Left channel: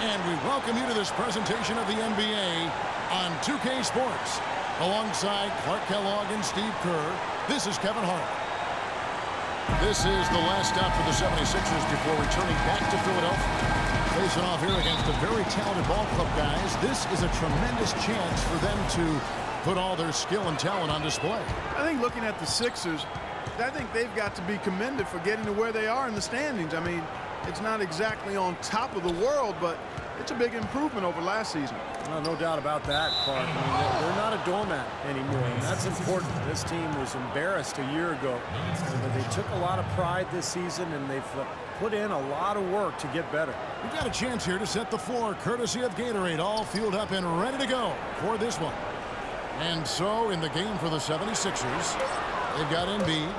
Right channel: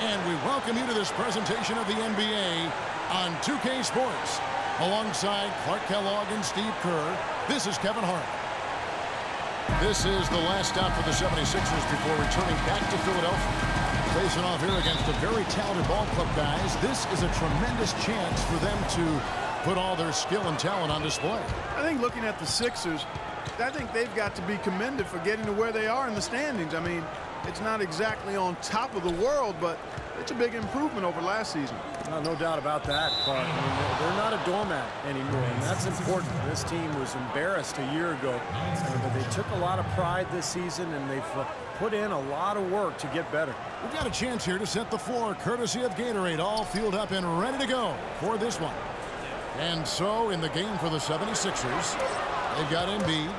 And we welcome you to this presentation of the NBA on 2K Sports. Alongside Clark Kellogg and Steve Kerr, this is Kevin Hart. This is the last stop for the 76ers before returning back to Philadelphia. Facing off here against a very talented ball club, guys. This is a tremendous chance for them to put all their skill and talent on display. I think looking at the Sixers, I think they've got to be commended for getting to where they are in the standings. I mean, it's not exactly on top of the world, but it's a big improvement over last season. No doubt about that, Clark. I mean, they're not a doormat anymore, and that's important. This team was embarrassed a year ago, but they took a lot of pride this season, and they've put in a lot of work to get better. We've got a chance here to set the floor, courtesy of Gatorade, all fueled up and ready to go for this one. And so, in the game for the 76ers, they've got Embiid,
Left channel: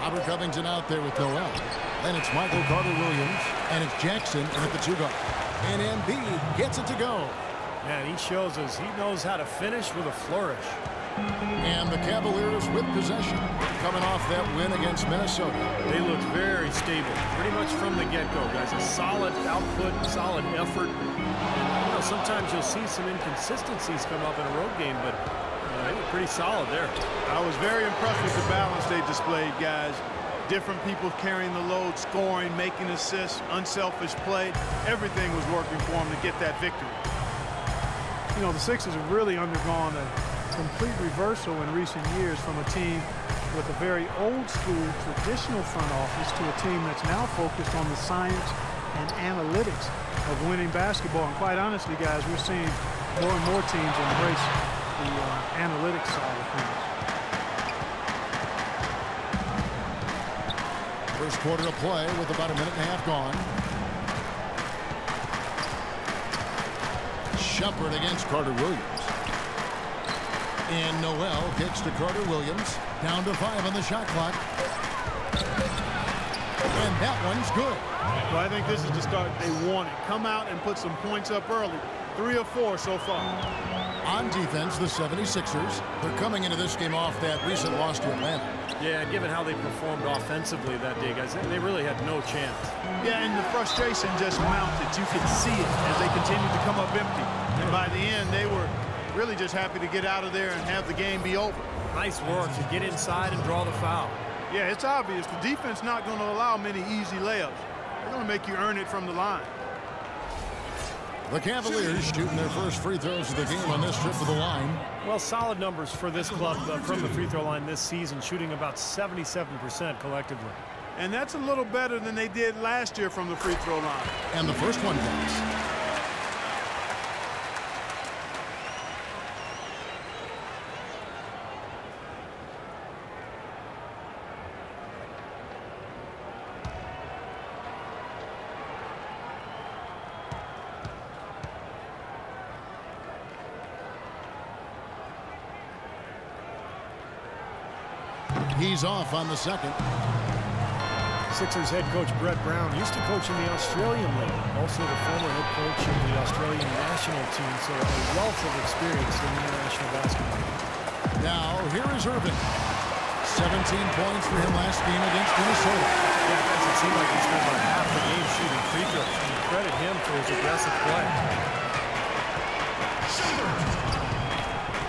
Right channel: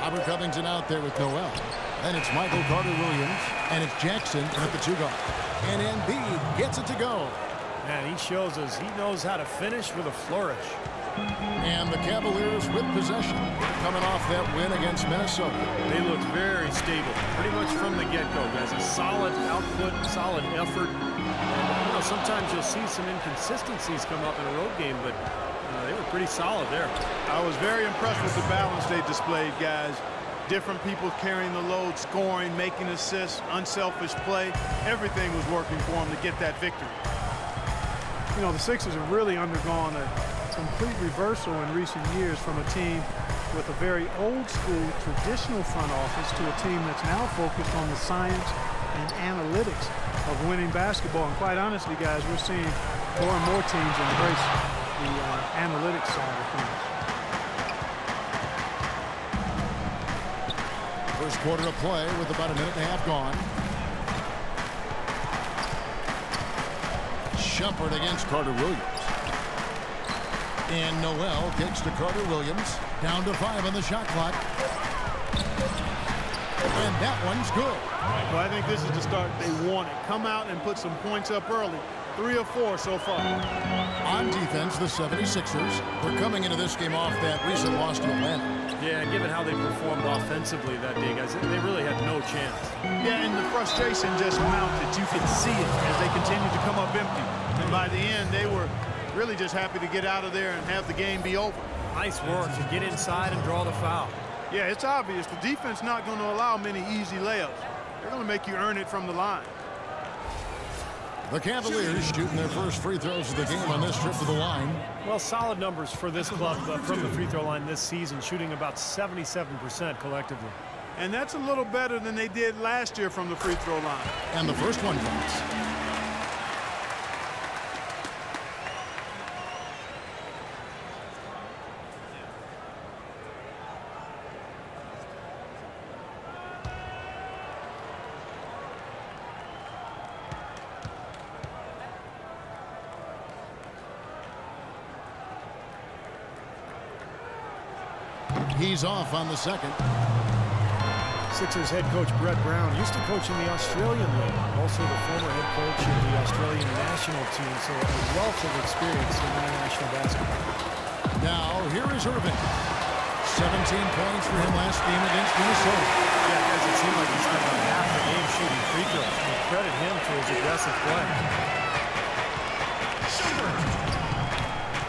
Robert Covington out there with Noel. Then it's Michael Carter-Williams, and it's Jackson in at the 2-guard. And Embiid gets it to go. Man, he shows us he knows how to finish with a flourish. And the Cavaliers with possession, coming off that win against Minnesota. They looked very stable, pretty much from the get-go, guys. A solid output, solid effort. And, you know, sometimes you'll see some inconsistencies come up in a road game, but they were pretty solid there. I was very impressed with the balance they displayed, guys. Different people carrying the load, scoring, making assists, unselfish play. Everything was working for them to get that victory. You know, the Sixers have really undergone a complete reversal in recent years from a team with a very old-school, traditional front office to a team that's now focused on the science and analytics of winning basketball. And quite honestly, guys, we're seeing more and more teams embrace the analytics side of things. First quarter of play with about a minute and a half gone. Shumpert against Carter-Williams. And Noel kicks to Carter-Williams. Down to 5 on the shot clock. And that one's good. Well, I think this is the start they wanted. Come out and put some points up early. 3 or 4 so far. On defense, the 76ers, they're coming into this game off that recent loss to Atlanta. Yeah, given how they performed offensively that day, guys, they really had no chance. Yeah, and the frustration just mounted. You could see it as they continued to come up empty. And by the end, they were really just happy to get out of there and have the game be over. Nice work to get inside and draw the foul. Yeah, it's obvious. The defense not going to allow many easy layups. They're going to make you earn it from the line. The Cavaliers shooting their first free throws of the game on this trip to the line. Well, solid numbers for this club from the free throw line this season, shooting about 77% collectively. And that's a little better than they did last year from the free throw line. And the first one drops. He's off on the second. Sixers head coach Brett Brown used to coach in the Australian League, also the former head coach of the Australian national team, so a wealth of experience in international basketball. Now, here is Irving. 17 points for him last game against Minnesota. Yeah, guys, it seemed like he spent about half the game shooting free throws. We credit him for his aggressive play.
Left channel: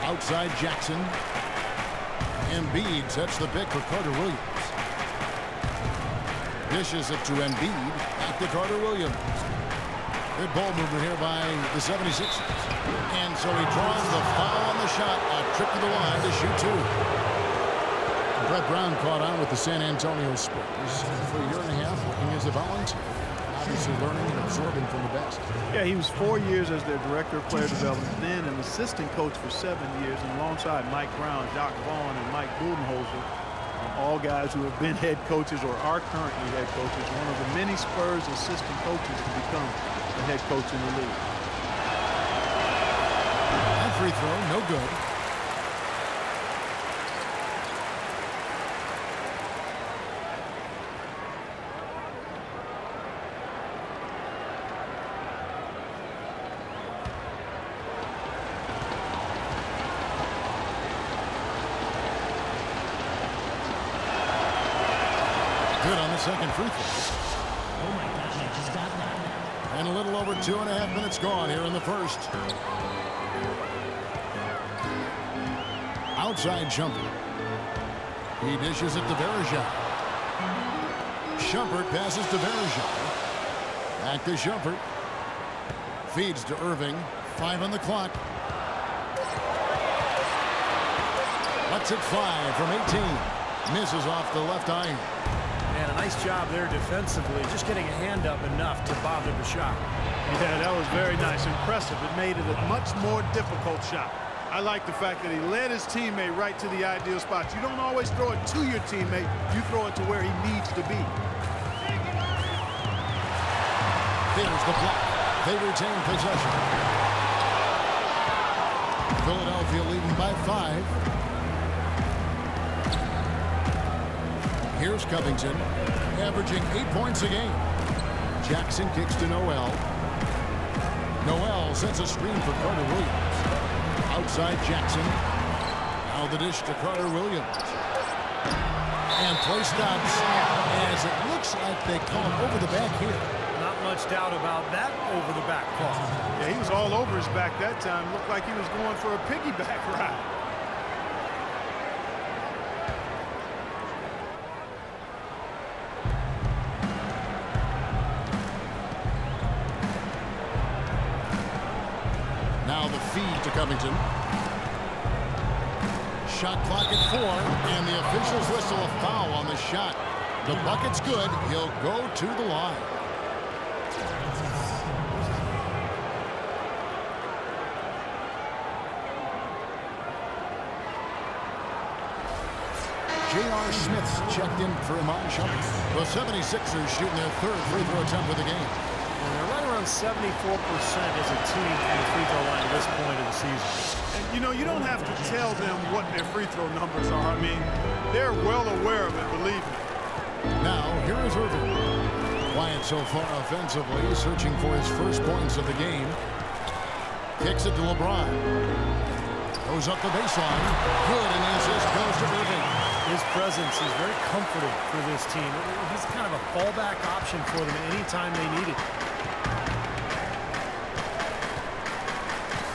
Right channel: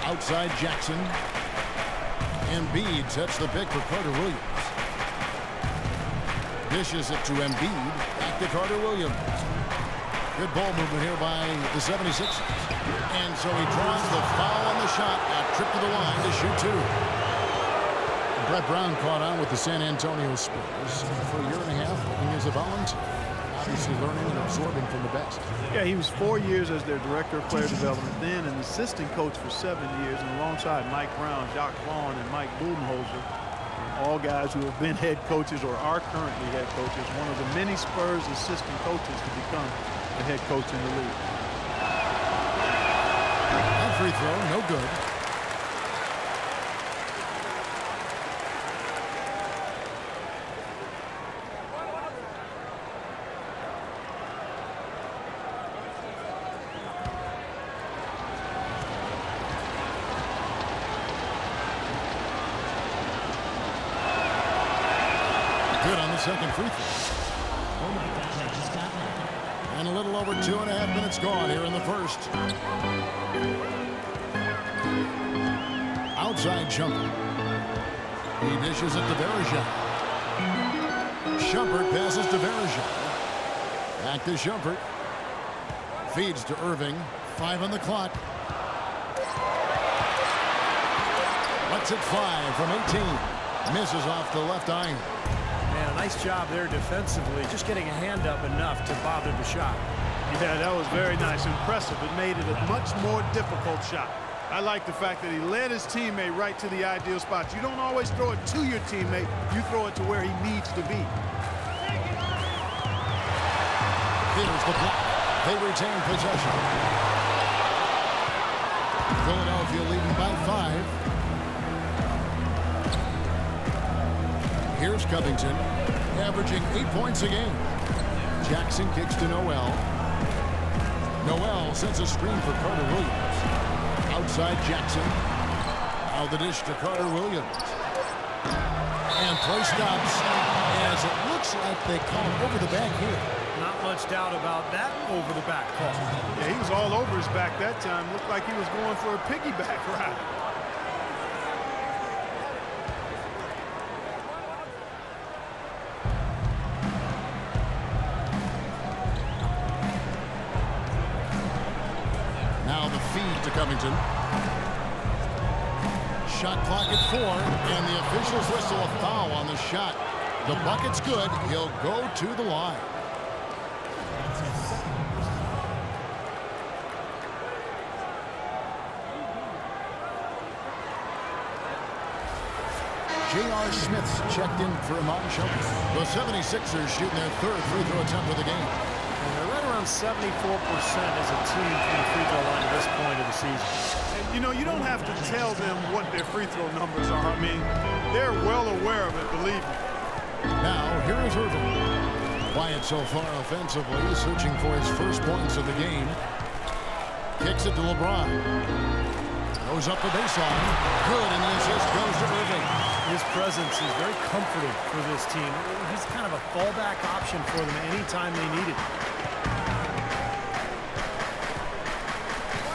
Outside Jackson. Embiid sets the pick for Carter-Williams. Dishes it to Embiid. Back to Carter-Williams. Good ball movement here by the 76ers. And so he draws the foul on the shot. A trip to the line to shoot 2. Brett Brown caught on with the San Antonio Spurs for a year and a half working as a volunteer. Obviously learning and absorbing from the best. Yeah, he was 4 years as their director of player development, then an assistant coach for 7 years, and alongside Mike Brown, Jacques Vaughn, and Mike Budenholzer, all guys who have been head coaches or are currently head coaches, one of the many Spurs assistant coaches to become a head coach in the league. That free throw, no good. Good on the second free throw. Oh my gosh, I just got that. And a little over 2.5 minutes gone here in the first. Outside Shumpert. He dishes it to Verejao. Shumpert passes to Verejao. Back to Shumpert. Feeds to Irving. 5 on the clock. Lets it fly from 18. Misses off the left iron. Man, a nice job there defensively. Just getting a hand up enough to bother the shot. Yeah, that was very nice. Impressive. It made it a much more difficult shot. I like the fact that he led his teammate right to the ideal spot. You don't always throw it to your teammate. You throw it to where he needs to be. There's the block. They retain possession. Philadelphia leading by 5. Here's Covington, averaging 8 points a game. Jackson kicks to Noel. Noel sends a screen for Carter Williams. Outside Jackson. Now the dish to Carter Williams. And play stops as it looks like they call it over the back here. Not much doubt about that over the back call. Yeah, he was all over his back that time. Looked like he was going for a piggyback ride. Now the feed to Covington. Shot clock at 4, and the officials whistle a foul on the shot. The bucket's good. He'll go to the line. J.R. Smith's checked in for Iman Shumpert. The 76ers shooting their 3rd free throw attempt of the game. And they're right around 74% as a team from the free throw line at this point of the season. And, you know, you don't have to tell them what their free throw numbers are. I mean, they're well aware of it, believe me. Now, here is Irving. Quiet so far offensively, searching for his first points of the game. Kicks it to LeBron. Goes up the baseline. Good, and the assist goes to Irving. His presence is very comforting for this team. He's kind of a fallback option for them anytime they need it.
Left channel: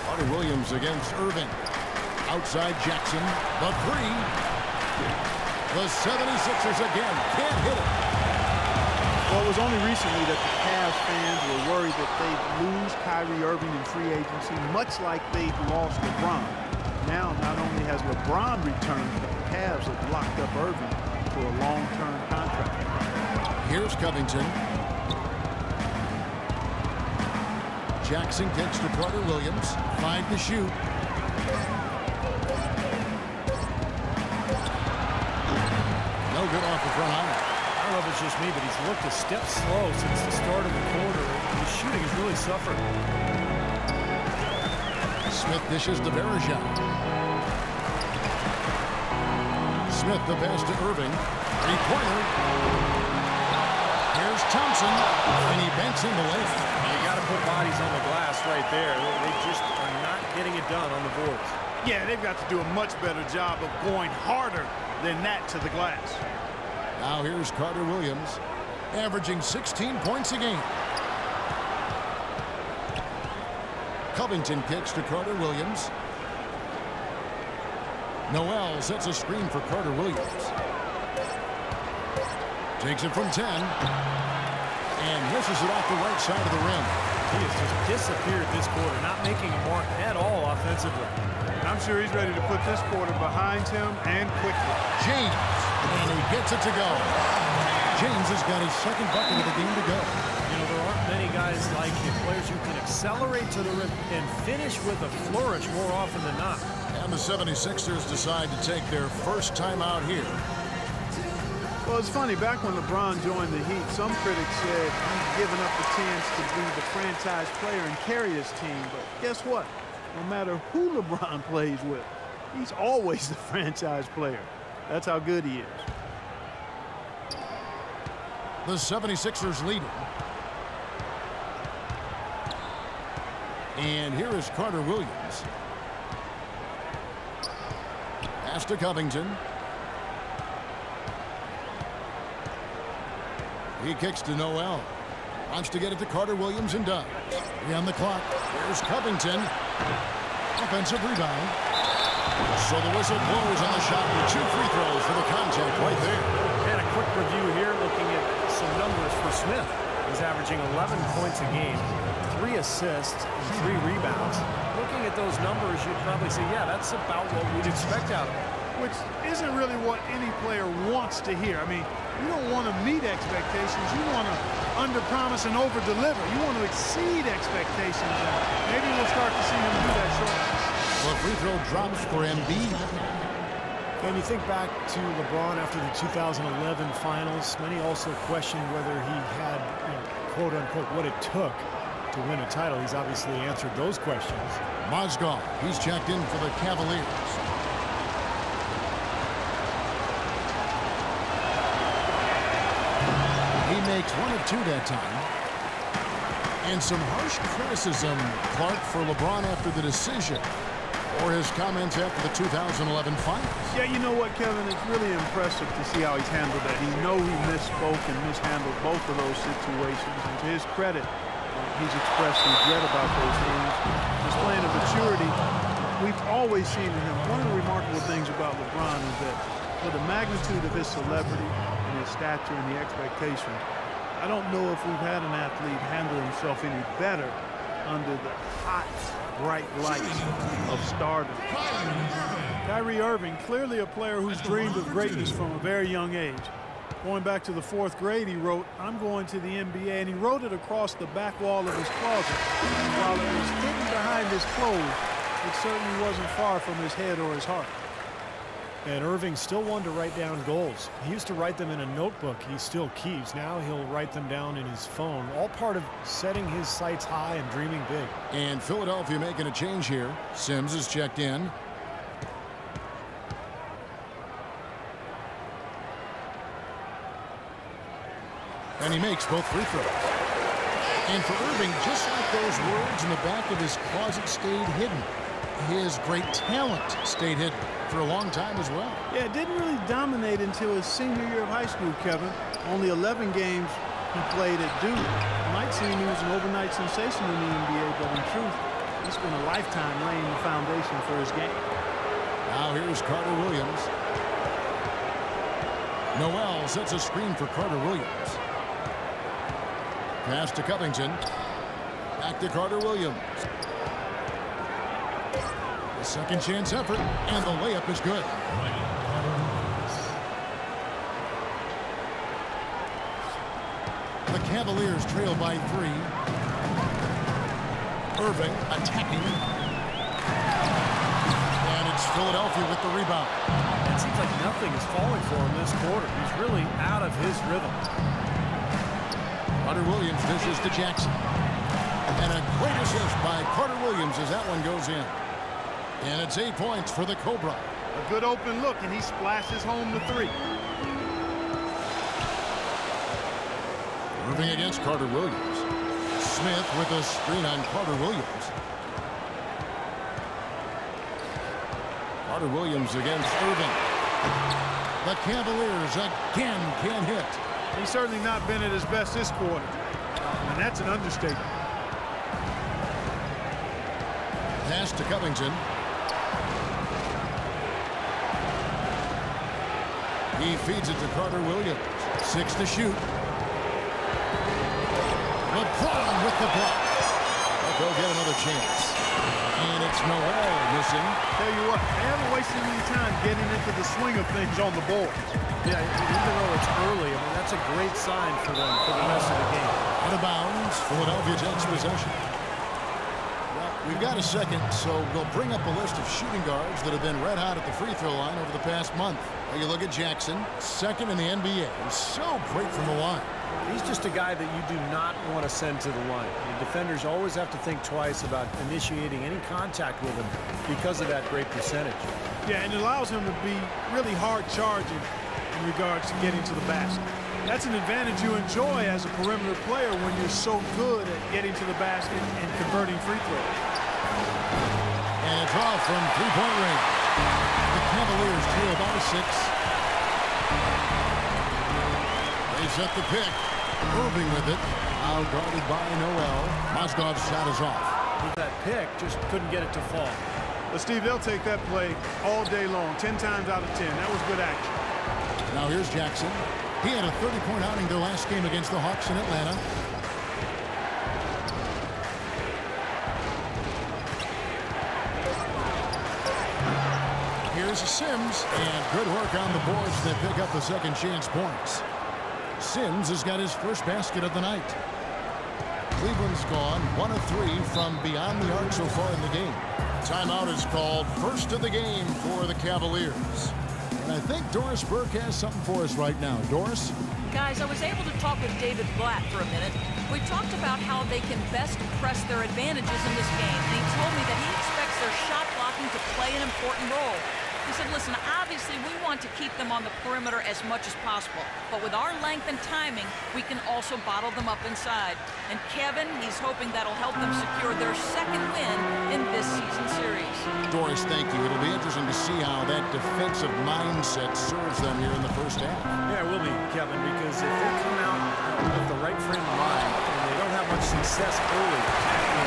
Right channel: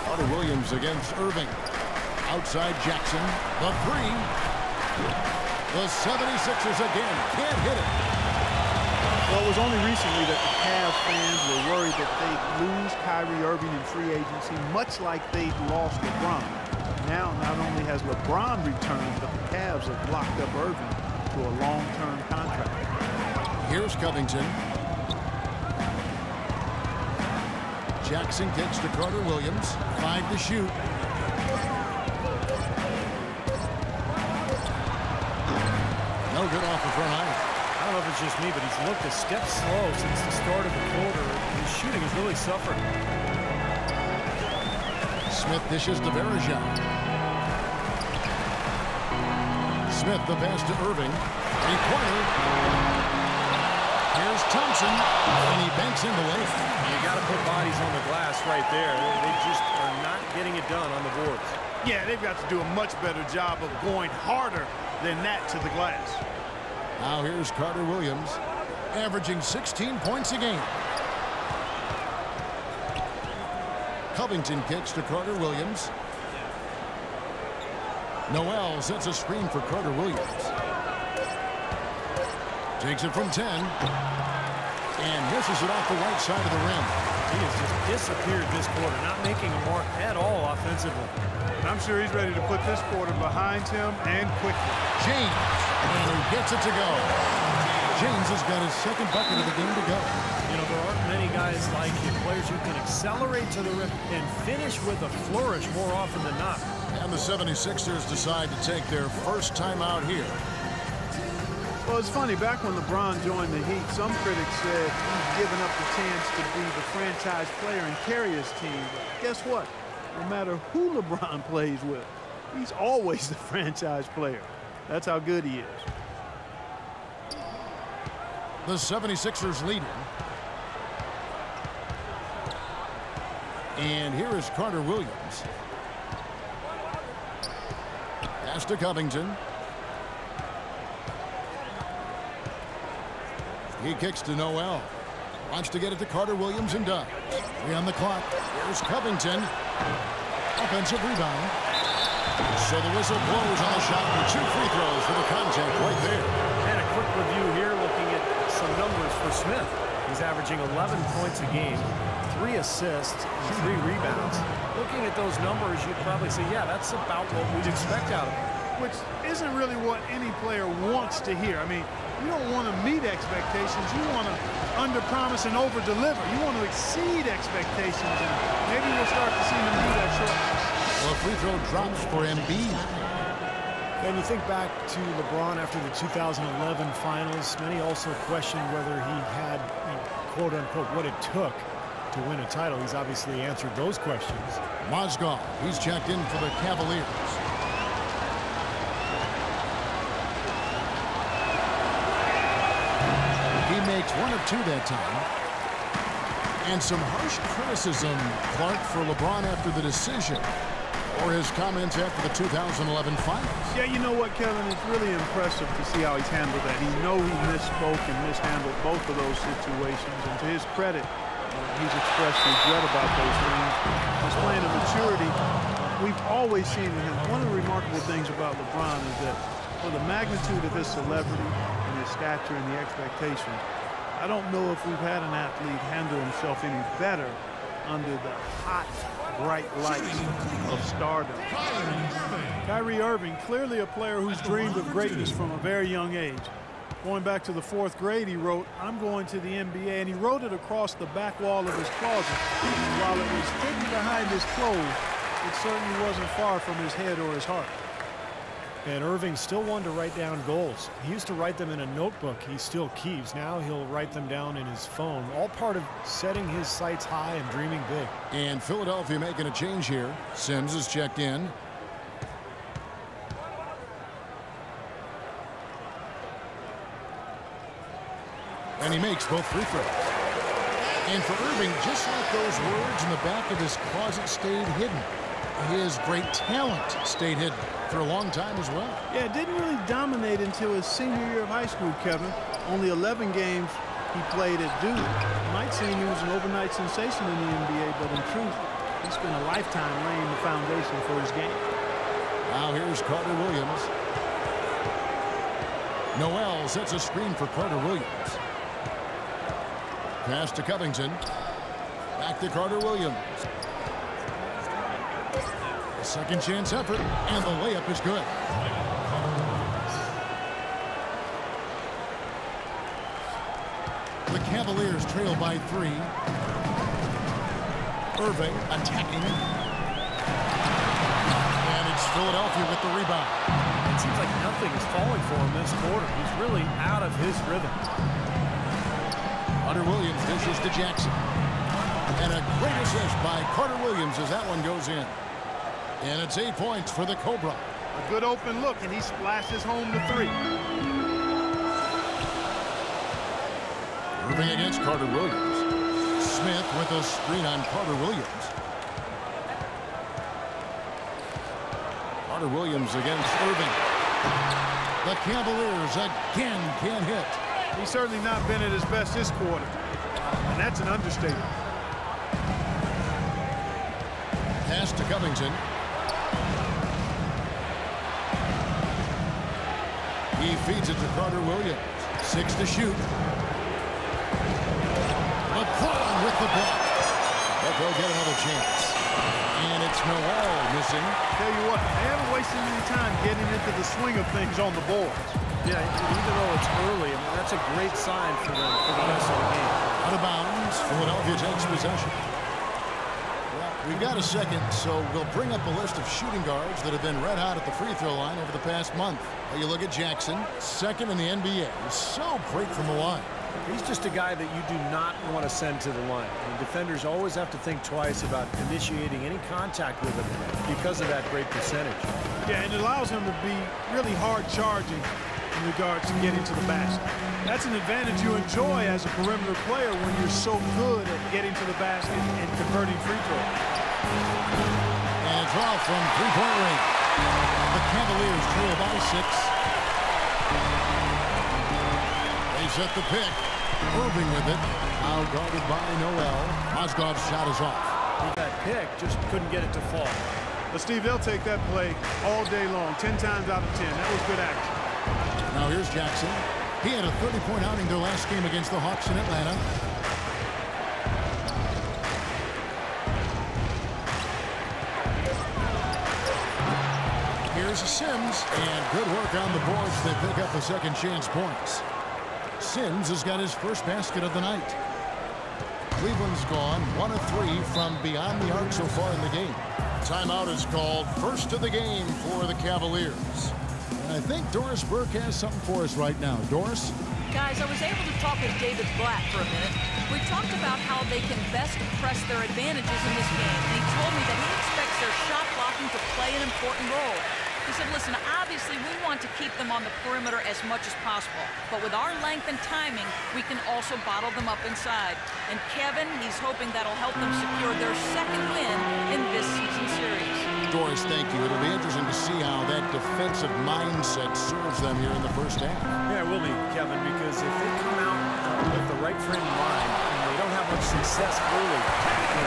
Carter Williams against Irving. Outside Jackson. The 3. The 76ers again can't hit it. Well, it was only recently that the Cavs fans were worried that they'd lose Kyrie Irving in free agency, much like they'd lost LeBron. Now, not only has LeBron returned, but the Cavs have locked up Irving to a long-term contract. Here's Covington. Jackson kicks to Carter Williams. 5 to shoot. No good off the front iron. I don't know if it's just me, but he's looked a step slow since the start of the quarter. His shooting has really suffered. Smith dishes to Verejao. Smith the pass to Irving. 3-pointer. Here's Thompson, and he banks in the lane. You got to put bodies on the glass right there. They just are not getting it done on the boards. Yeah, they've got to do a much better job of going harder than that to the glass. Now here's Carter Williams, averaging 16 points a game. Covington kicks to Carter Williams. Noel sets a screen for Carter Williams. Takes it from 10 and misses it off the right side of the rim. He has just disappeared this quarter, not making a mark at all offensively. And I'm sure he's ready to put this quarter behind him and quickly. James, and he gets it to go. James has got his 2nd bucket of the game to go. You know, there aren't many guys like him, players who can accelerate to the rim and finish with a flourish more often than not. And the 76ers decide to take their first time out here. Well, it's funny, back when LeBron joined the Heat, some critics said he's given up the chance to be the franchise player and carry his team. But guess what? No matter who LeBron plays with, he's always the franchise player. That's how good he is. The 76ers leading. And here is Carter Williams. Pass to Covington. He kicks to Noel. Wants to get it to Carter Williams and does. 3 on the clock. Here's Covington. Offensive rebound. So the whistle blows on the shot and 2 free throws for the contact right there. And a quick review here looking at some numbers for Smith. He's averaging 11 points a game, 3 assists, and 3 rebounds. Looking at those numbers, you'd probably say, yeah, that's about what we'd expect out of him. Which isn't really what any player wants to hear. I mean, you don't want to meet expectations. You want to underpromise and overdeliver. You want to exceed expectations, and maybe we'll start to see him do that shortly. Well, free throw drops for Embiid. And you think back to LeBron after the 2011 finals, many also questioned whether he had, quote unquote, what it took to win a title. He's obviously answered those questions. Mozgov, he's checked in for the Cavaliers. He makes 1 of 2 that time. And some harsh criticism, Clark, for LeBron after the decision, or his comments after the 2011 finals. Yeah, you know what, Kevin? It's really impressive to see how he's handled that. He misspoke and mishandled both of those situations. And to his credit, he's expressed regret about those things. Displaying a maturity we've always seen in him. One of the remarkable things about LeBron is that for the magnitude of his celebrity and his stature and the expectations, I don't know if we've had an athlete handle himself any better under the hot, bright lights of stardom. Kyrie Irving, clearly a player who's dreamed of greatness from a very young age. Going back to the 4th grade, he wrote, "I'm going to the NBA," and he wrote it across the back wall of his closet. And while it was hidden behind his clothes, it certainly wasn't far from his head or his heart. And Irving still wanted to write down goals. He used to write them in a notebook he still keeps. Now he'll write them down in his phone, all part of setting his sights high and dreaming big. And Philadelphia making a change here. Sims is checked in. And he makes both free throws. And for Irving, just like those words in the back of his closet stayed hidden, his great talent stayed hidden for a long time as well. Yeah, it didn't really dominate until his senior year of high school, Kevin. Only 11 games he played at Duke. It might seem he was an overnight sensation in the NBA, but in truth, he spent a lifetime laying the foundation for his game. Now here's Carter Williams. Noel sets a screen for Carter Williams. Pass to Covington. Back to Carter Williams. A second chance effort, and the layup is good. The Cavaliers trail by 3. Irving attacking. And it's Philadelphia with the rebound. It seems like nothing is falling for him this quarter. He's really out of his rhythm. Carter Williams dishes to Jackson. And a great assist by Carter Williams as that one goes in. And it's 8 points for the Cobra. A good open look, and he splashes home the 3. Irving against Carter Williams. Smith with a screen on Carter Williams. Carter Williams against Irving. The Cavaliers again can't hit. He's certainly not been at his best this quarter, and that's an understatement. Pass to Covington. He feeds it to Carter Williams. 6 to shoot. LeBron with the block. But they'll get another chance. And it's Noel missing. Tell you what, they haven't wasted any time getting into the swing of things on the boards. Yeah, even though it's early, I mean, that's a great sign for them for the rest of the game. Out of bounds, Philadelphia takes possession. Well, we've got a second, so we'll bring up a list of shooting guards that have been red hot at the free throw line over the past month. Well, you look at Jackson, second in the NBA. So great from the line. He's just a guy that you do not want to send to the line. I mean, defenders always have to think twice about initiating any contact with him because of that great percentage. Yeah, and it allows him to be really hard charging in regards to getting to the basket. That's an advantage you enjoy as a perimeter player when you're so good at getting to the basket and converting free throws. And a draw from three-point range. The Cavaliers trail by 6. They set the pick. Irving with it. Now guarded by Noel. Mozgov's shot is off. He got picked, just couldn't get it to fall. But Steve, they'll take that play all day long, 10 times out of 10. That was good action. Now here's Jackson. He had a 30-point outing their last game against the Hawks in Atlanta. Here's Sims, and good work on the boards. They pick up the second chance points. Sims has got his first basket of the night. Cleveland's gone 1 of 3 from beyond the arc so far in the game. Timeout is called, first of the game for the Cavaliers. And I think Doris Burke has something for us right now. Doris? Guys, I was able to talk with David Blatt for a minute. We talked about how they can best press their advantages in this game, and he told me that he expects their shot blocking to play an important role. He said, listen, obviously we want to keep them on the perimeter as much as possible, but with our length and timing, we can also bottle them up inside. And Kevin, he's hoping that'll help them secure their second win in this season series. Doris, thank you. It'll be interesting to see how that defensive mindset serves them here in the first half. Yeah, it will be, Kevin, because if they come out with the right frame of mind and they don't have much success early,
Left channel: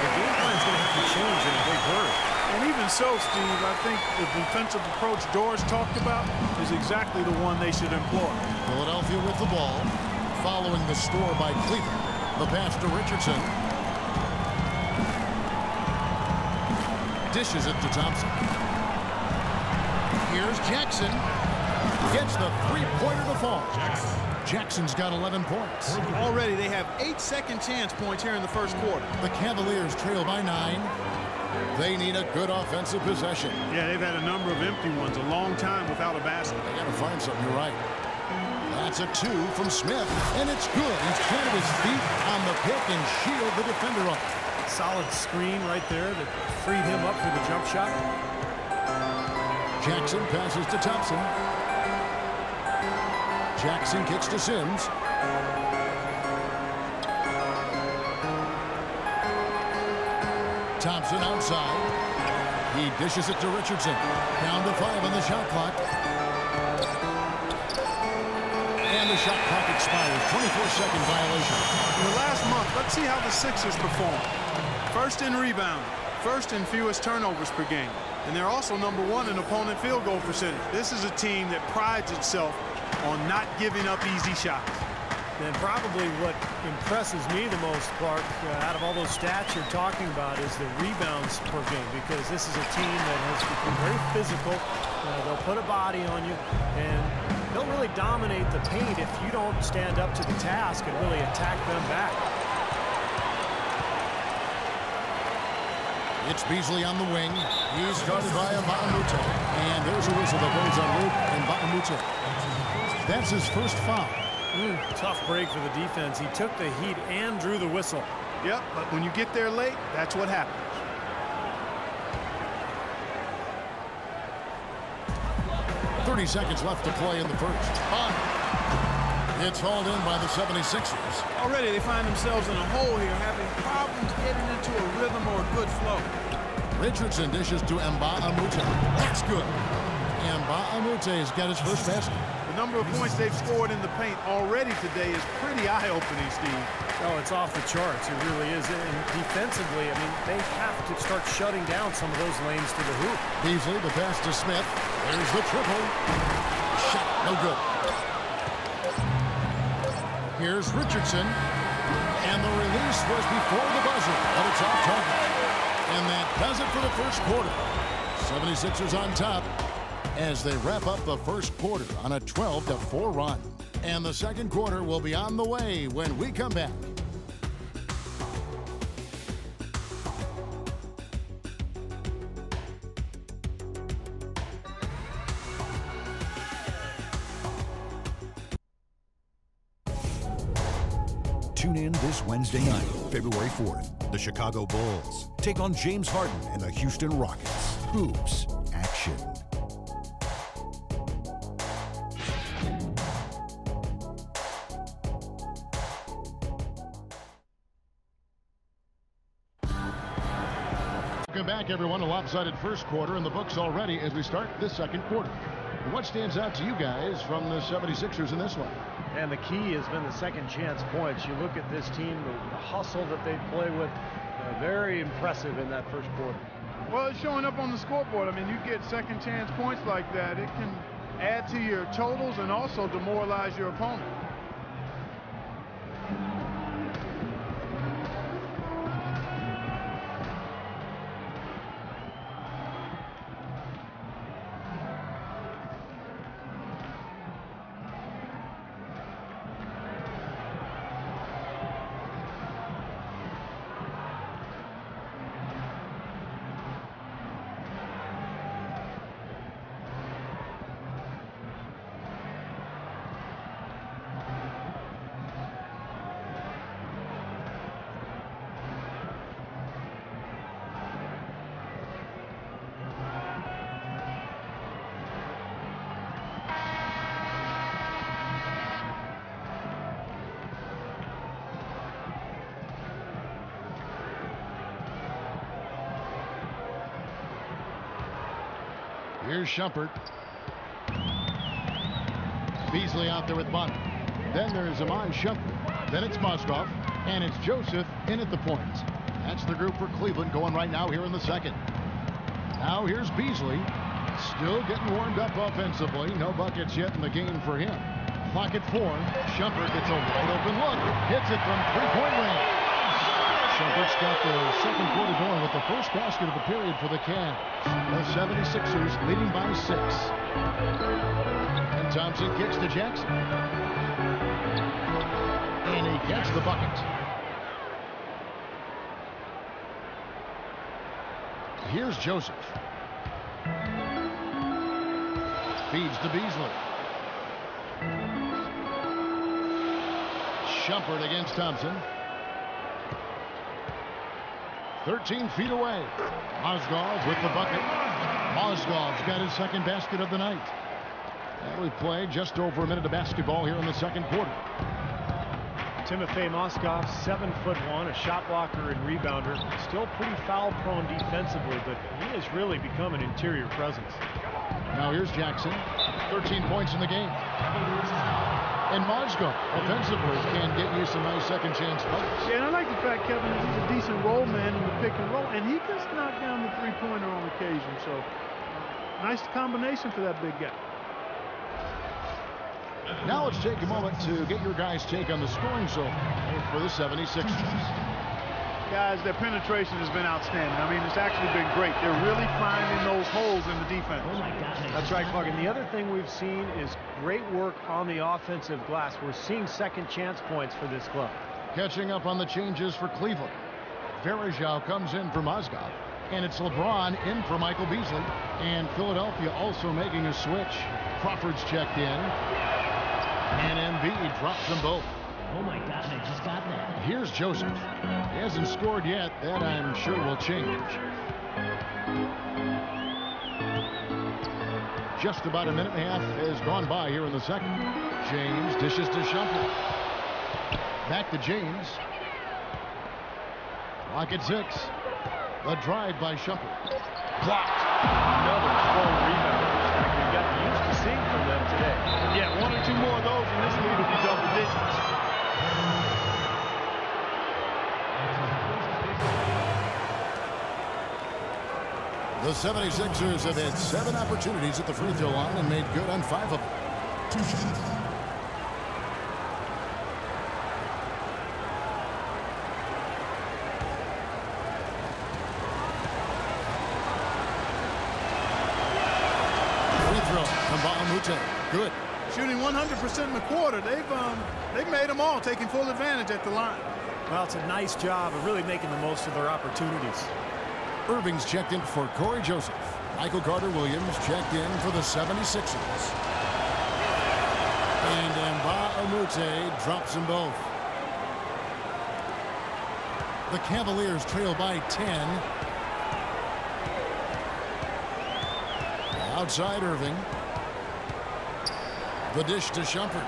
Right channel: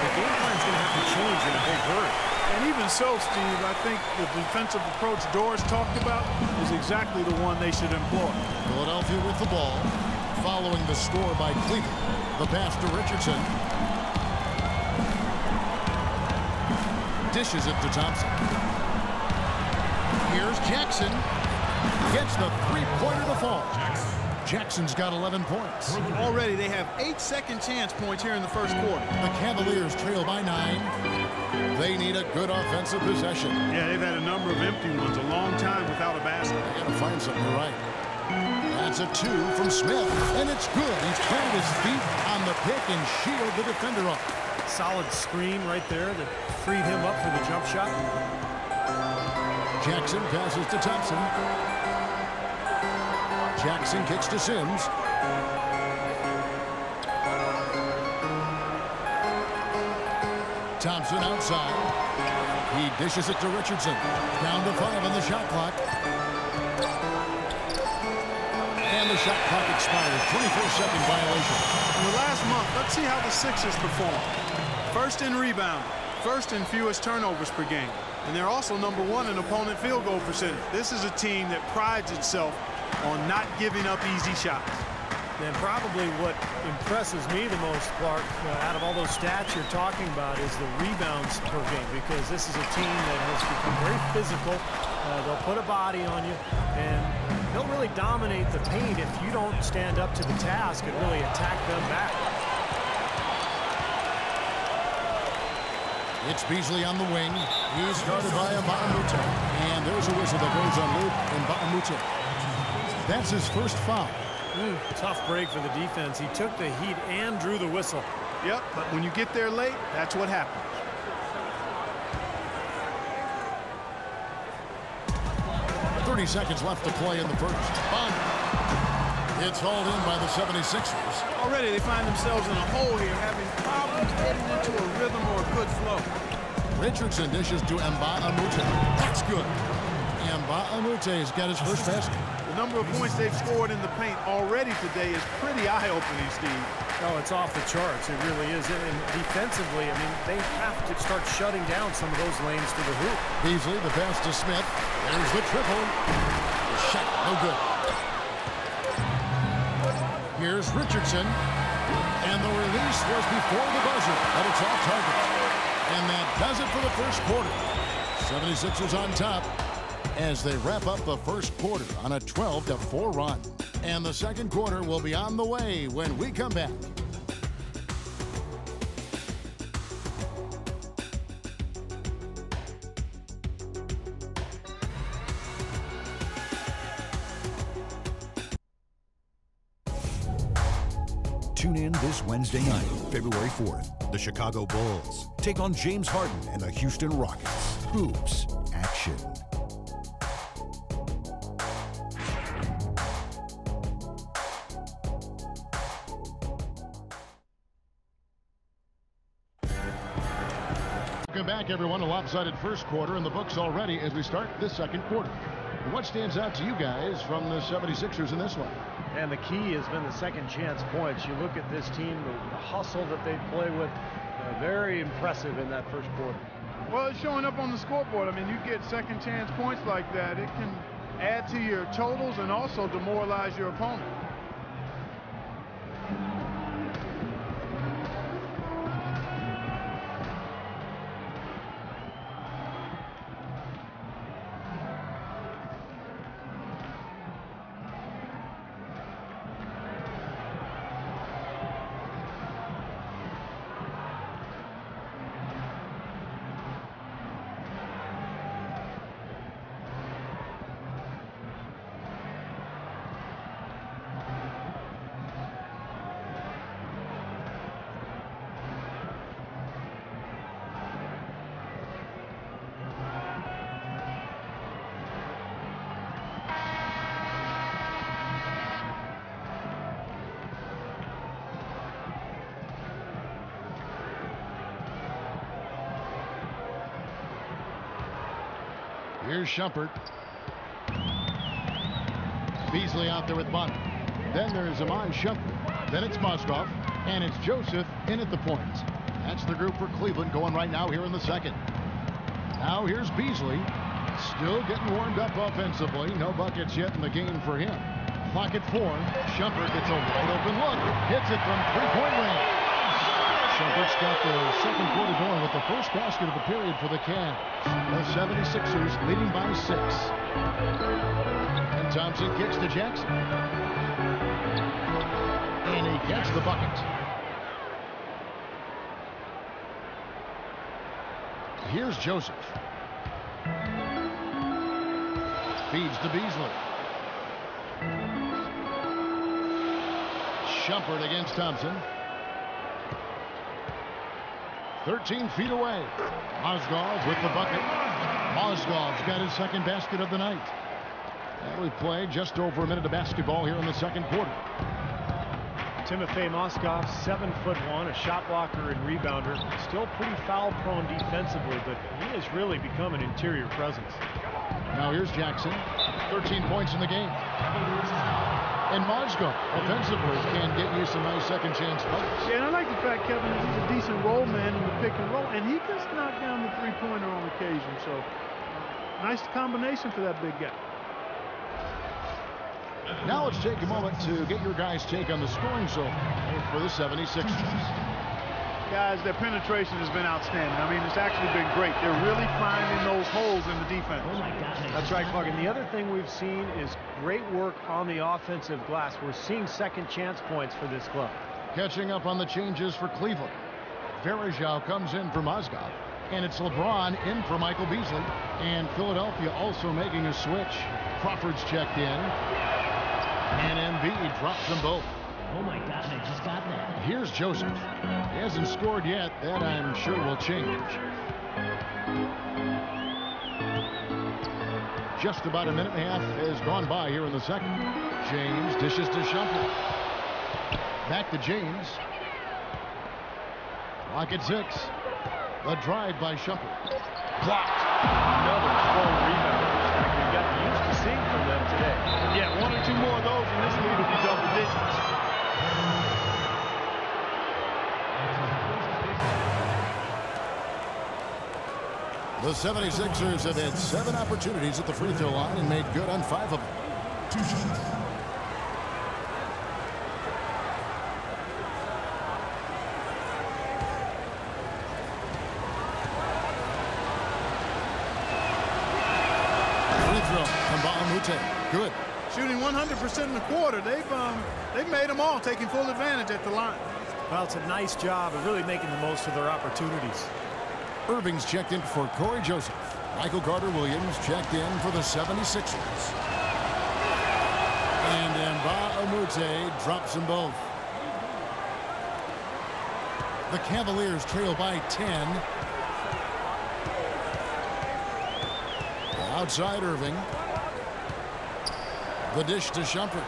the game plan's going to have to change in a big hurry. And even so, Steve, I think the defensive approach Doris talked about is exactly the one they should employ. Philadelphia with the ball, following the score by Cleveland. The pass to Richardson. Dishes it to Thompson. Here's Jackson. Gets the three-pointer to fall. Jackson's got 11 points. Already they have 8 second chance points here in the first quarter. The Cavaliers trail by 9. They need a good offensive possession. Yeah, they've had a number of empty ones, a long time without a basket. They got to find something. You're right. That's a 2 from Smith, and it's good. He's planted his feet on the pick and shielded the defender off. Solid screen right there that freed him up for the jump shot. Jackson passes to Thompson. Jackson kicks to Sims. Thompson outside. He dishes it to Richardson. Down to 5 on the shot clock. And the shot clock expires. 24-second violation. In the last month, let's see how the Sixers perform. First in rebounding, first in fewest turnovers per game. And they're also #1 in opponent field goal percentage. This is a team that prides itself on not giving up easy shots. Then probably what impresses me the most, Clark, out of all those stats you're talking about is the rebounds per game, because this is a team that has become very physical. They'll put a body on you, and they'll really dominate the paint if you don't stand up to the task and really attack them back. It's Beasley on the wing. He's guarded by Mbamute. And there's a whistle that goes on Luke Mbamute. That's his first foul. Tough break for the defense. He took the heat and drew the whistle. Yep, but when you get there late, that's what happens. .30 seconds left to play in the first. Bonner. It's hauled in by the 76ers. Already they find themselves in a hole here, having problems getting into a rhythm or a good flow. Richardson dishes to Mbamute. That's good. Mbamute has got his first basket. The number of points they've scored in the paint already today is pretty eye-opening, Steve. Oh, it's off the charts. It really is. And defensively, I mean, they have to start shutting down some of those lanes to the hoop. Beasley, the pass to Smith. There's the triple. The shot, no good. Here's Richardson. And the release was before the buzzer, but it's off target. And that does it for the first quarter. 76ers on top as they wrap up the first quarter on a 12-4 run. And the second quarter will be on the way when we come back. Tune in this Wednesday night, February 4th. The Chicago Bulls take on James Harden and the Houston Rockets. Hoops action. Welcome back, everyone. A lopsided first quarter in the books already as we start this second quarter. What stands out to you guys from the 76ers in this one? And the key has been the second chance points. You look at this team, the hustle that they play with, very impressive in that first quarter. Well, it's showing up on the scoreboard. I mean, you get second chance points like that, it can add to your totals and also demoralize your opponent. Here's Shumpert. Beasley out there with Bunt. Then there's Amon Shumpert. Then it's Mozgov. And it's Joseph in at the point. That's the group for Cleveland going right now here in the second. Now here's Beasley. Still getting warmed up offensively. No buckets yet in the game for him. Clock at 4. Shumpert gets a wide open look. Hits it from three-point range. Shumpert's got the second quarter going with the first basket of the period for the Cavs. The 76ers leading by 6. And Thompson kicks to Jackson. And he gets the bucket. Here's Joseph. Feeds to Beasley. Shumpert against Thompson. 13 feet away. Mozgov with the bucket. Mozgov's got his second basket of the night. And we've played just over a minute of basketball here in the second quarter. Timofey Mozgov, 7'1", a shot blocker and rebounder. Still pretty foul prone defensively, but he has really become an interior presence. Now here's Jackson. 13 points in the game. And Mozgov offensively can get you some nice second chance plays. Yeah, and I like the fact, Kevin, that he's a decent roll man in the pick and roll, and he can knock down the three-pointer on occasion. So nice combination for that big guy. Now let's take a moment to get your guys' take on the scoring zone for the 76ers. Guys, their penetration has been outstanding. I mean, it's actually been great. They're really finding those holes in the defense. That's right, Clark. And the other thing we've seen is great work on the offensive glass. We're seeing second chance points for this club. Catching up on the changes for Cleveland. Verajao comes in for Mozgov. And it's LeBron in for Michael Beasley. And Philadelphia also making a switch. Crawford's checked in. And Embiid drops them both. Oh my gosh, I just got that. Here's Joseph. He hasn't scored yet. That I'm sure will change. Just about a minute and a half has gone by here in the second. James dishes to Shumpert. Back to James. Clock at 6. The drive by Shumpert. Blocked. Another strong rebound. We got used to seeing from them today. Yeah, 1 or 2 more of those, and this lead will be double digits. The 76ers have had 7 opportunities at the free throw line and made good on 5 of them. 2 shots. Free throw from Bahamute. Good. Shooting 100% in the quarter. They've made them all, taking full advantage at the line. Well, it's a nice job of really making the most of their opportunities. Irving's checked in for Corey Joseph. Michael Carter-Williams checked in for the 76ers. And Mbah-a-Moute drops them both. The Cavaliers trail by 10. Outside Irving. The dish to Shumpert.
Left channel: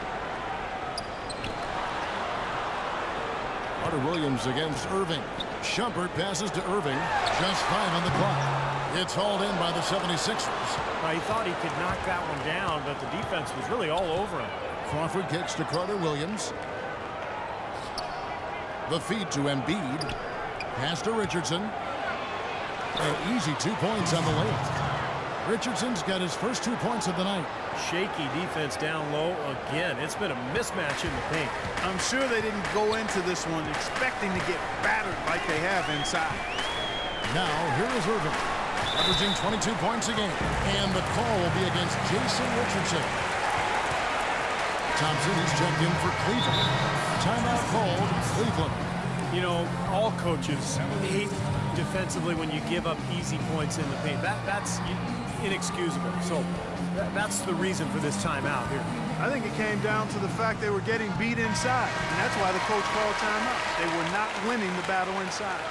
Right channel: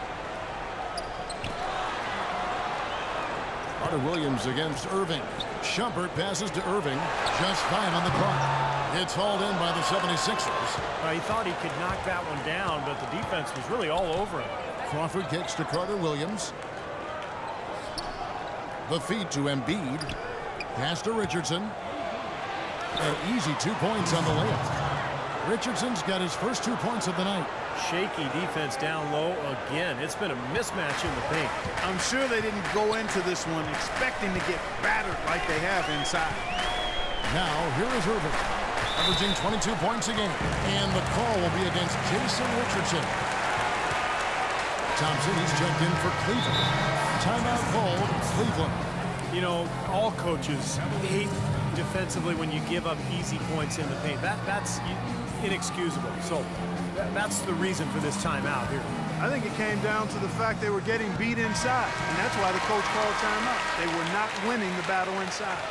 Carter-Williams against Irving. Shumpert passes to Irving. Just 5 on the clock. It's hauled in by the 76ers. He thought he could knock that one down, but the defense was really all over him. Crawford kicks to Carter Williams. The feed to Embiid. Pass to Richardson. An easy 2 points on the layup. Richardson's got his first 2 points of the night. Shaky defense down low again. It's been a mismatch in the paint. I'm sure they didn't go into this one expecting to get battered like they have inside. Now, here is Irving, averaging 22 points a game. And the call will be against Jason Richardson. Thompson, he's checked in for Cleveland. Timeout called, Cleveland. You know, all coaches hate defensively when you give up easy points in the paint. That's inexcusable. So that's the reason for this timeout here. I think it came down to the fact they were getting beat inside, and that's why the coach called timeout. They were not winning the battle inside.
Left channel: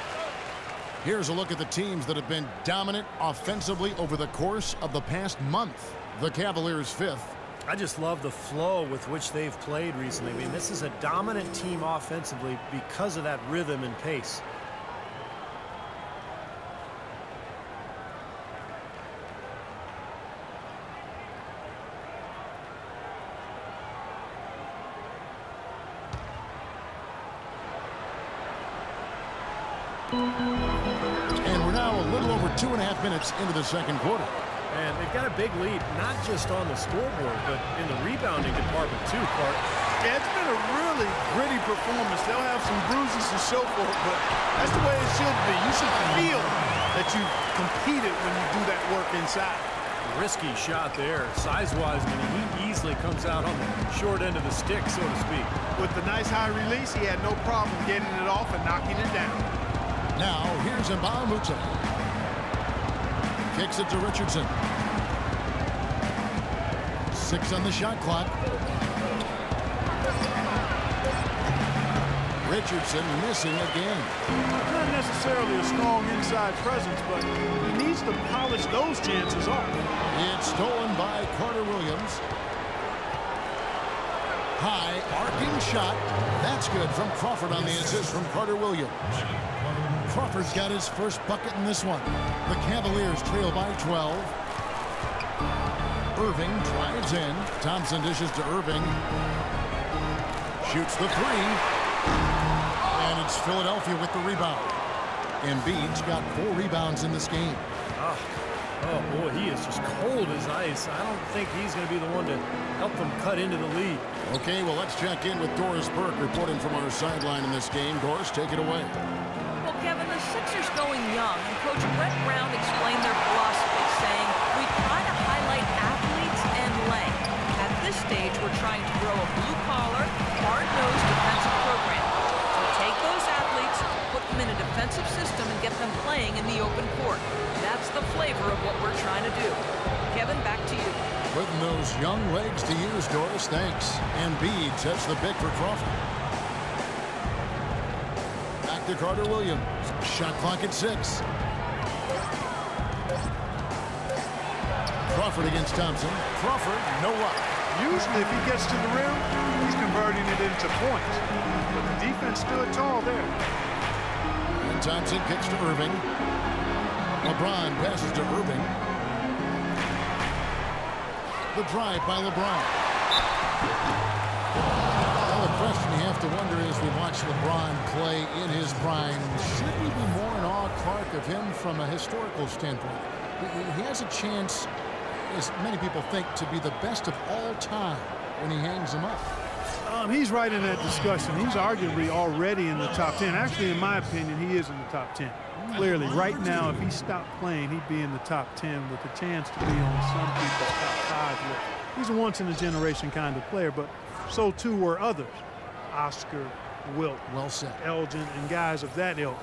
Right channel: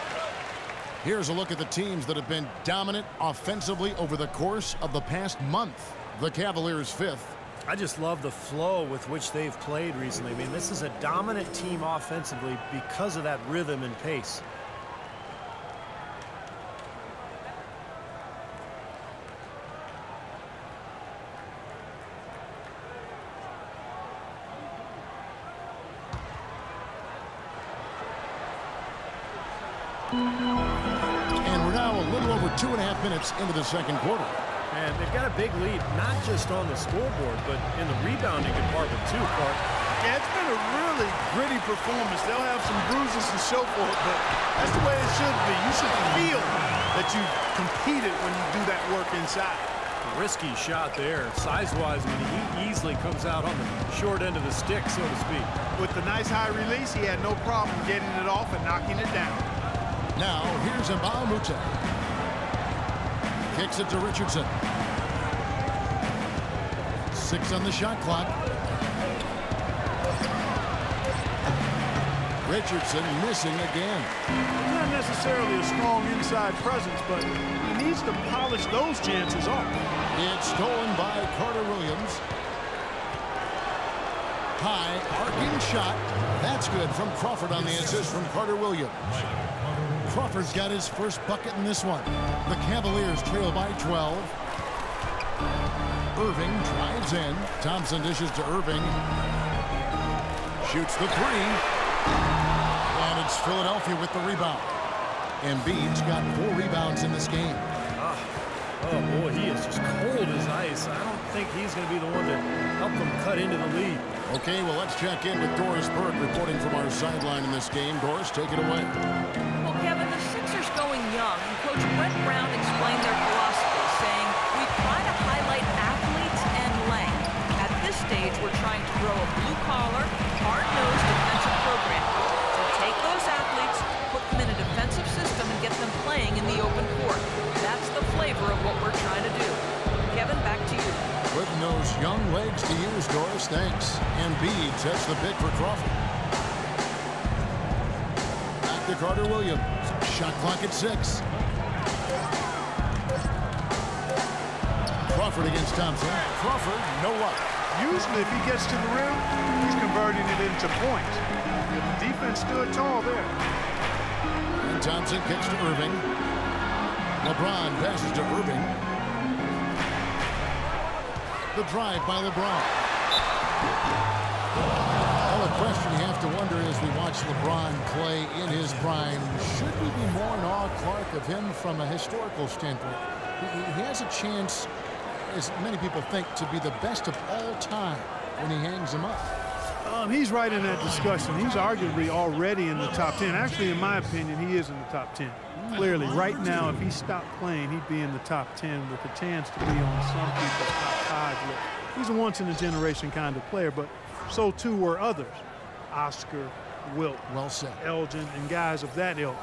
Here's a look at the teams that have been dominant offensively over the course of the past month. The Cavaliers 5th. I just love the flow with which they've played recently. I mean, this is a dominant team offensively because of that rhythm and pace. And we're now a little over 2.5 minutes into the second quarter. And they've got a big lead, not just on the scoreboard, but in the rebounding department too, Clark. Yeah, it's been a really gritty performance. They'll have some bruises to show for it, but that's the way it should be. You should feel that you've competed when you do that work inside. Risky shot there. Size-wise, I mean, he easily comes out on the short end of the stick, so to speak. With the nice high release, he had no problem getting it off and knocking it down. Now, here's Mbamute. Kicks it to Richardson. 6 on the shot clock. Richardson missing again. Not necessarily a strong inside presence, but he needs to polish those chances off. It's stolen by Carter Williams. High arcing shot. That's good from Crawford on the assist from Carter Williams. Crawford's got his first bucket in this one. The Cavaliers trail by 12. Irving drives in. Thompson dishes to Irving. Shoots the 3. And it's Philadelphia with the rebound. Embiid's got 4 rebounds in this game. Oh, boy, he is just cold as ice. I don't think he's going to be the one to help them cut into the lead. Okay, well, let's check in with Doris Burke reporting from our sideline in this game. Doris, take it away. Well, Kevin, the Sixers going young, and Coach Brett Brown explained their philosophy, saying, we try to highlight athletes and length. At this stage, we're trying to grow a blue-collar, hard-nosed defensive program. We take those athletes, put them in a defensive system, and get them playing in the open court. That's the flavor of what we're trying to do. Kevin, back to you. Putting those young legs to use, Doris. Thanks. Embiid sets the pick for Crawford. Back to Carter Williams. Shot clock at 6. Crawford against Thompson. Crawford, no luck. Usually, if he gets to the rim, he's converting it into points. But the defense stood tall there. And Thompson kicks to Irving. LeBron passes to Irving. The drive by LeBron. Well, the question you have to wonder as we watch LeBron play in his prime, should we be more in awe, Clark, of him from a historical standpoint? He has a chance, as many people think, to be the best of all time when he hangs them up. He's right in that discussion. He's arguably already in the top 10. Actually, in my opinion, he is in the top 10. Clearly, right now, if he stopped playing, he'd be in the top 10 with a chance to be on some people's top 5 list. He's a once-in-a-generation kind of player, but so too were others. Oscar, Wilt, well said, Elgin, and guys of that ilk.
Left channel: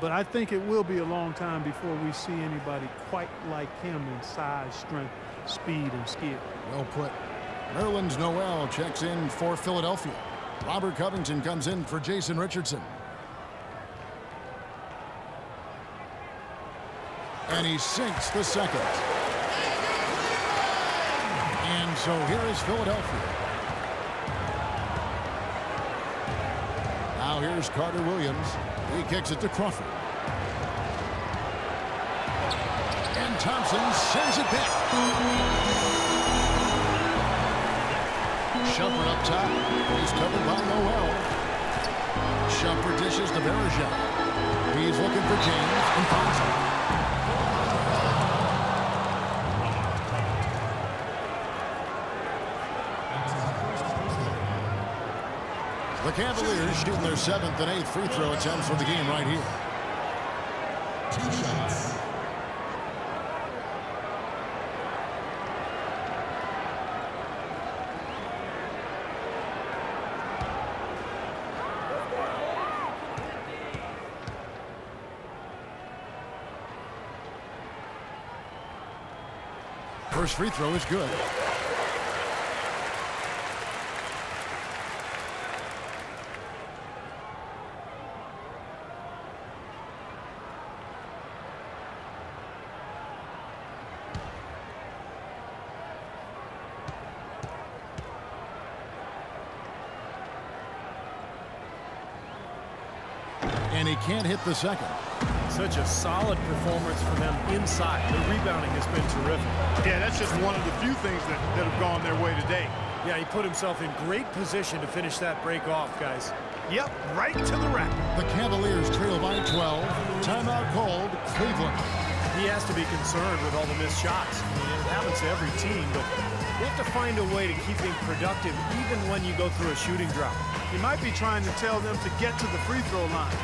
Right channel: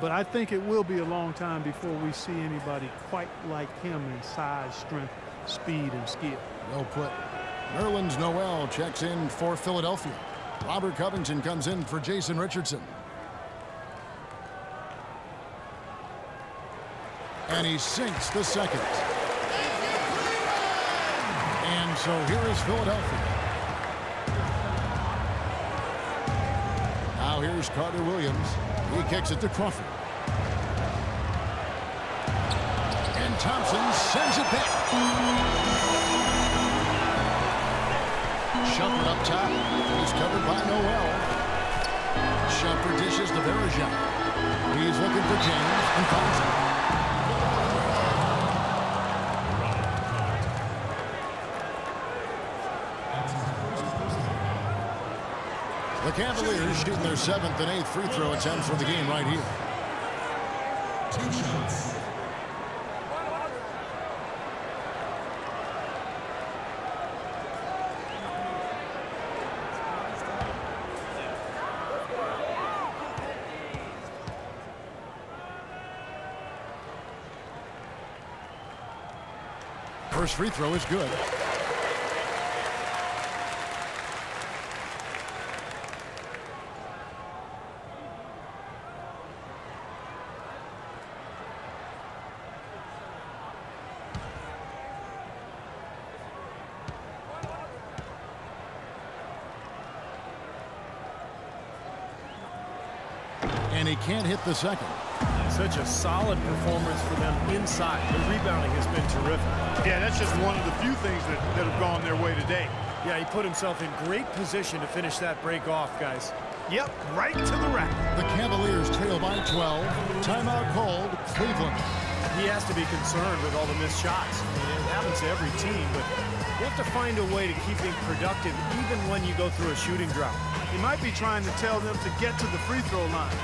But I think it will be a long time before we see anybody quite like him in size, strength, speed, and skill. Well put. Nerlens Noel checks in for Philadelphia. Robert Covington comes in for Jason Richardson. And he sinks the second. And so here is Philadelphia. Now here's Carter Williams. He kicks it to Crawford. And Thompson sends it back. Shumpert up top. He's covered by Noel. Shumpert dishes to Verajao. He's looking for James and finds him. The Cavaliers shooting their 7th and 8th free throw attempts for the game right here. 2 shots. First free throw is good. And he can't hit the second. Such a solid performance for them inside. The rebounding has been terrific. Yeah, that's just one of the few things that have gone their way today. Yeah, he put himself in great position to finish that break off, guys. Yep, right to the rack. The Cavaliers trail by 12. Timeout called, Cleveland. He has to be concerned with all the missed shots. I mean, it happens to every team, but you have to find a way to keep being productive even when you go through a shooting drought. He might be trying to tell them to get to the free throw line.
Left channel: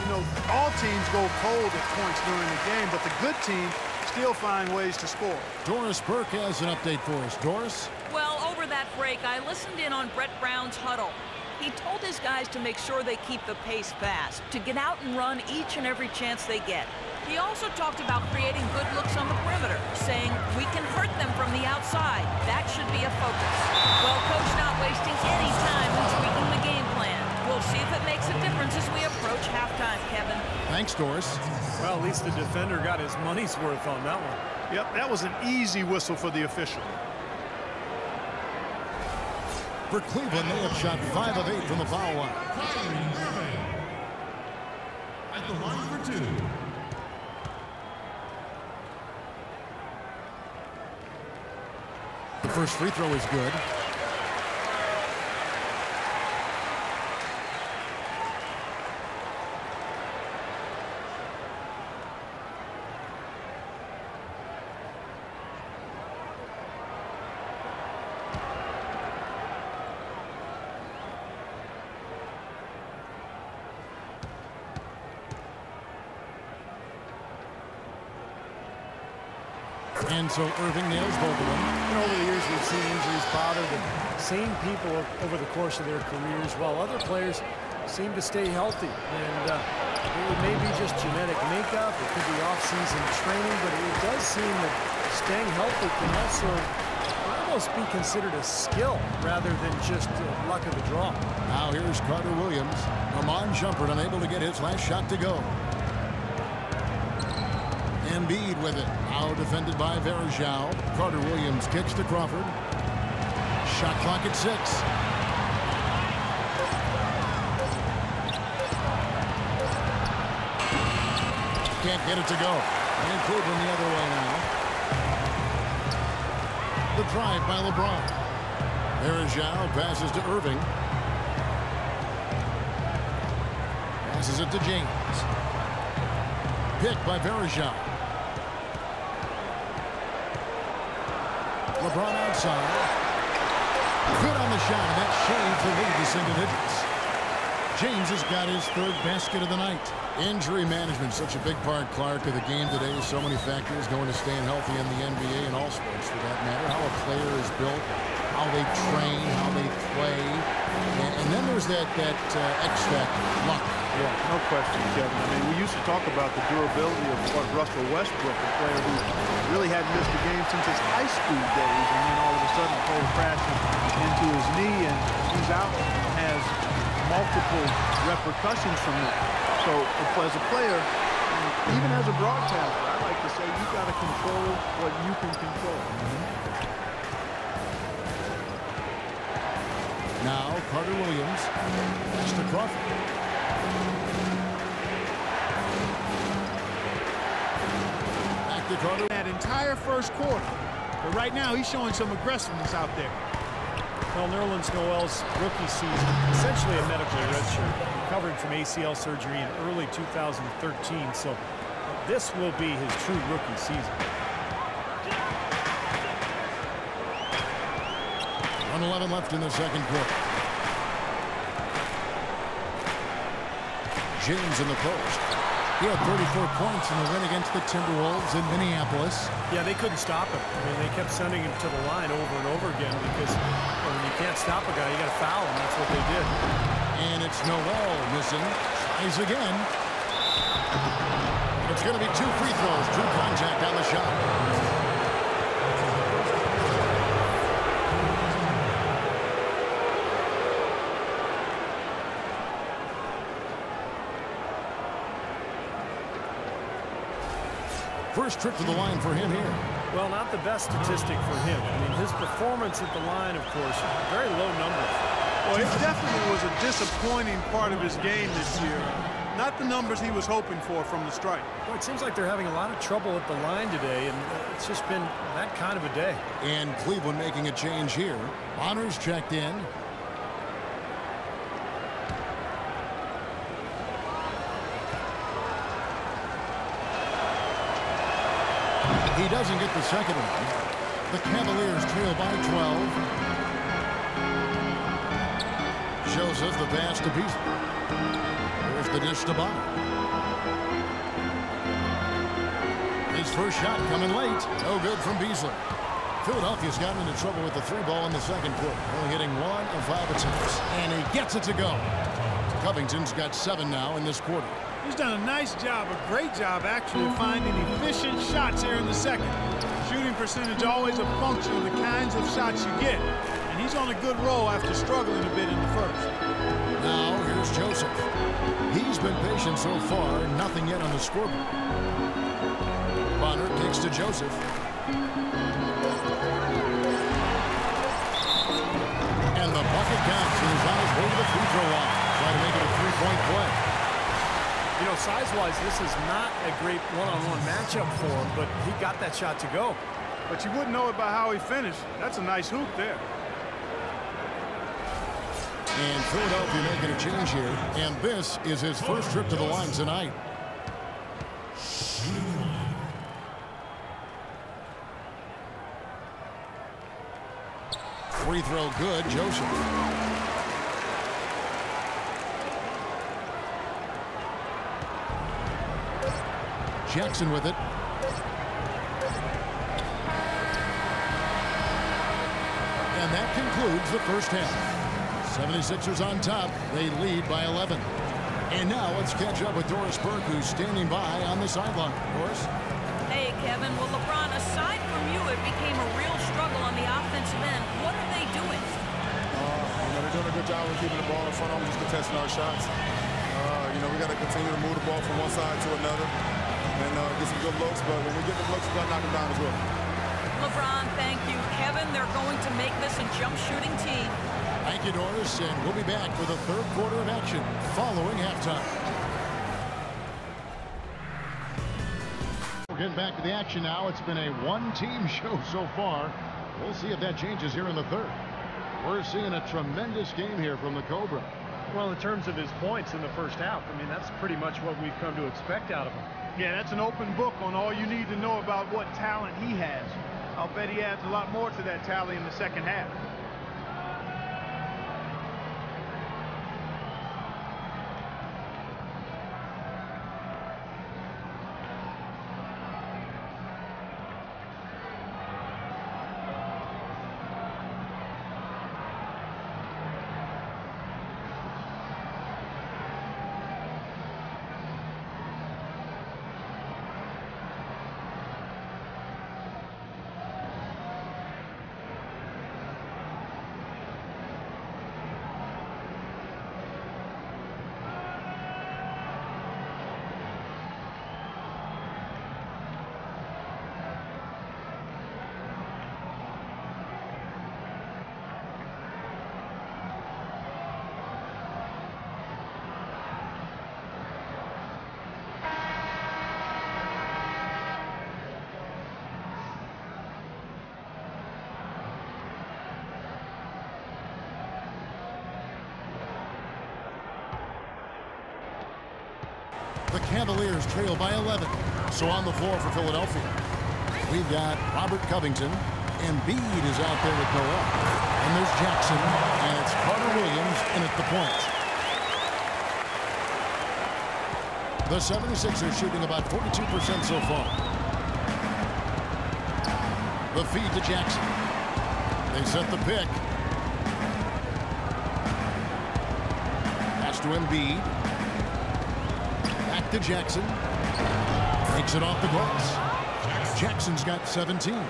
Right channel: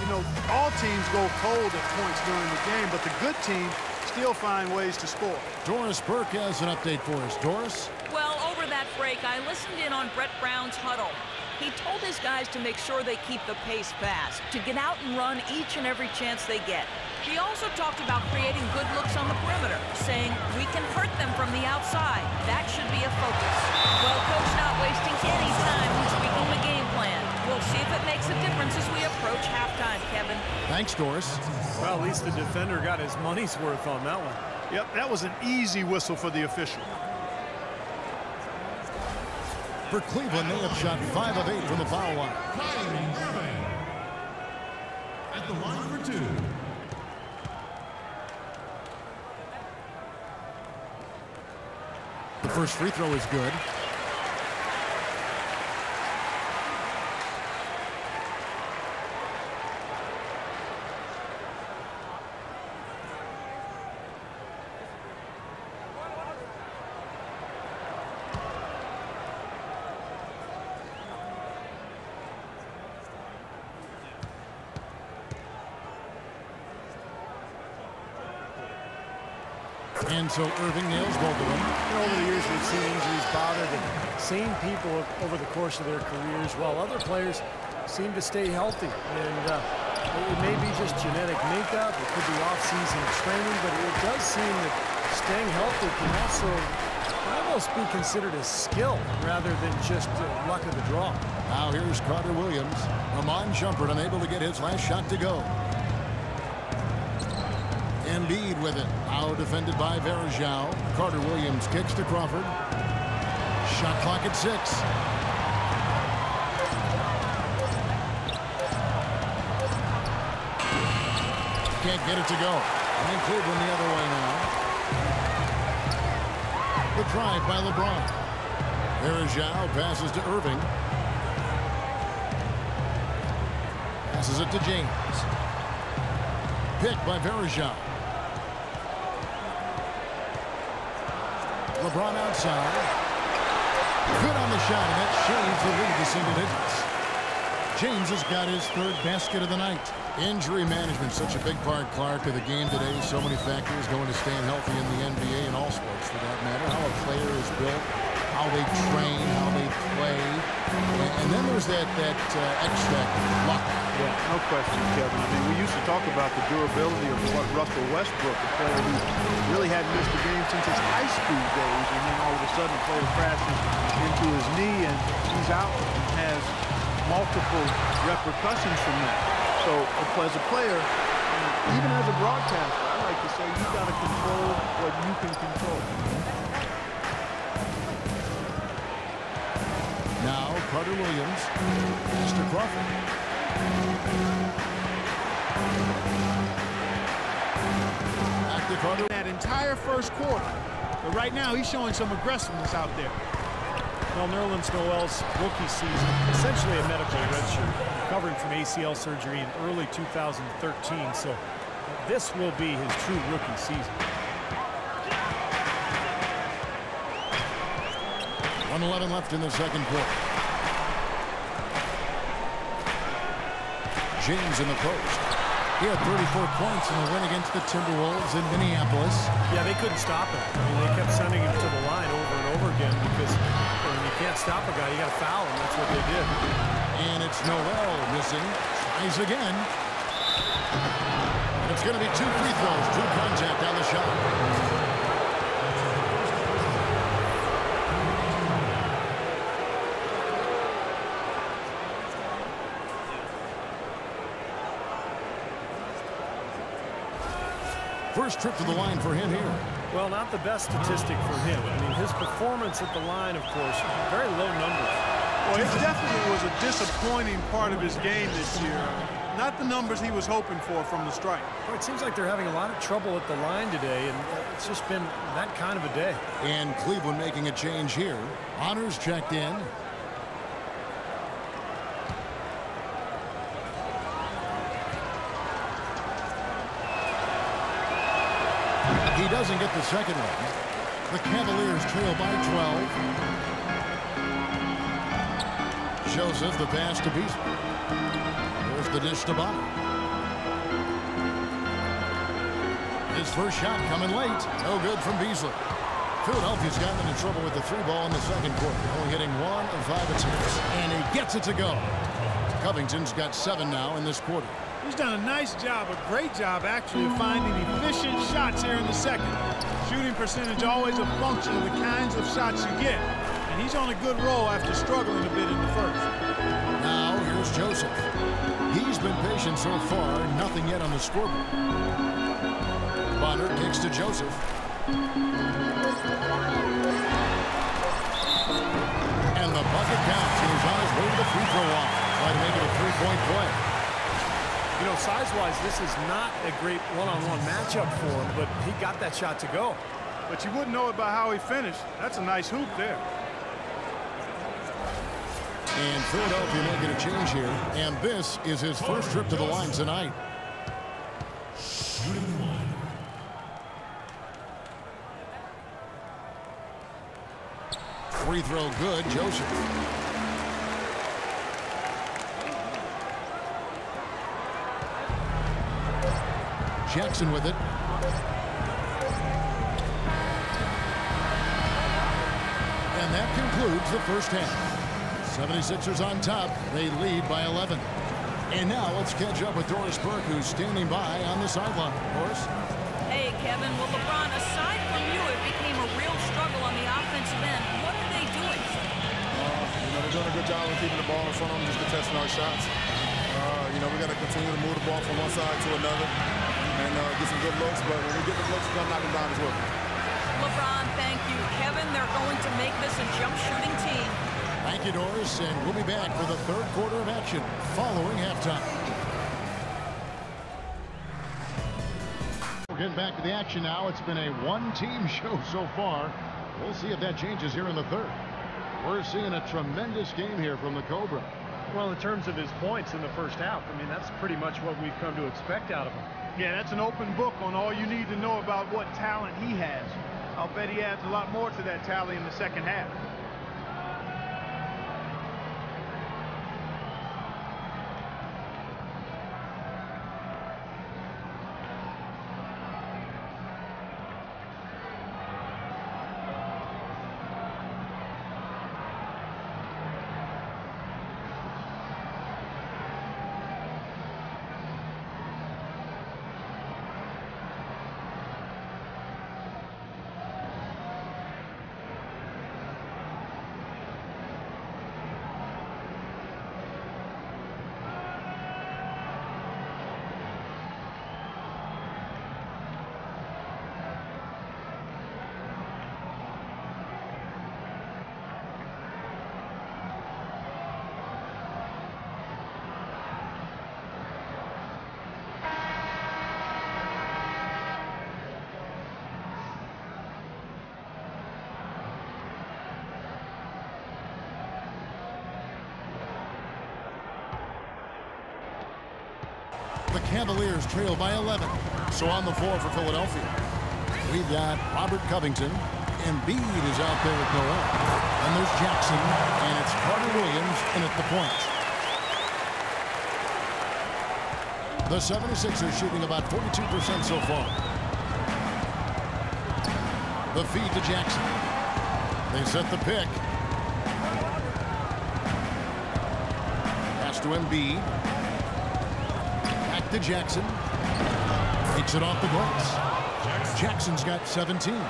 You know, all teams go cold at points during the game, but the good teams still find ways to score. Doris Burke has an update for us. Doris? Well, over that break, I listened in on Brett Brown's huddle. He told his guys to make sure they keep the pace fast, to get out and run each and every chance they get. He also talked about creating good looks on the perimeter, saying we can hurt them from the outside. That should be a focus. Well, Coach not wasting any time in tweaking the game plan. We'll see if it makes a difference as we approach halftime, Kevin. Thanks, Doris. Well, at least the defender got his money's worth on that one. Yep, that was an easy whistle for the official. For Cleveland, they have shot 5 of 8 from the foul line. Kyrie Irving at the line for 2. The first free throw is good. And so Irving nails both of them. You know, over the years, we've seen injuries bother the same people over the course of their careers, while other players seem to stay healthy. And it may be just genetic makeup, it could be off-season training, but it does seem that staying healthy can also almost be considered a skill rather than just luck of the draw. Now here's Carter Williams. Amon Shumpert unable to get his last shot to go. Embiid with it. Now defended by Verajao. Carter Williams kicks to Crawford. Shot clock at 6. Can't get it to go. And Cleveland the other way now. The drive by LeBron. Verajao passes to Irving. Passes it to James. Picked by Verajao. LeBron outside. Good on the shot, and that shaves the lead to single digits. James has got his 3rd basket of the night. Injury management, such a big part, Clark, of the game today. So many factors going to staying healthy in the NBA and all sports for that matter. How a player is built, how they train, how they play. And then there's that X factor, luck. Yeah, no question, Kevin. I mean, we used to talk about the durability of what Russell Westbrook, a player who really hadn't missed a game since his high school days, and then all of a sudden a player crashes into his knee and he's out and has multiple repercussions from that. So as a player, and even as a broadcaster, I like to say you've got to control what you can control. Now Carter Williams. Pass to Crawford. Back to Carter. That entire first quarter. But right now he's showing some aggressiveness out there. Well, Nerlens Noel's rookie season, essentially a medical redshirt, recovering from ACL surgery in early 2013, so this will be his true rookie season. 1:11 left in the second quarter. James in the post. He had 34 points in the win against the Timberwolves in Minneapolis. Yeah, they couldn't stop him. I mean, they kept sending him to the line over and over again because when you can't stop a guy, you got to foul him. That's what they did. And it's Noel missing. Tries again. And it's going to be 2 free throws. True contact on the shot. First trip to the line for him here. Well, not the best statistic for him. I mean, his performance at the line, of course, very low numbers. Well, it definitely was a disappointing part of his game this year. Not the numbers he was hoping for from the strike. Well, it seems like they're having a lot of trouble at the line today, and it's just been that kind of a day. And Cleveland making a change here. Honors checked in. He doesn't get the second one. The Cavaliers trail by 12. Joseph, the pass to Beasley. There's the dish to Bonner. His first shot coming late. No good from Beasley. Philadelphia's gotten into trouble with the 3 ball in the second quarter. Only hitting 1 of 5 attempts. And he gets it to go. Covington's got 7 now in this quarter. He's done a nice job, a great job actually, of finding efficient shots here in the second. Shooting percentage always a function of the kinds of shots you get. And he's on a good roll after struggling a bit in the first. Now here's Joseph. He's been patient so far, nothing yet on the scoreboard. Bonner kicks to Joseph. And the bucket counts. He's on his way to the free throw line. Try to make it a 3-point play. You know, size-wise, this is not a great one-on-one matchup for him, but he got that shot to go. But you wouldn't know it by how he finished. That's a nice hoop there. And Philadelphia making a change here. And this is his first trip to the line tonight. Shooting 1. Free throw good, Joseph. Jackson with it. And that concludes the first half. 76ers on top. They lead by 11. And now let's catch up with Doris Burke, who's standing by on the sideline. Doris? Hey, Kevin. Well, LeBron, aside from you, it became a real struggle on the offensive end. What are they doing? They're doing a good job of keeping the ball in front of them, just contesting our shots. We got to continue to move the ball from one side to another and get some good looks. But when we get the looks, we're going to knock them down as well. LeBron, thank you. Kevin, they're going to make this a jump shooting team. Thank you, Doris. And we'll be back for the third quarter of action following halftime. We're getting back to the action now. It's been a one-team show so far. We'll see if that changes here in the third. We're seeing a tremendous game here from the Cobra. Well, in terms of his points in the first half, I mean, that's pretty much what we've come to expect out of him. Yeah, that's an open book on all you need to know about what talent he has. I'll bet he adds a lot more to that tally in the second half. The Cavaliers trail by 11. So on the floor for Philadelphia, we've got Robert Covington. Embiid is out there with Noel. And there's Jackson, and it's Carter Williams in at the point. The 76ers shooting about 42% so far. The feed to Jackson. They set the pick. Pass to Embiid. Back to Jackson. Takes it off the glass. Jackson's got 17.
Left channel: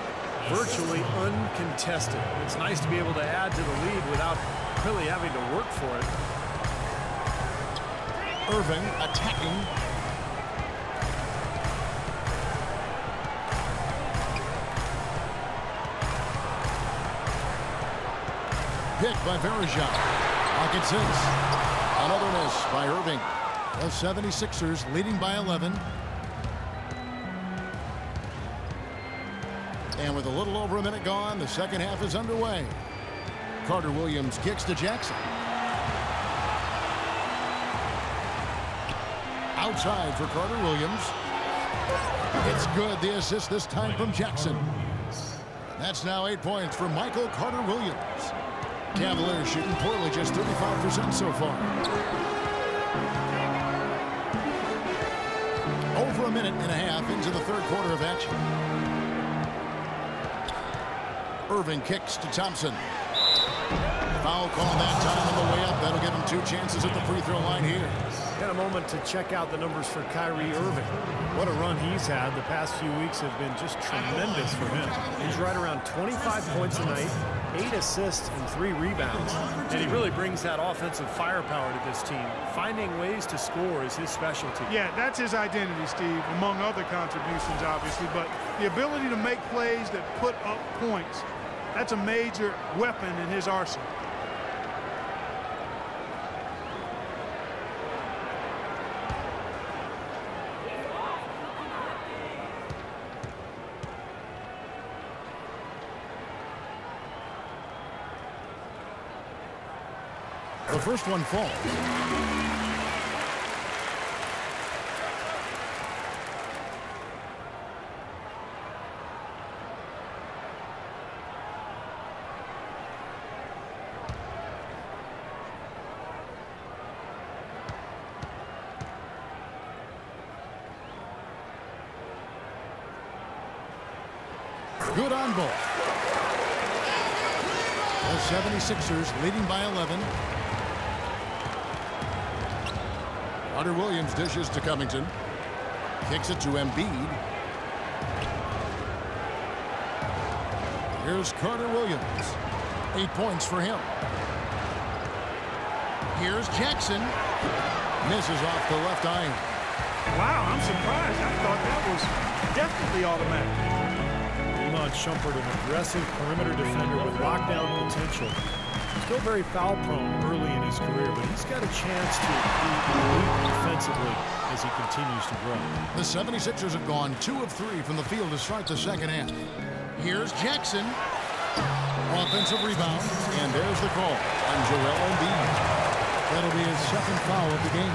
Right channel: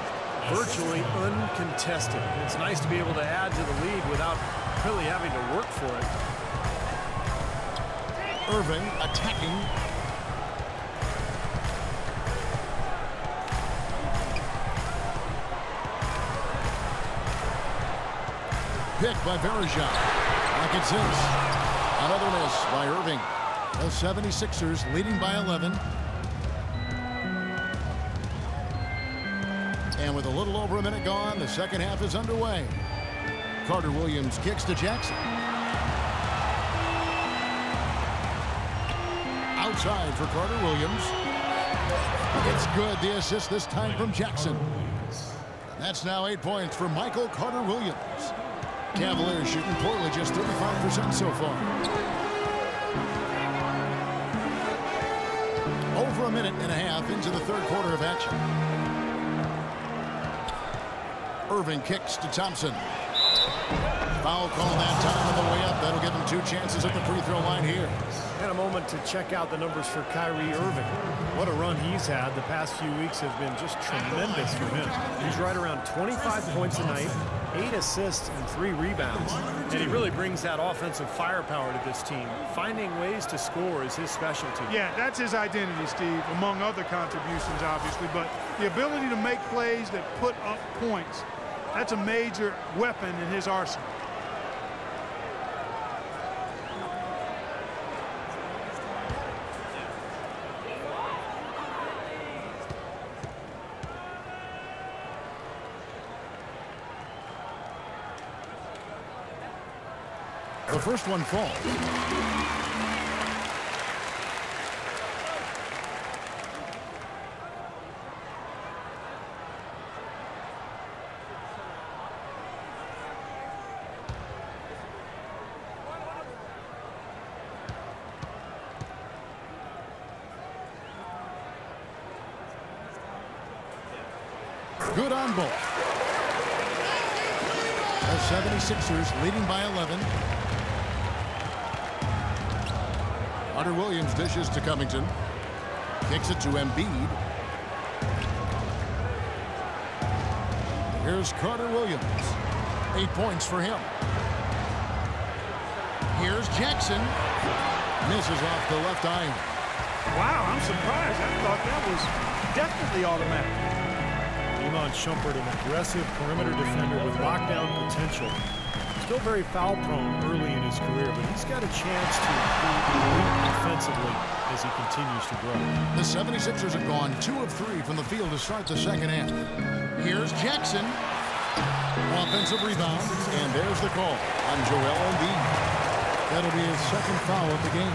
Virtually uncontested. It's nice to be able to add to the lead without really having to work for it. Irving attacking. Pick by Verejao. Like it since. Another miss by Irving. The 76ers leading by 11. And with a little over a minute gone, the second half is underway. Carter Williams kicks to Jackson. Outside for Carter Williams. It's good. The assist this time from Jackson. And that's now 8 points for Michael Carter Williams. Cavaliers shooting poorly, just 35% so far. Over a minute and a half into the third quarter of action. Irving kicks to Thompson. Foul call that time on the way up. That'll give him 2 chances at the free throw line here. And a moment to check out the numbers for Kyrie Irving. What a run he's had. The past few weeks have been just tremendous for him. He's right around 25 points a night, 8 assists and 3 rebounds. And he really brings that offensive firepower to this team. Finding ways to score is his specialty. Yeah, that's his identity, Steve, among other contributions, obviously. But the ability to make plays that put up points, that's a major weapon in his arsenal. The first one falls. Good on both. The 76ers leading by 11. Carter Williams dishes to Covington. Kicks it to Embiid. Here's Carter Williams. 8 points for him. Here's Jackson. Misses off the left iron. Wow, I'm surprised. I thought that was definitely automatic. Iman Shumpert, an aggressive perimeter defender with lockdown potential. Still very foul prone early in his career, but he's got a chance to be elite defensively as he continues to grow. The 76ers have gone 2 of 3 from the field to start the second half. Here's Jackson. Offensive rebound, and there's the call on Joel Embiid. That'll be his second foul of the game.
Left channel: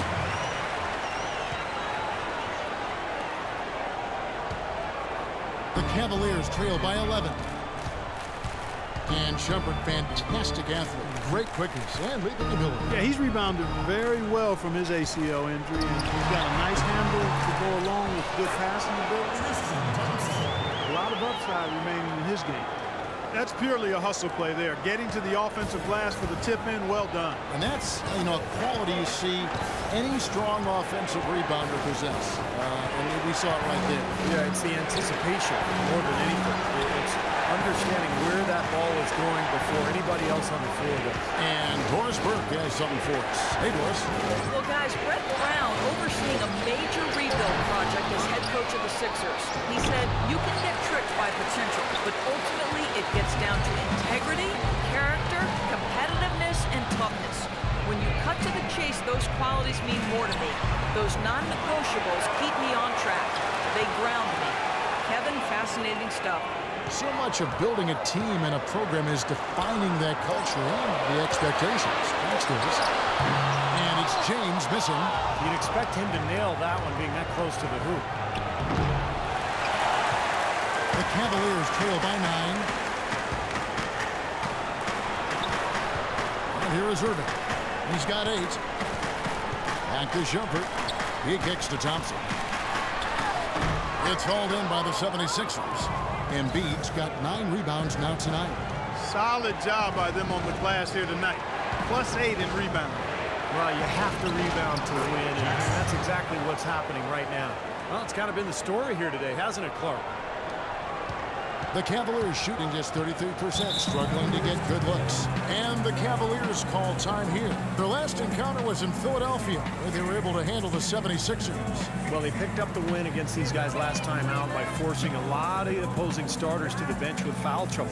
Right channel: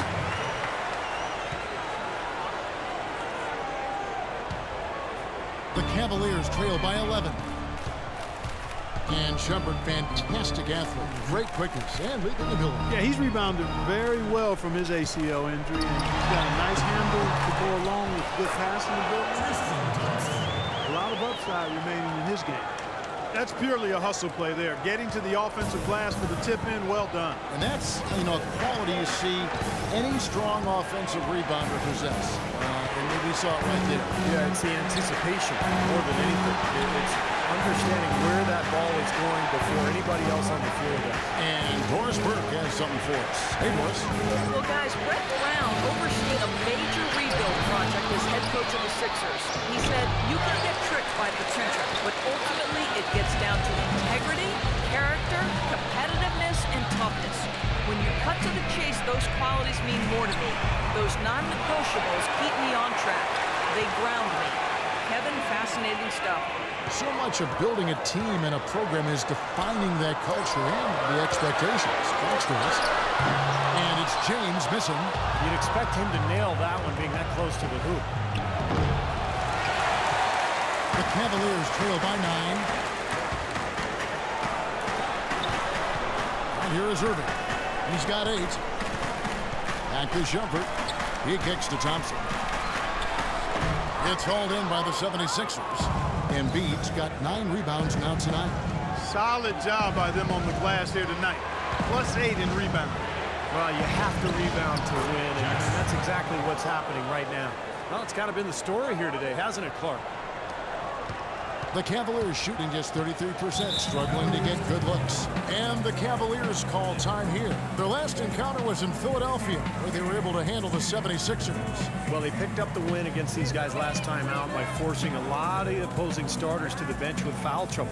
The Cavaliers trail by 11. And Shumpert, fantastic athlete, great quickness and leaping ability. Yeah, he's rebounded very well from his ACL injury, and he's got a nice handle to go along with good passing ability. A lot of upside remaining in his game. That's purely a hustle play there. Getting to the offensive glass for the tip-in, well done. And that's, a quality you see any strong offensive rebounder possess. And we saw it right there. Yeah, it's the anticipation more than anything. It's understanding where that ball is going before anybody else on the floor does. And Doris Burke has something for us. Hey, Doris. Well, guys, Brett Brown overseeing a major rebuild project as head coach of the Sixers. He said, you can get tricked by potential, but ultimately it gets down to integrity, character, competitiveness, and toughness. When you cut to the chase, those qualities mean more to me. Those non-negotiables keep me on track. They ground me. Kevin, fascinating stuff. So much of building a team and a program is defining that culture and the expectations. Thanks, Doris. And it's James missing. You'd expect him to nail that one being that close to the hoop. The Cavaliers trail by 9. And here is Irving. He's got 8. Back to Shumpert. He kicks to Thompson. It's hauled in by the 76ers. Embiid's got 9 rebounds now tonight. Solid job by them on the glass here tonight. +8 in rebound. Well, you have to rebound to win, and that's exactly what's happening right now. Well, it's kind of been the story here today, hasn't it, Clark? The Cavaliers shooting just 33%, struggling to get good looks. And the Cavaliers call time here. Their last encounter was in Philadelphia, where they were able to handle the 76ers. Well, they picked up the win against these guys last time out by forcing a lot of opposing starters to the bench with foul trouble.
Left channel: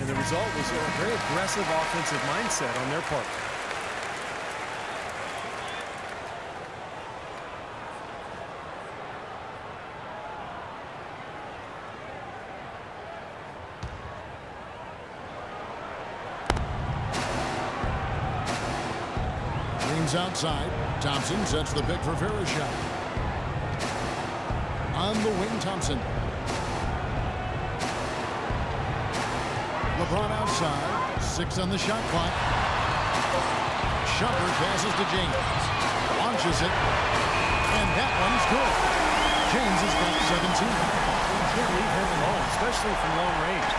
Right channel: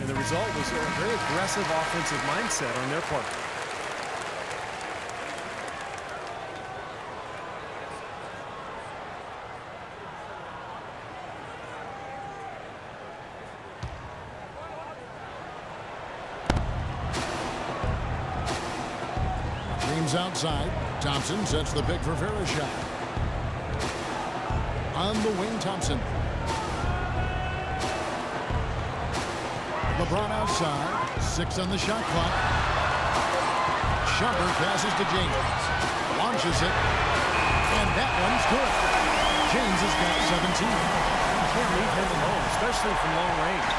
And the result was a very aggressive offensive mindset on their part. James outside. Thompson sets the pick for Vereshchuk. On the wing, Thompson. LeBron outside. 6 on the shot clock. Shumpert passes to James. Launches it. And that one's good. James has got 17. You can't leave him alone, especially from long range.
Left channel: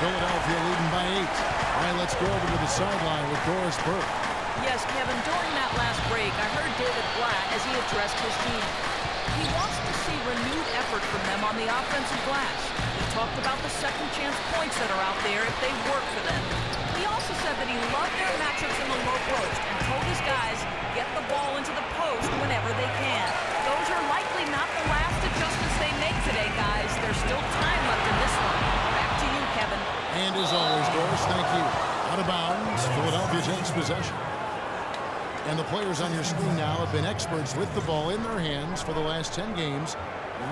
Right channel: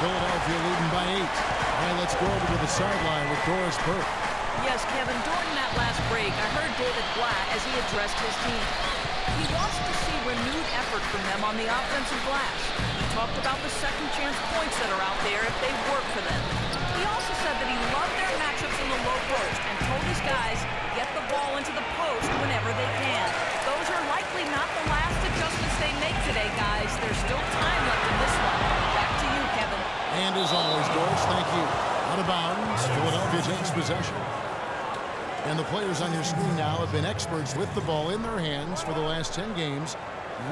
Philadelphia leading by 8. All right, let's go over to the sideline with Doris Burke. Yes, Kevin, during that last break, I heard David Blatt as he addressed his team. He wants to see renewed effort from them on the offensive glass. He talked about the second chance points that are out there if they work for them. He also said that he loved their matchups in the low post and told his guys, get the ball into the post whenever they can. Those are likely not the last adjustments they make today, guys. There's still time left in this one. Back to you, Kevin. And as always, Doris, thank you. Out of bounds, Philadelphia takes possession. And the players on your screen now have been experts with the ball in their hands for the last 10 games,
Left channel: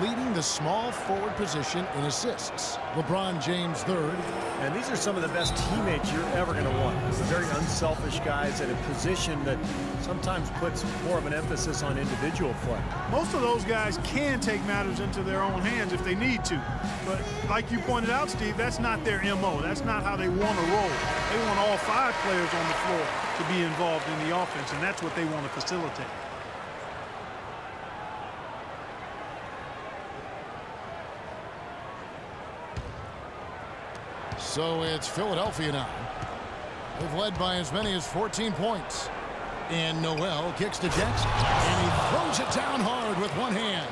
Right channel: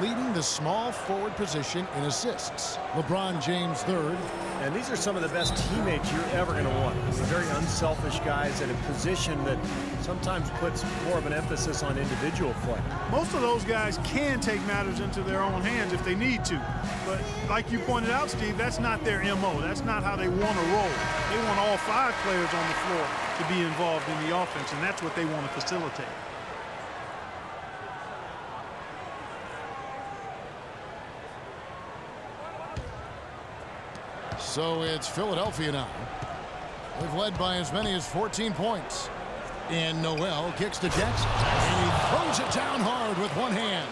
leading the small forward position in assists. LeBron James third. And these are some of the best teammates you're ever going to want. They're very unselfish guys at a position that sometimes puts more of an emphasis on individual play. Most of those guys can take matters into their own hands if they need to. But like you pointed out, Steve, that's not their MO. That's not how they want to roll. They want all 5 players on the floor to be involved in the offense, and that's what they want to facilitate. So it's Philadelphia now. They've led by as many as 14 points. And Noel kicks to Jackson. And he throws it down hard with one hand.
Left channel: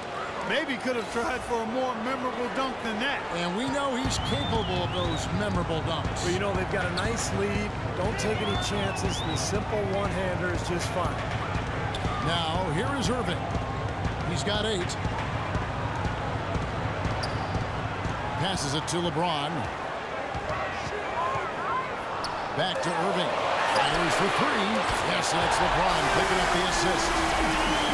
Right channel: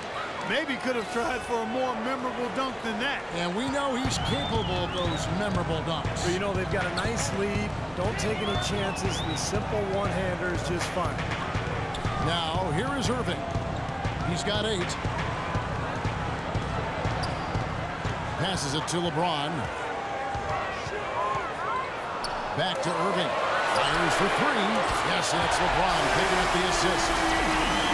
Maybe could have tried for a more memorable dunk than that. And we know he's capable of those memorable dunks. So, you know, they've got a nice lead. Don't take any chances. The simple one-hander is just fine. Now, here is Irving. He's got 8. Passes it to LeBron. Back to Irving. Fires for 3. Yes, and it's LeBron picking up the assist.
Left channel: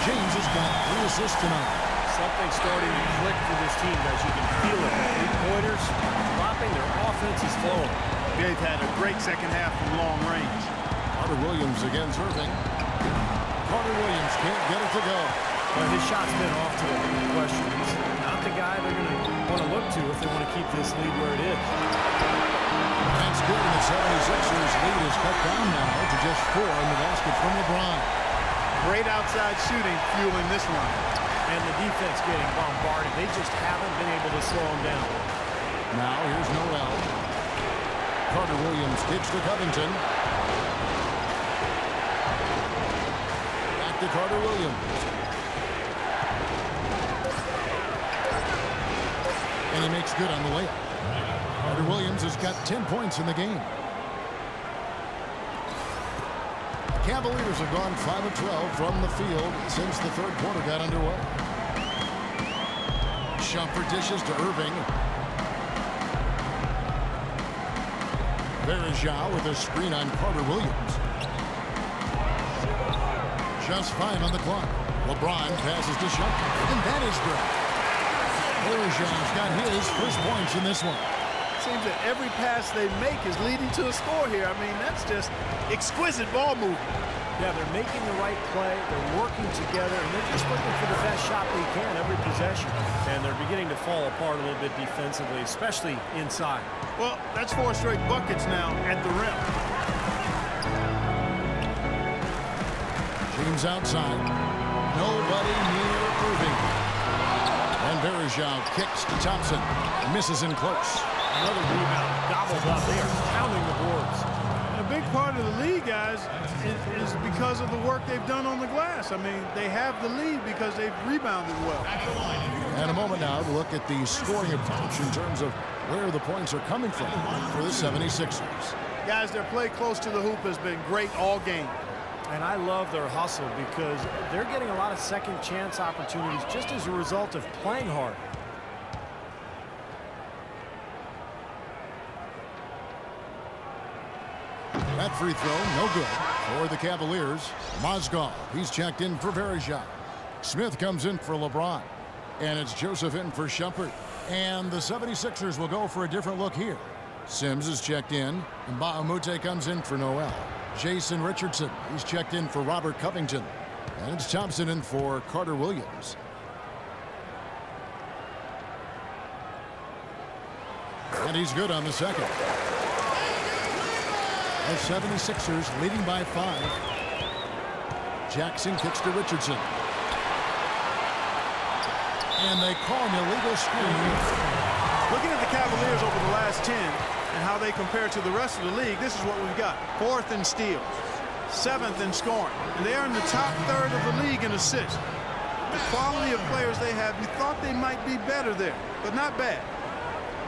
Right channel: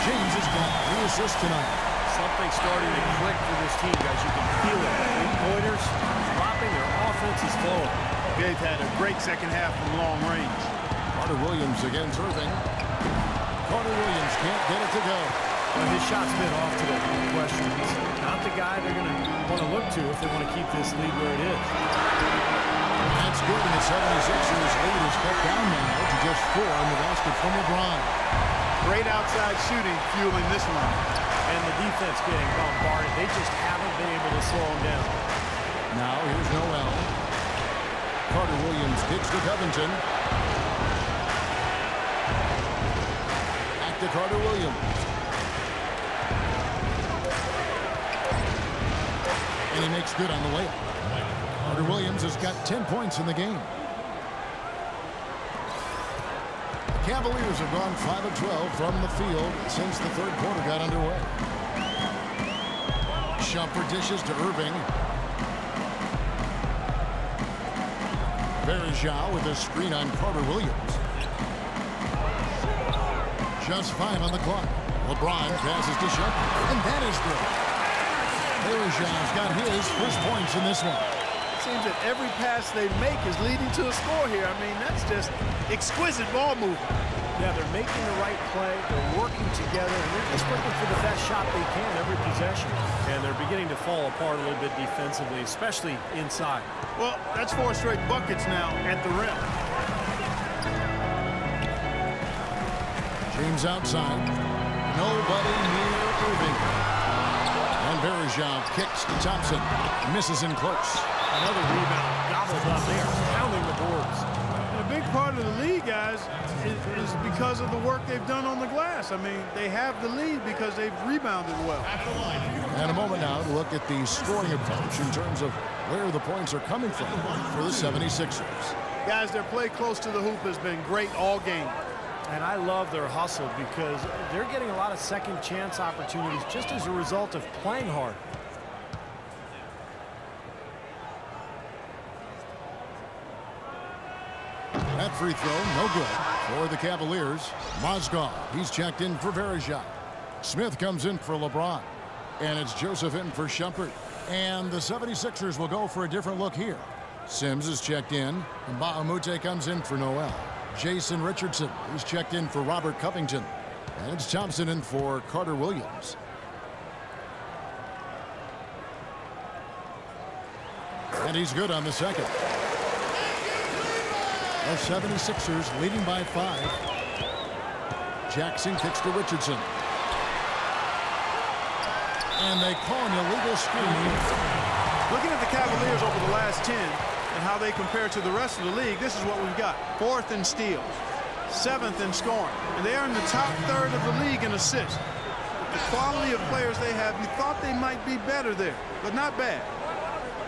James has got 3 assists tonight. Something's starting to click for this team, guys. You can feel it. The three-pointers are dropping. Their offense is flowing. They've had a great second half from long range. Carter Williams against Irving. Carter Williams can't get it to go. Well, his shot's been off today, no question. He's not the guy they're going to want to look to if they want to keep this lead where it is. That's good, and the 76ers lead is cut down now to just 4 in the basket from LeBron. Great outside shooting fueling this line. And the defense getting bombarded. They just haven't been able to slow them down. Now here's Noel. Carter Williams kicks to Covington. Back to Carter Williams. And he makes good on the layup. Carter Williams has got 10 points in the game. The Cavaliers have gone 5 of 12 from the field since the third quarter got underway. Shumpert dishes to Irving. Vereshchuk with a screen on Carter Williams. Just 5 on the clock. LeBron passes to Shumpert, and that is good. Vereshchuk's got his first points in this one. It seems that every pass they make is leading to a score here. I mean, that's just exquisite ball movement. Yeah, they're making the right play, they're working together, and they're just looking for the best shot they can every possession. And they're beginning to fall apart a little bit defensively, especially inside. Well, that's 4 straight buckets now at the rim. James outside. Nobody near Irving. And Verejao kicks to Thompson. Misses in close. Another rebound gobbled up. They are pounding the boards. And a big part of the lead, guys, is because of the work they've done on the glass. I mean, they have the lead because they've rebounded well. And a moment now to look at the scoring approach in terms of where the points are coming from for the 76ers. Guys, their play close to the hoop has been great all game. And I love their hustle because they're getting a lot of second chance opportunities just as a result of playing hard. That free throw, no good for the Cavaliers. Mozgov, he's checked in for Verejao. Smith comes in for LeBron. And it's Joseph in for Shumpert. And the 76ers will go for a different look here. Sims is checked in, and Bahamute comes in for Noel. Jason Richardson, he's checked in for Robert Covington. And it's Thompson in for Carter Williams. And he's good on the second. The 76ers leading by 5. Jackson kicks to Richardson. And they call an illegal screen. Looking at the Cavaliers over the last 10 and how they compare to the rest of the league, this is what we've got. 4th in steals, 7th in scoring, and they are in the top third of the league in assists. The quality of players they have, you thought they might be better there, but not bad.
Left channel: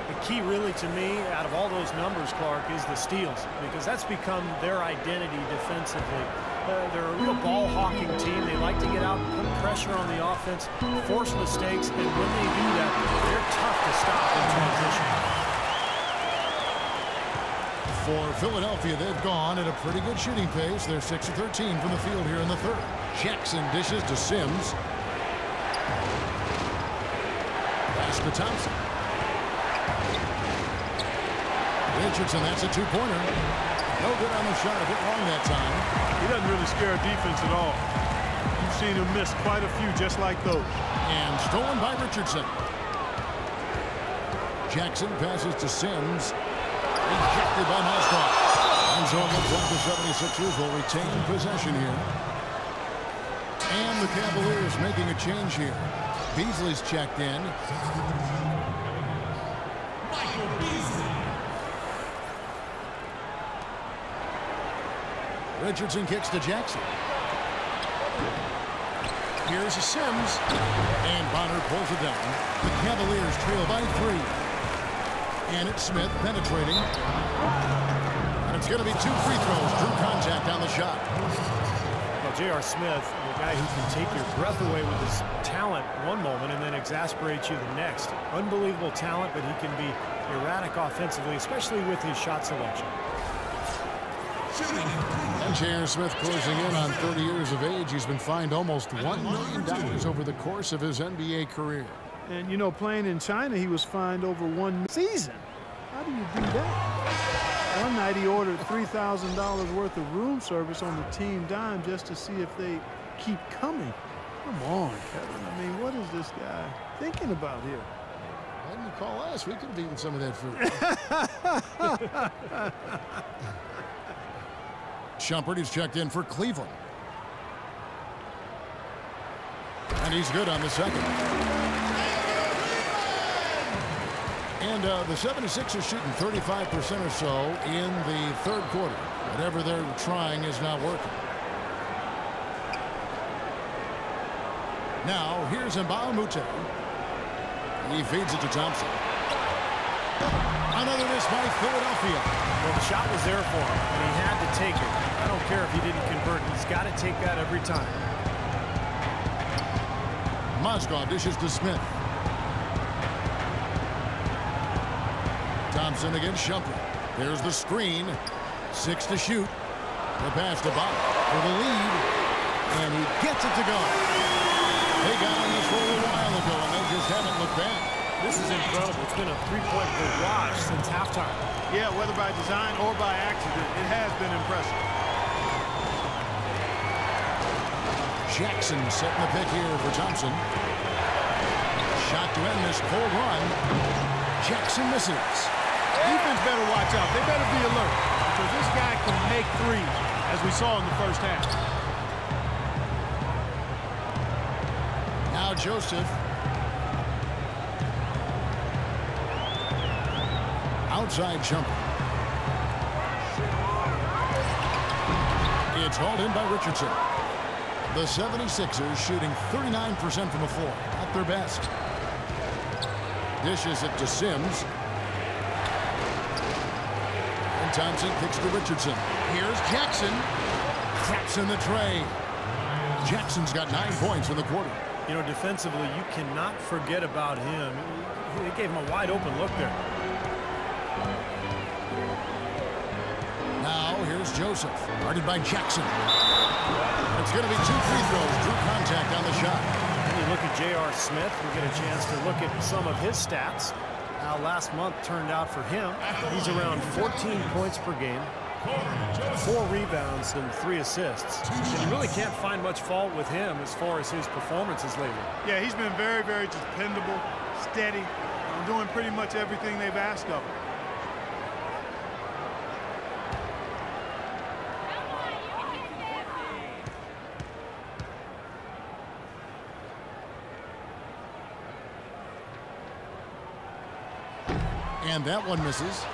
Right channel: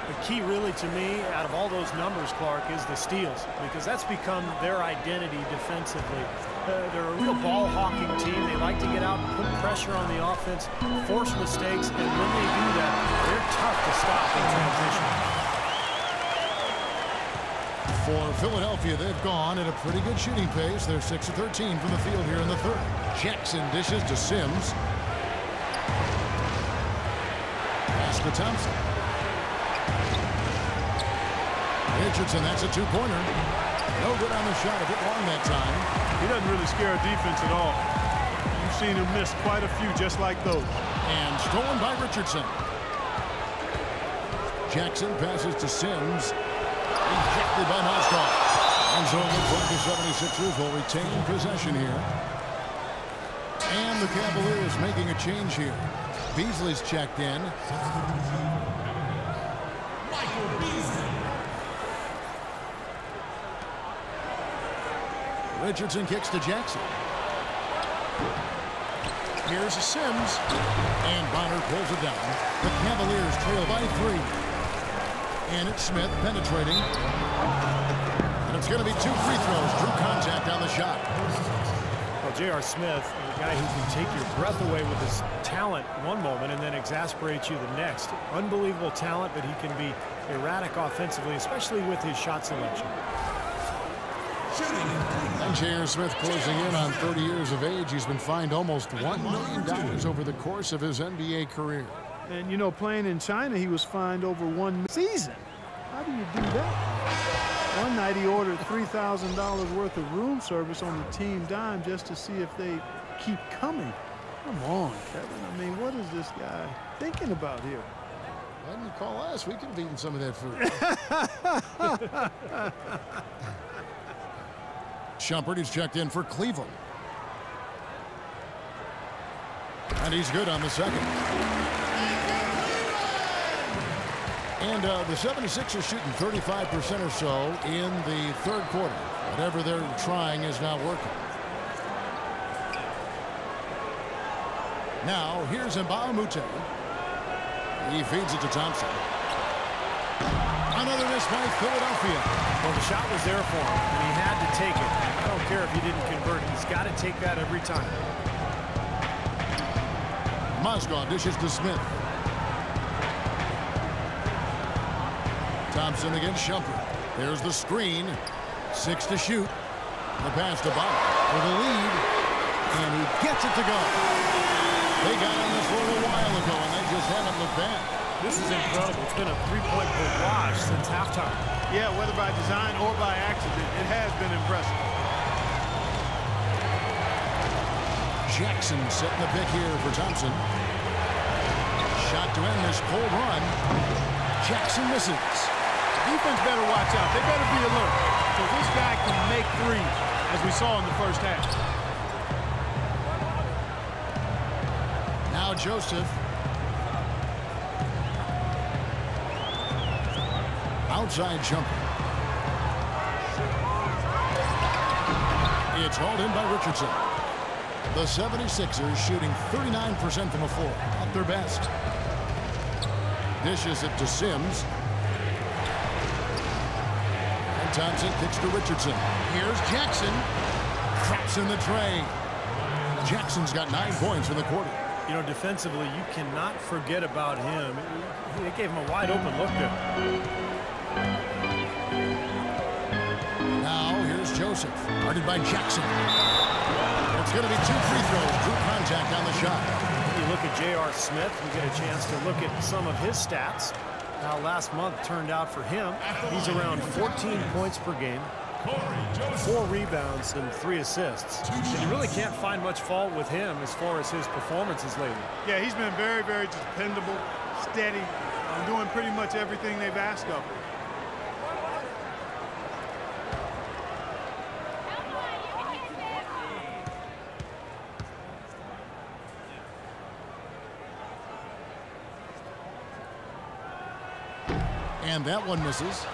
The key really to me out of all those numbers, Clark, is the steals, because that's become their identity defensively. They're a real ball hawking team. They like to get out and put pressure on the offense, force mistakes, and when they do that, they're tough to stop in transition. For Philadelphia, they've gone at a pretty good shooting pace. They're 6 of 13 from the field here in the third. Jackson dishes to Sims. Pass to Thompson. Richardson, that's a two-pointer. No good on the shot, a bit long that time. He doesn't really scare a defense at all. You've seen him miss quite a few just like those. And stolen by Richardson. Jackson passes to Sims. Rejected by Mozgov. And so it looks like the 76ers will retain possession here. And the Cavaliers making a change here. Beasley's checked in. Michael Beasley. Richardson kicks to Jackson. Here's a Sims. And Bonner pulls it down. The Cavaliers trail by 3. And it's Smith penetrating. And it's going to be 2 free throws. Drew contact on the shot. Well, J.R. Smith, a guy who can take your breath away with his talent one moment and then exasperate you the next. Unbelievable talent, but he can be erratic offensively, especially with his shot selection. And J.R. Smith closing in on 30 years of age. He's been fined almost $1 million over the course of his NBA career. And, you know, playing in China, he was fined over 1 season. How do you do that? One night he ordered $3,000 worth of room service on the team dime just to see if they keep coming. Come on, Kevin. I mean, what is this guy thinking about here? Why didn't you call us? We could have eaten some of that food. Shumpert is checked in for Cleveland. And he's good on the second. And the 76ers shooting 35% or so in the third quarter. Whatever they're trying is not working. Now, here's Mbamute. He feeds it to Thompson. Another miss by Philadelphia. Well, the shot was there for him, and he had to take it. I don't care if he didn't convert. He's got to take that every time. Mozgov dishes to Smith. Thompson against Shumpert. There's the screen. 6 to shoot. The pass to Bonner for the lead. And he gets it to go. They got on this for a little while ago, and they just haven't looked back. This is incredible. It's been a three-point barrage since halftime. Yeah, whether by design or by accident, it has been impressive. Jackson setting the pick here for Thompson. Shot to end this cold run. Jackson misses. Defense better watch out. They better be alert because this guy can make threes, as we saw in the first half. Now Joseph. Outside jumper. It's hauled in by Richardson. The 76ers shooting 39% from the floor, at their best. Dishes it to Sims. And Thompson kicks to Richardson. Here's Jackson. Craps in the tray. Jackson's got 9 points in the quarter. You know, defensively, you cannot forget about him. They gave him a wide open look there. Now here's Joseph, guarded by Jackson. It's going to be 2 free throws. Drew contact on the shot. Then you look at J.R. Smith and get a chance to look at some of his stats. How last month turned out for him. He's around 14 points per game, 4 rebounds and 3 assists. And you really can't find much fault with him as far as his performances lately. Yeah, he's been very, very dependable, steady, doing pretty much everything they've asked of him. And that one misses.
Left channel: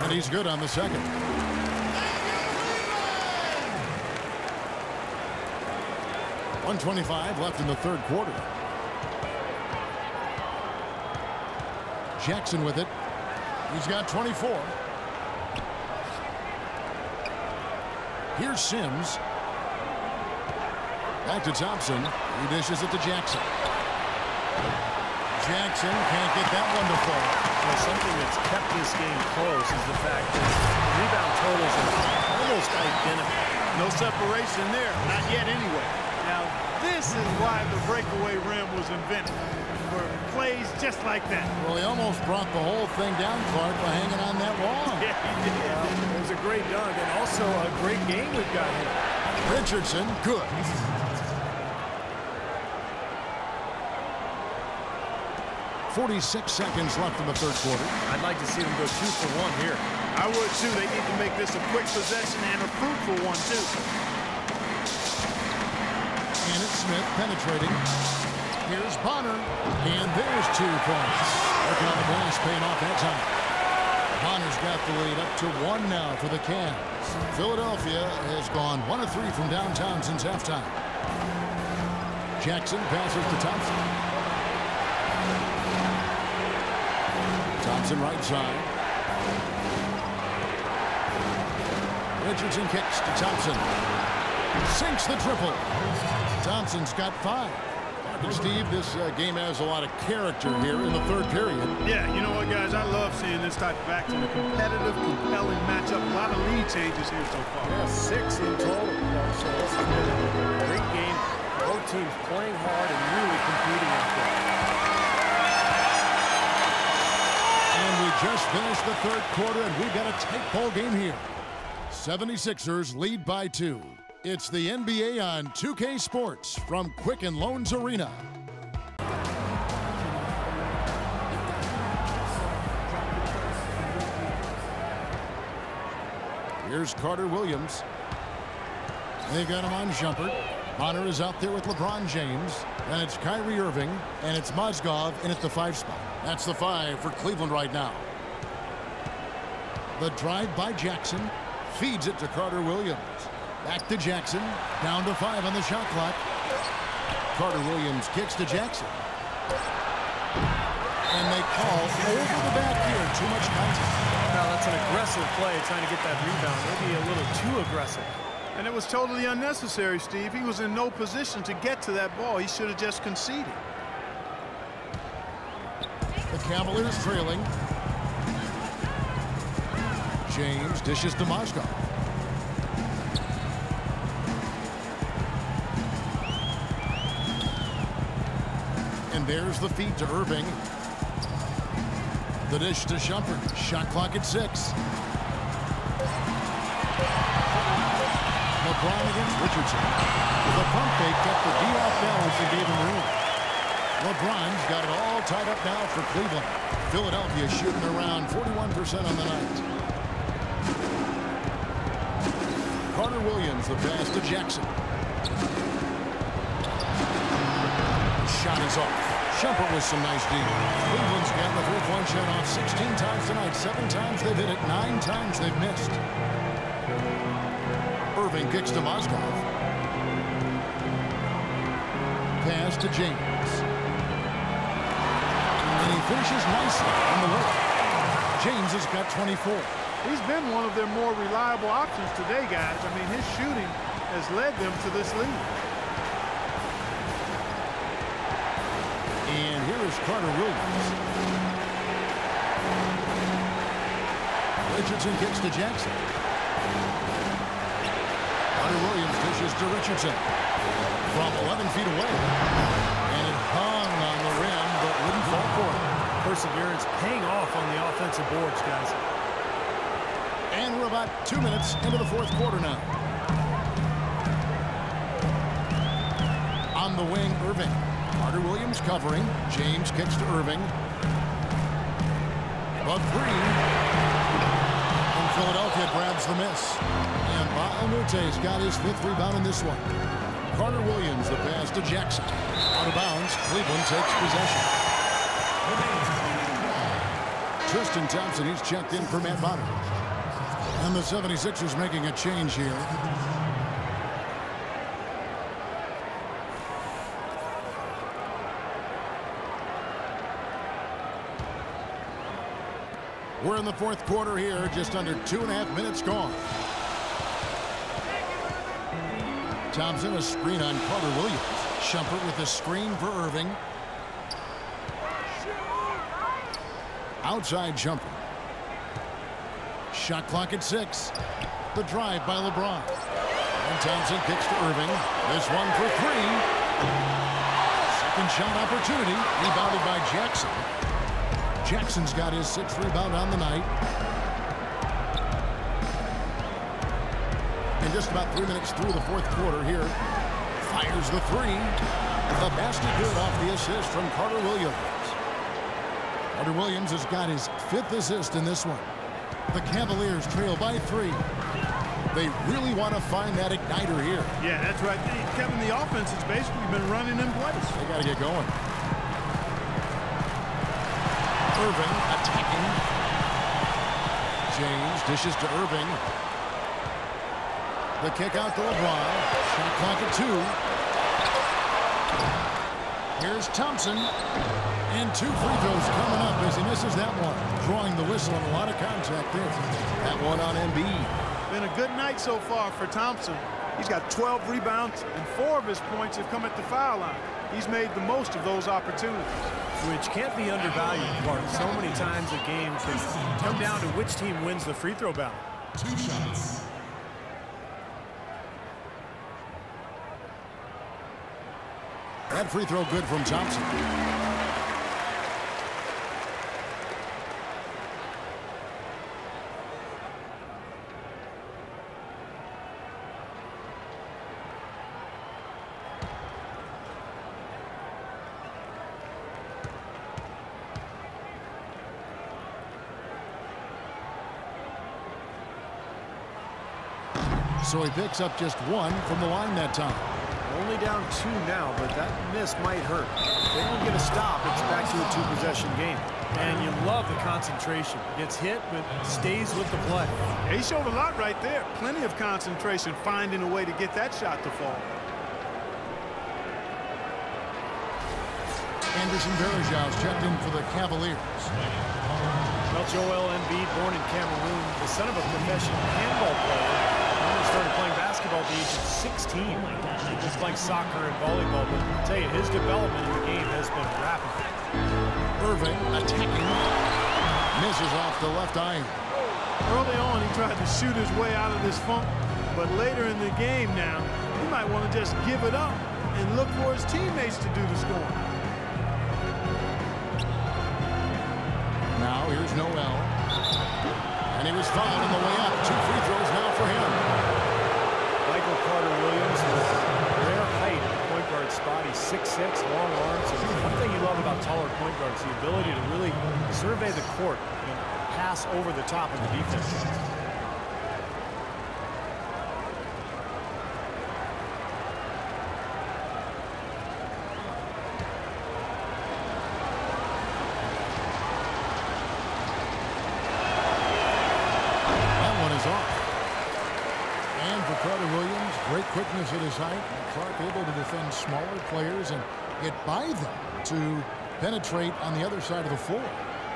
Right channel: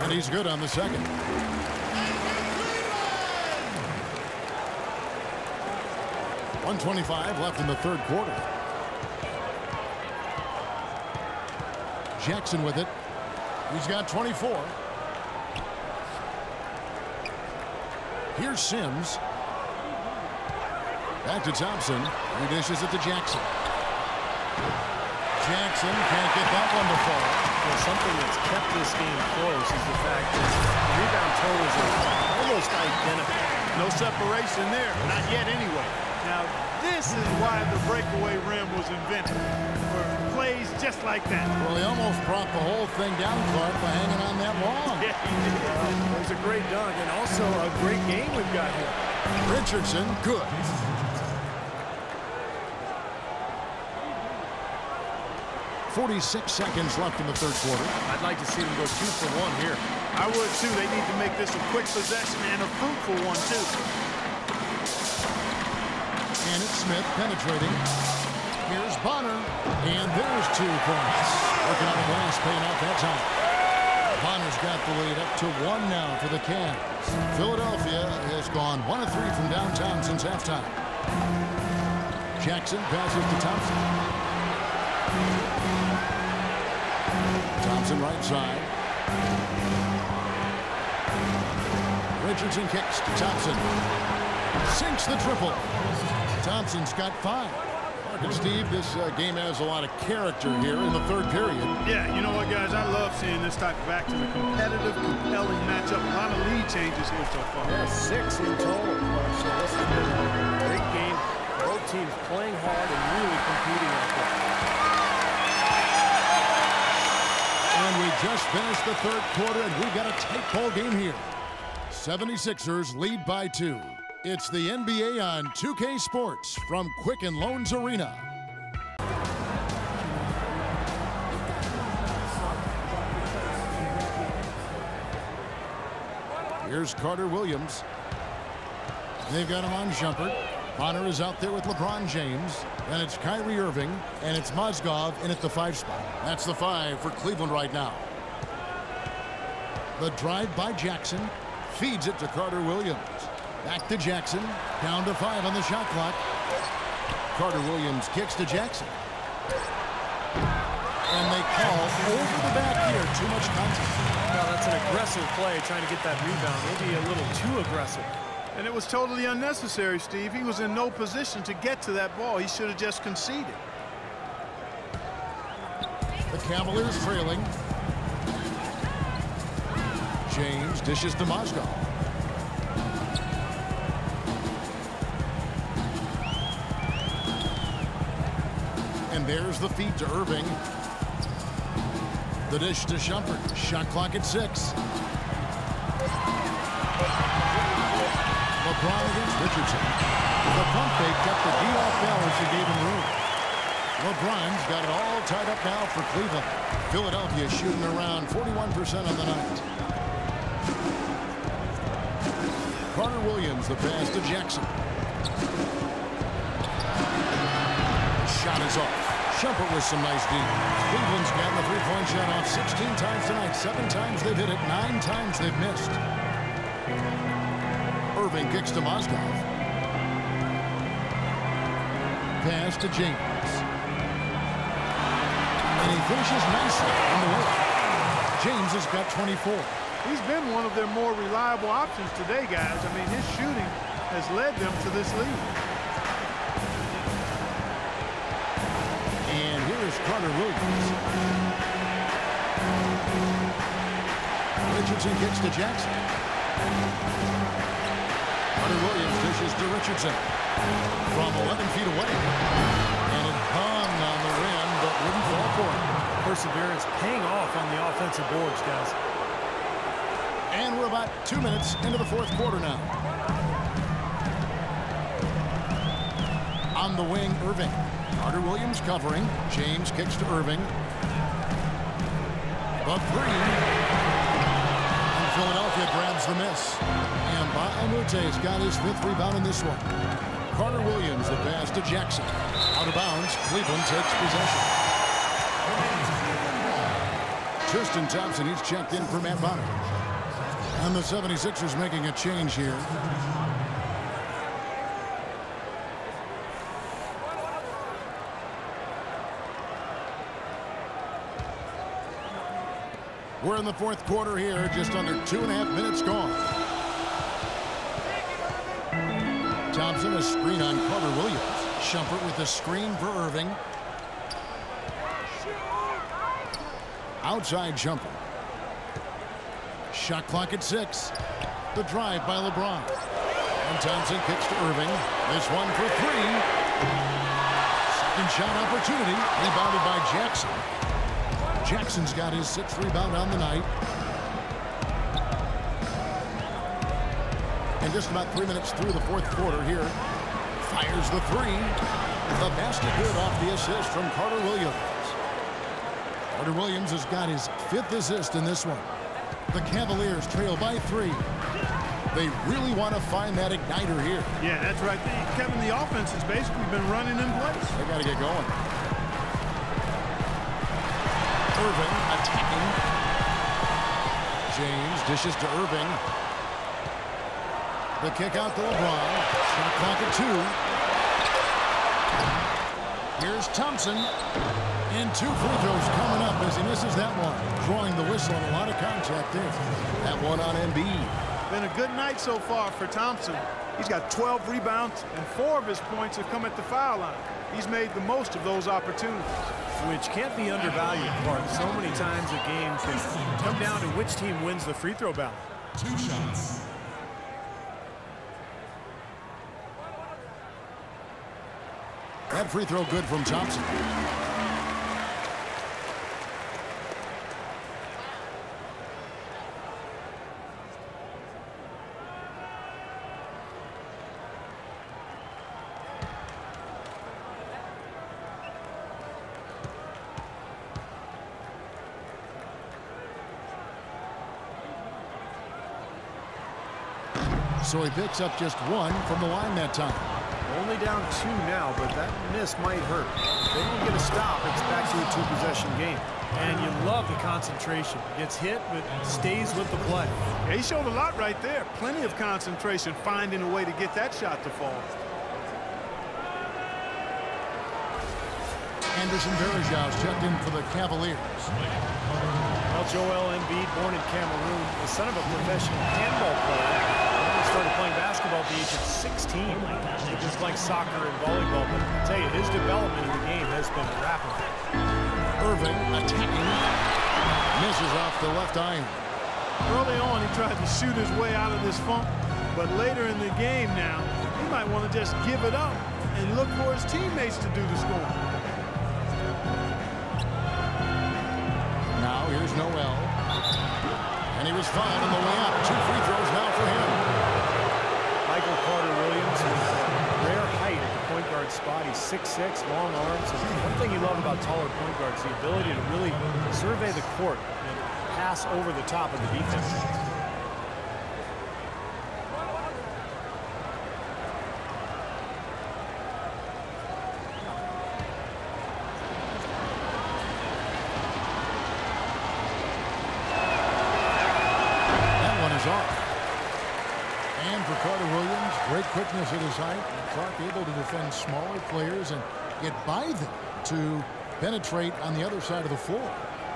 And he's good on the second. 1:25 left in the third quarter. Jackson with it. He's got 24. Here's Sims. Back to Thompson. He dishes it to Jackson. Jackson can't get that one to fall. Well, something that's kept this game close is the fact that the rebound totals are almost identical. No separation there. Not yet anyway. Now, this is why the breakaway rim was invented, for plays just like that. Well, he almost brought the whole thing down, Clark, by hanging on that long. Yeah, he did. Well, it was a great dunk and also a great game we've got here. Richardson, good. 46 seconds left in the third quarter. I'd like to see them go 2 for 1 here. I would, too. They need to make this a quick possession and a fruitful one, too. And it's Smith penetrating. Here's Bonner. And there's 2 points. Working on the glass, paying off that time. Bonner's got the lead up to 1 now for the Cavs. Philadelphia has gone 1 of 3 from downtown since halftime. Jackson passes to Thompson. Thompson right side. Richardson kicks to Thompson. Sinks the triple. Thompson's got 5. And Steve, this game has a lot of character here in the third period. Yeah, you know what, guys? I love seeing this type of action. A competitive, compelling matchup. A lot of lead changes here so far. Yeah, 6 in total, Clark. So this has been a great game. Both teams playing hard and really competing out there. And we just finished the third quarter, and we've got a tight ball game here. 76ers lead by 2. It's the NBA on 2K Sports from Quicken Loans Arena. Here's Carter Williams. They've got him on jumper. Bonner is out there with LeBron James. Then it's Kyrie Irving, and it's Mozgov in at the 5 spot. That's the 5 for Cleveland right now. The drive by Jackson feeds it to Carter Williams. Back to Jackson. Down to 5 on the shot clock. Carter Williams kicks to Jackson. And they call over the back here. Too much contact. Well, that's an aggressive play, trying to get that rebound. Maybe a little too aggressive. And it was totally unnecessary, Steve. He was in no position to get to that ball. He should have just conceded. The Cavaliers trailing. James dishes to Mozgov. And there's the feed to Irving. The dish to Shumpert. Shot clock at 6. LeBron against Richardson. The pump fake kept the D off balance and gave him room. LeBron's got it all tied up now for Cleveland. Philadelphia shooting around 41% on the night. Carter Williams, the pass to Jackson. The shot is off. Shumpert with some nice D. Cleveland's gotten the three-point shot off 16 times tonight. 7 times they've hit it. 9 times they've missed. Irving kicks to Mozgov. Pass to James. And he finishes nicely on the way. James has got 24. He's been one of their more reliable options today, guys. I mean, his shooting has led them to this lead. And here is Carter Williams. Richardson kicks to Jackson. Carter Williams dishes to Richardson from 11 feet away. And it hung on the rim, but wouldn't fall for him. Perseverance paying off on the offensive boards, guys. And we're about 2 minutes into the fourth quarter now. On the wing, Irving. Carter Williams covering. James kicks to Irving. The 3. And Philadelphia grabs the miss. And Baamute's got his 5th rebound in this one. Carter Williams, the pass to Jackson. Out of bounds, Cleveland takes possession. Tristan Thompson, he's checked in for Matt Bonner. And the 76ers making a change here. We're in the fourth quarter here, just under 2.5 minutes gone. Thompson, a screen on Carter Williams. Shumpert with a screen for Irving. Outside Shumpert. Shot clock at 6. The drive by LeBron. And Thompson kicks to Irving. This one for 3. Second shot opportunity. Rebounded by Jackson. Jackson's got his 6th rebound on the night. And just about 3 minutes through the fourth quarter here. Fires the 3. The basket good off the assist from Carter Williams. Carter Williams has got his 5th assist in this one. The Cavaliers trail by 3. They really want to find that igniter here. Yeah, that's right. Kevin, the offense has basically been running in place. They got to get going. Irving attacking. James dishes to Irving. The kick out to LeBron. Shot clock at 2. Here's Thompson. And 2 free throws coming up as he misses that one. Drawing the whistle and a lot of contact there. That one on Embiid. Been a good night so far for Thompson. He's got 12 rebounds, and 4 of his points have come at the foul line. He's made the most of those opportunities. Which can't be undervalued, Clark. So many times a game can come down to which team wins the free throw battle. 2 shots. That free throw good from Thompson. So he picks up just 1 from the line that time. Only down 2 now, but that miss might hurt. If they don't get a stop, it's back to a 2-possession game. And you love the concentration. Gets hit, but stays with the play. Yeah, he showed a lot right there. Plenty of concentration, finding a way to get that shot to fall. Anderson Varejão's checked in for the Cavaliers. Well, Joel Embiid, born in Cameroon, the son of a professional handball player. He started playing basketball at the age of 16. Oh my gosh. Just playing soccer and volleyball. But I'll tell you, his development in the game has been rapid. Irving attacking. Misses off the left iron. Early on, he tried to shoot his way out of this funk. But later in the game now, he might want to just give it up and look for his teammates to do the scoring. Now here's Noel. And he was fouled on the way up. 2 free throws now for him. Michael Carter-Williams with rare height at the point guard spot. He's 6'6", long arms. And one thing you love about taller point guards, the ability to really survey the court and pass over the top of the defense. Off. And for Carter-Williams, great quickness at his height. And Clark able to defend smaller players and get by them to penetrate on the other side of the floor.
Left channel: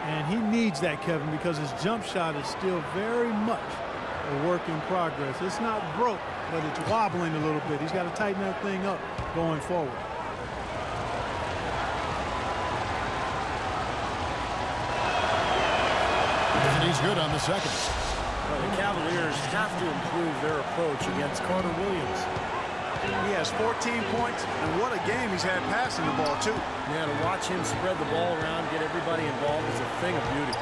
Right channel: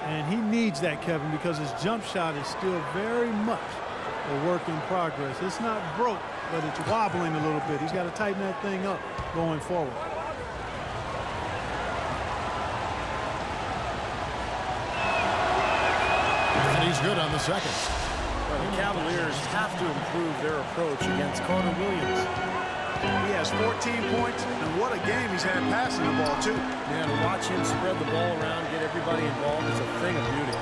And he needs that, Kevin, because his jump shot is still very much a work in progress. It's not broke, but it's wobbling a little bit. He's got to tighten that thing up going forward. And he's good on the second. Well, the Cavaliers have to improve their approach against Carter-Williams. He has 14 points, and what a game he's had passing the ball, too. Yeah, to watch him spread the ball around, get everybody involved is a thing of beauty.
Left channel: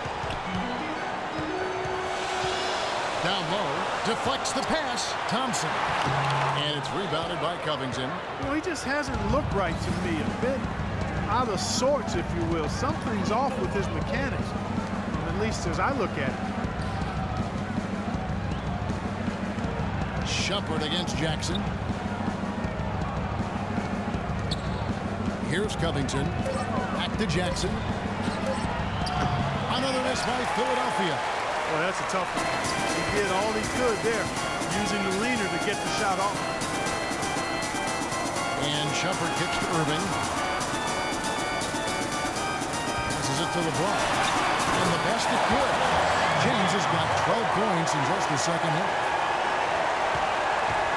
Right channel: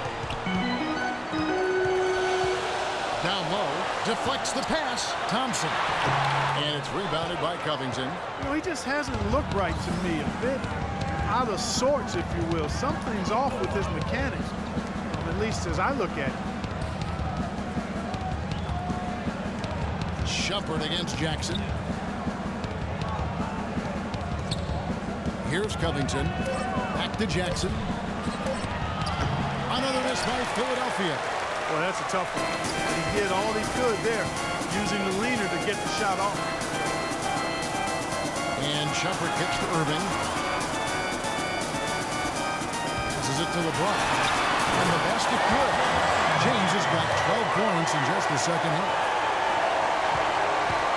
Down low, deflects the pass, Thompson. And it's rebounded by Covington. You know, he just hasn't looked right to me. A bit out of sorts, if you will. Something's off with his mechanics, at least as I look at it. Shumpert against Jackson. Here's Covington. Back to Jackson. Another miss by Philadelphia. Well, that's a tough one. But he did all he could there, using the leaner to get the shot off. And Shumpert kicks to Irving. Passes it to LeBron. And the basket good. James has got 12 points in just the second half.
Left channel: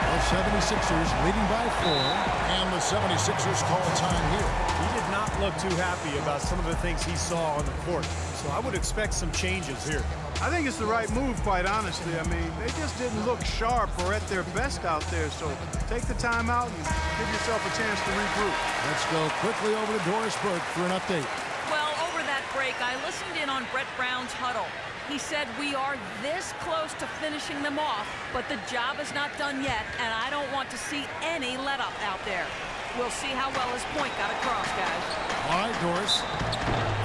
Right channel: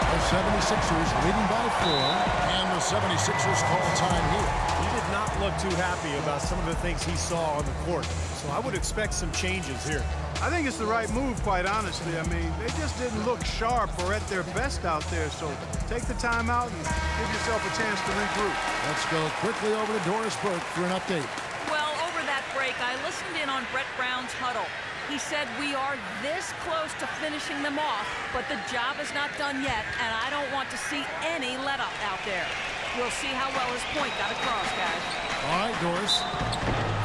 The 76ers leading by 4, and the 76ers call time here. He did not look too happy about some of the things he saw on the court, so I would expect some changes here. I think it's the right move, quite honestly. I mean, they just didn't look sharp or at their best out there, so take the time out and give yourself a chance to regroup. Let's go quickly over to Doris Burke for an update. Well, over that break, I listened in on Brett Brown's huddle. He said, we are this close to finishing them off, but the job is not done yet, and I don't want to see any let-up out there. We'll see how well his point got across, guys. All right, Doris.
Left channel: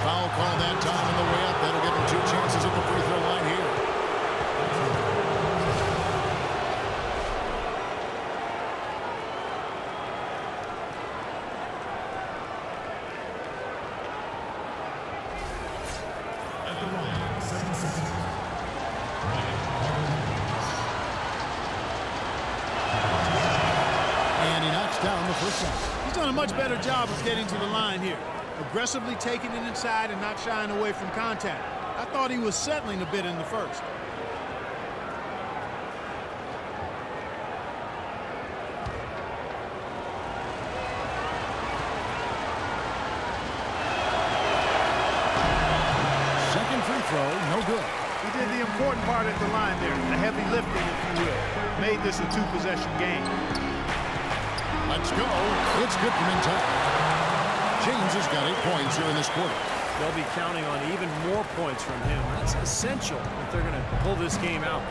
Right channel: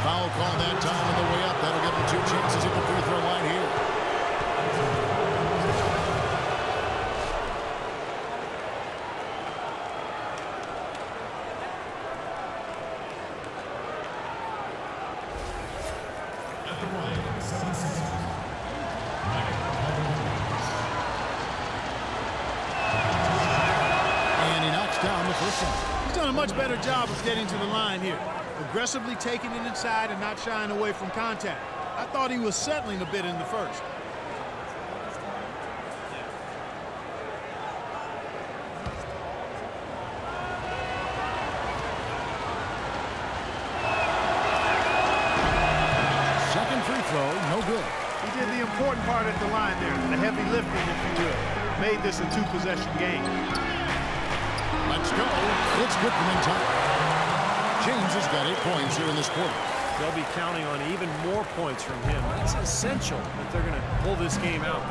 Foul call that time on the way up. That'll give him 2 chances at the free throw line here. At the line, 76ers. And he knocks down the first one. He's done a much better job of getting to the line here. Aggressively taking it inside and not shying away from contact. I thought he was settling a bit in the first. Second free throw, no good. He did the important part at the line there, the heavy lifting, if you will. Made this a 2-possession game. Let's go. It's good from in time. James has got 8 points here in this quarter. They'll be counting on even more points from him. That's essential if they're going to pull this game out.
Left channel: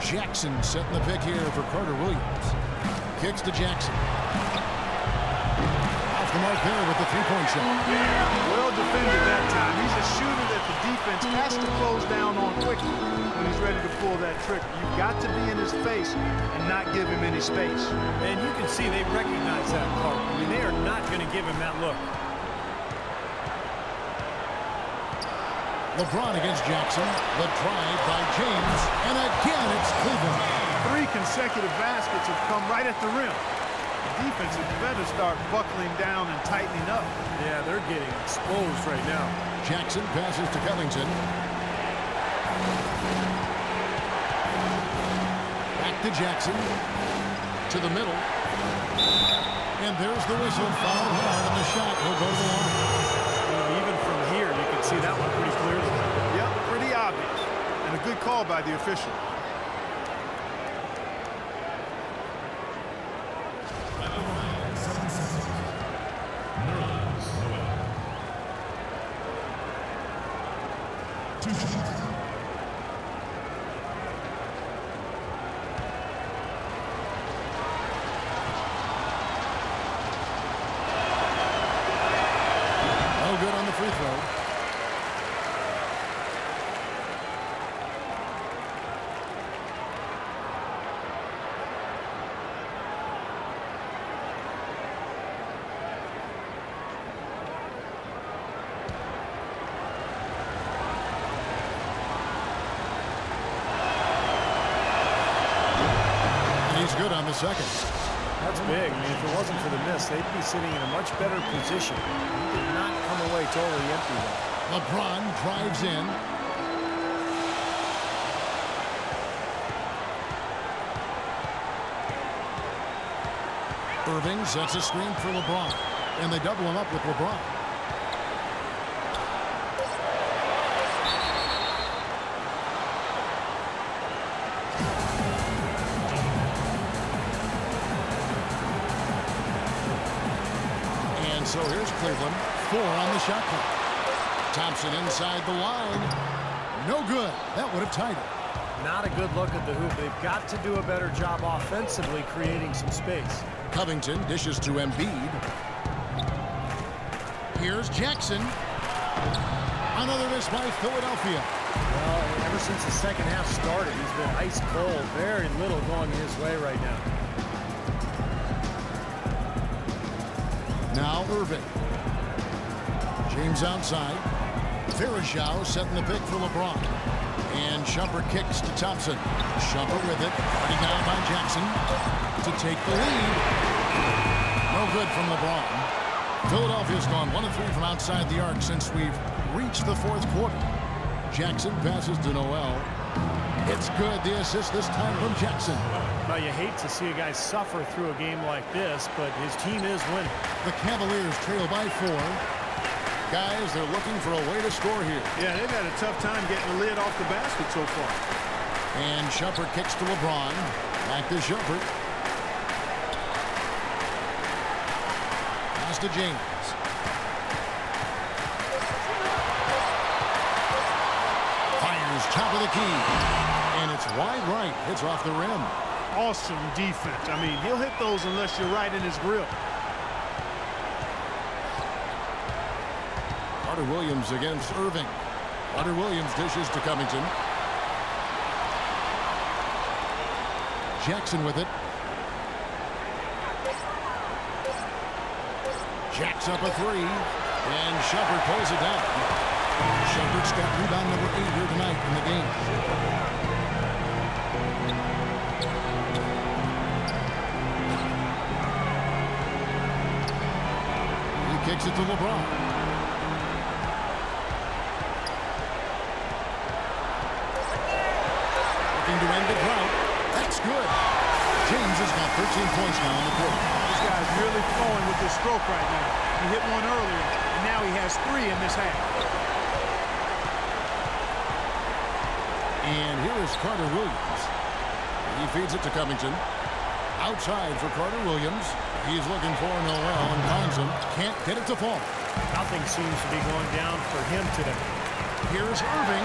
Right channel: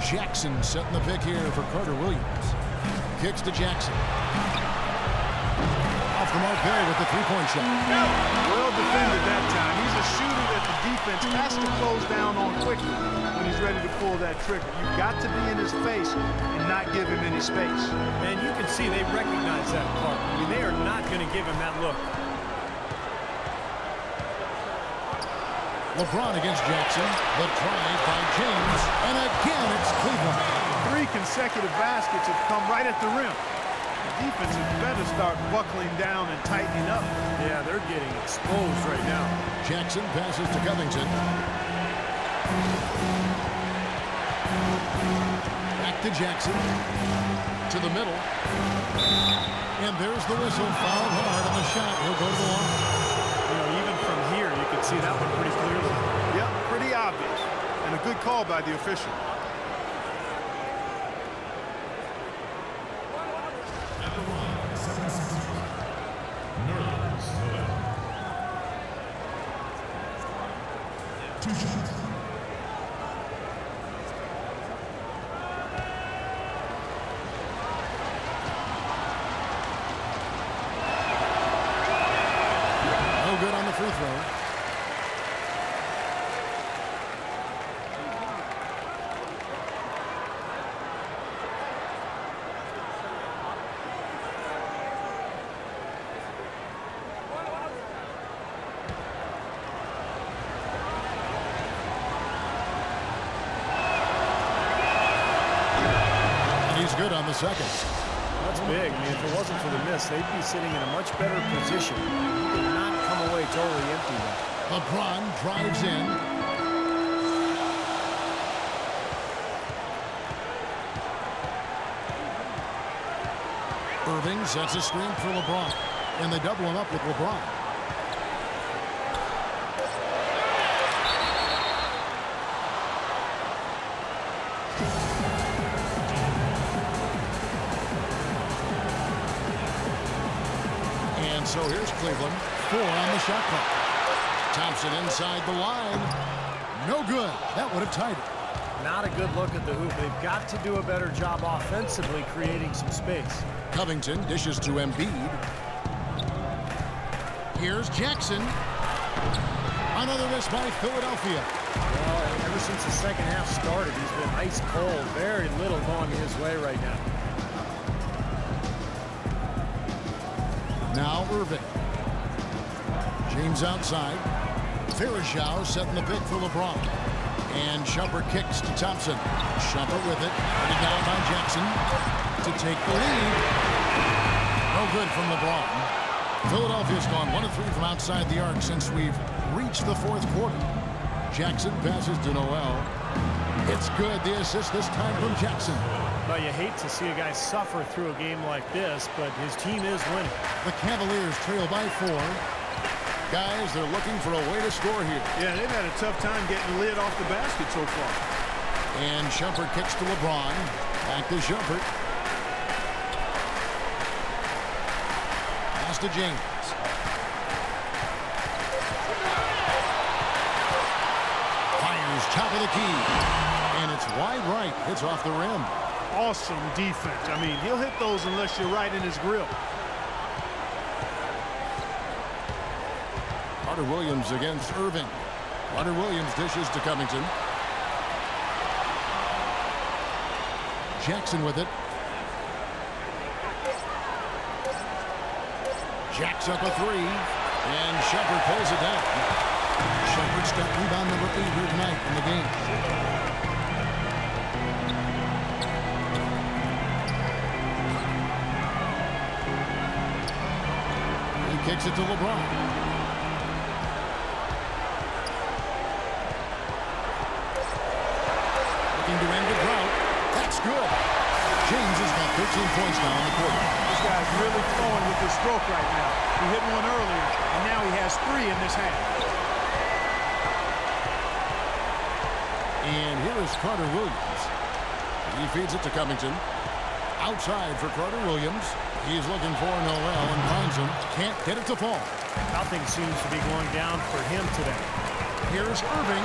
Jackson setting the pick here for Carter-Williams. Kicks to Jackson. Off the mark there with the three-point shot. Well defended that time. He's a shooter that the defense has to close down on quickly when he's ready to pull that trigger. You've got to be in his face and not give him any space. And you can see they recognize that, Clark. I mean, they are not going to give him that look. LeBron against Jackson. The drive by James. And again, it's Cleveland. 3 consecutive baskets have come right at the rim. The defense had better start buckling down and tightening up. Yeah, they're getting exposed right now. Jackson passes to Covington. Back to Jackson. To the middle. And there's the whistle. Fouled hard on the shot. He'll go to the line. You know, even from here, you can see that one pretty clearly. Yep, pretty obvious. And a good call by the official. At the line, 76ers. Nerlens Noel. 2 shots. No good on the free throw. He's good on the second. That's big. I mean, if it wasn't for the miss, they'd be sitting in a much better position. He did not come away totally empty, though. LeBron drives in. Irving sets a screen for LeBron, and they double him up with LeBron. And so here's Cleveland. 4 on the shot clock. Thompson inside the line. No good. That would have tied it. Not a good look at the hoop. They've got to do a better job offensively creating some space. Covington dishes to Embiid. Here's Jackson. Another miss by Philadelphia. Well, ever since the second half started, he's been ice cold. Very little going his way right now. Now Irving. James outside. Varejao setting the pick for LeBron. And Shumpert kicks to Thompson. Shumpert with it. Already down by Jackson to take the lead. No good from LeBron. Philadelphia's gone 1 of 3 from outside the arc since we've reached the 4th quarter. Jackson passes to Noel. It's good. The assist this time from Jackson. Well, you hate to see a guy suffer through a game like this, but his team is winning. The Cavaliers trail by 4. Guys, they're looking for a way to score here. Yeah, they've had a tough time getting the lid off the basket so far. And Shumpert kicks to LeBron. Back to Shumpert. Pass to James. Fires top of the key. And it's wide right. Hits off the rim. Awesome defense. I mean, he'll hit those unless you're right in his grill. Carter Williams against Irving. Carter Williams dishes to Covington. Jackson with it. Jacks up a 3. And Shumpert pulls it down. Shumpert's got rebound number 8 here tonight in the game. He kicks it to LeBron. Looking to end the drought. That's good. James has got 13 points now in the quarter. This guy's really flowing with his stroke right now. He hit one earlier, and now he has 3 in this half. And here is Carter Williams. He feeds it to Covington. Outside for Carter Williams. He's looking for Noel and finds him. Can't get it to fall. Nothing seems to be going down for him today. Here's Irving,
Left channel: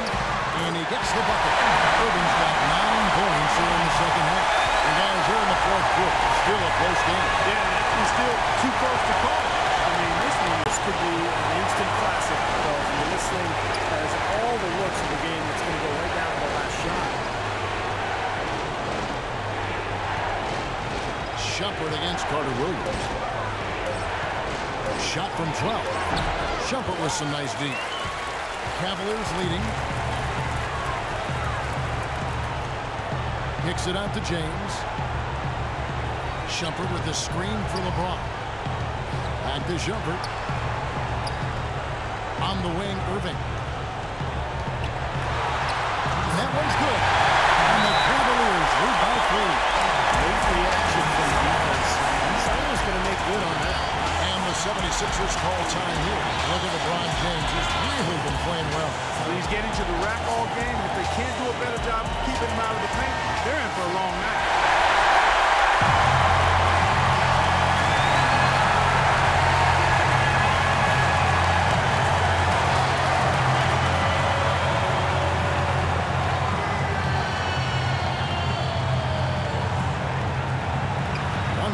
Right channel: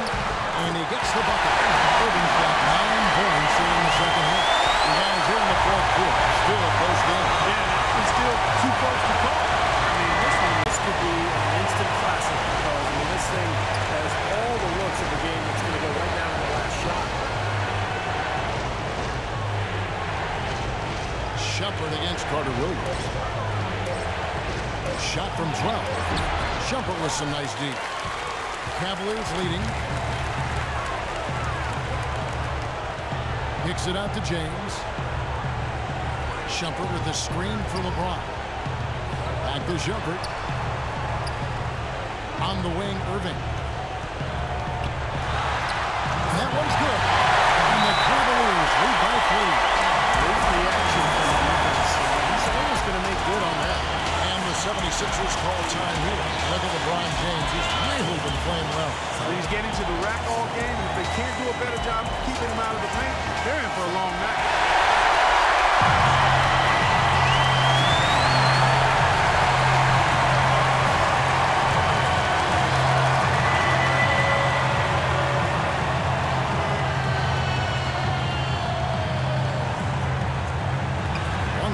and he gets the bucket. Irving's got 9 points here in the second half. And guys, here in the 4th quarter, still a close game. Yeah, and actually still too close to call. I mean, this could be an instant classic because, I mean, this thing has all the looks of a game that's going to go right down to the last shot. Shumpert against Carter Williams. Shot from 12. Shumpert with some nice deep. Cavaliers leading. Kicks it out to James. Shumpert with the screen for LeBron. Back to Shumpert. On the wing, Irving. And that one's good. And the Cavaliers lead by 3. Late reaction from the defense. He's always going to make good on that. And the 76ers call time here. Look at LeBron James. He's really been playing well. He's getting to the rack all game, and if they can't do a better job of keeping him out of the paint, they're in for a long night.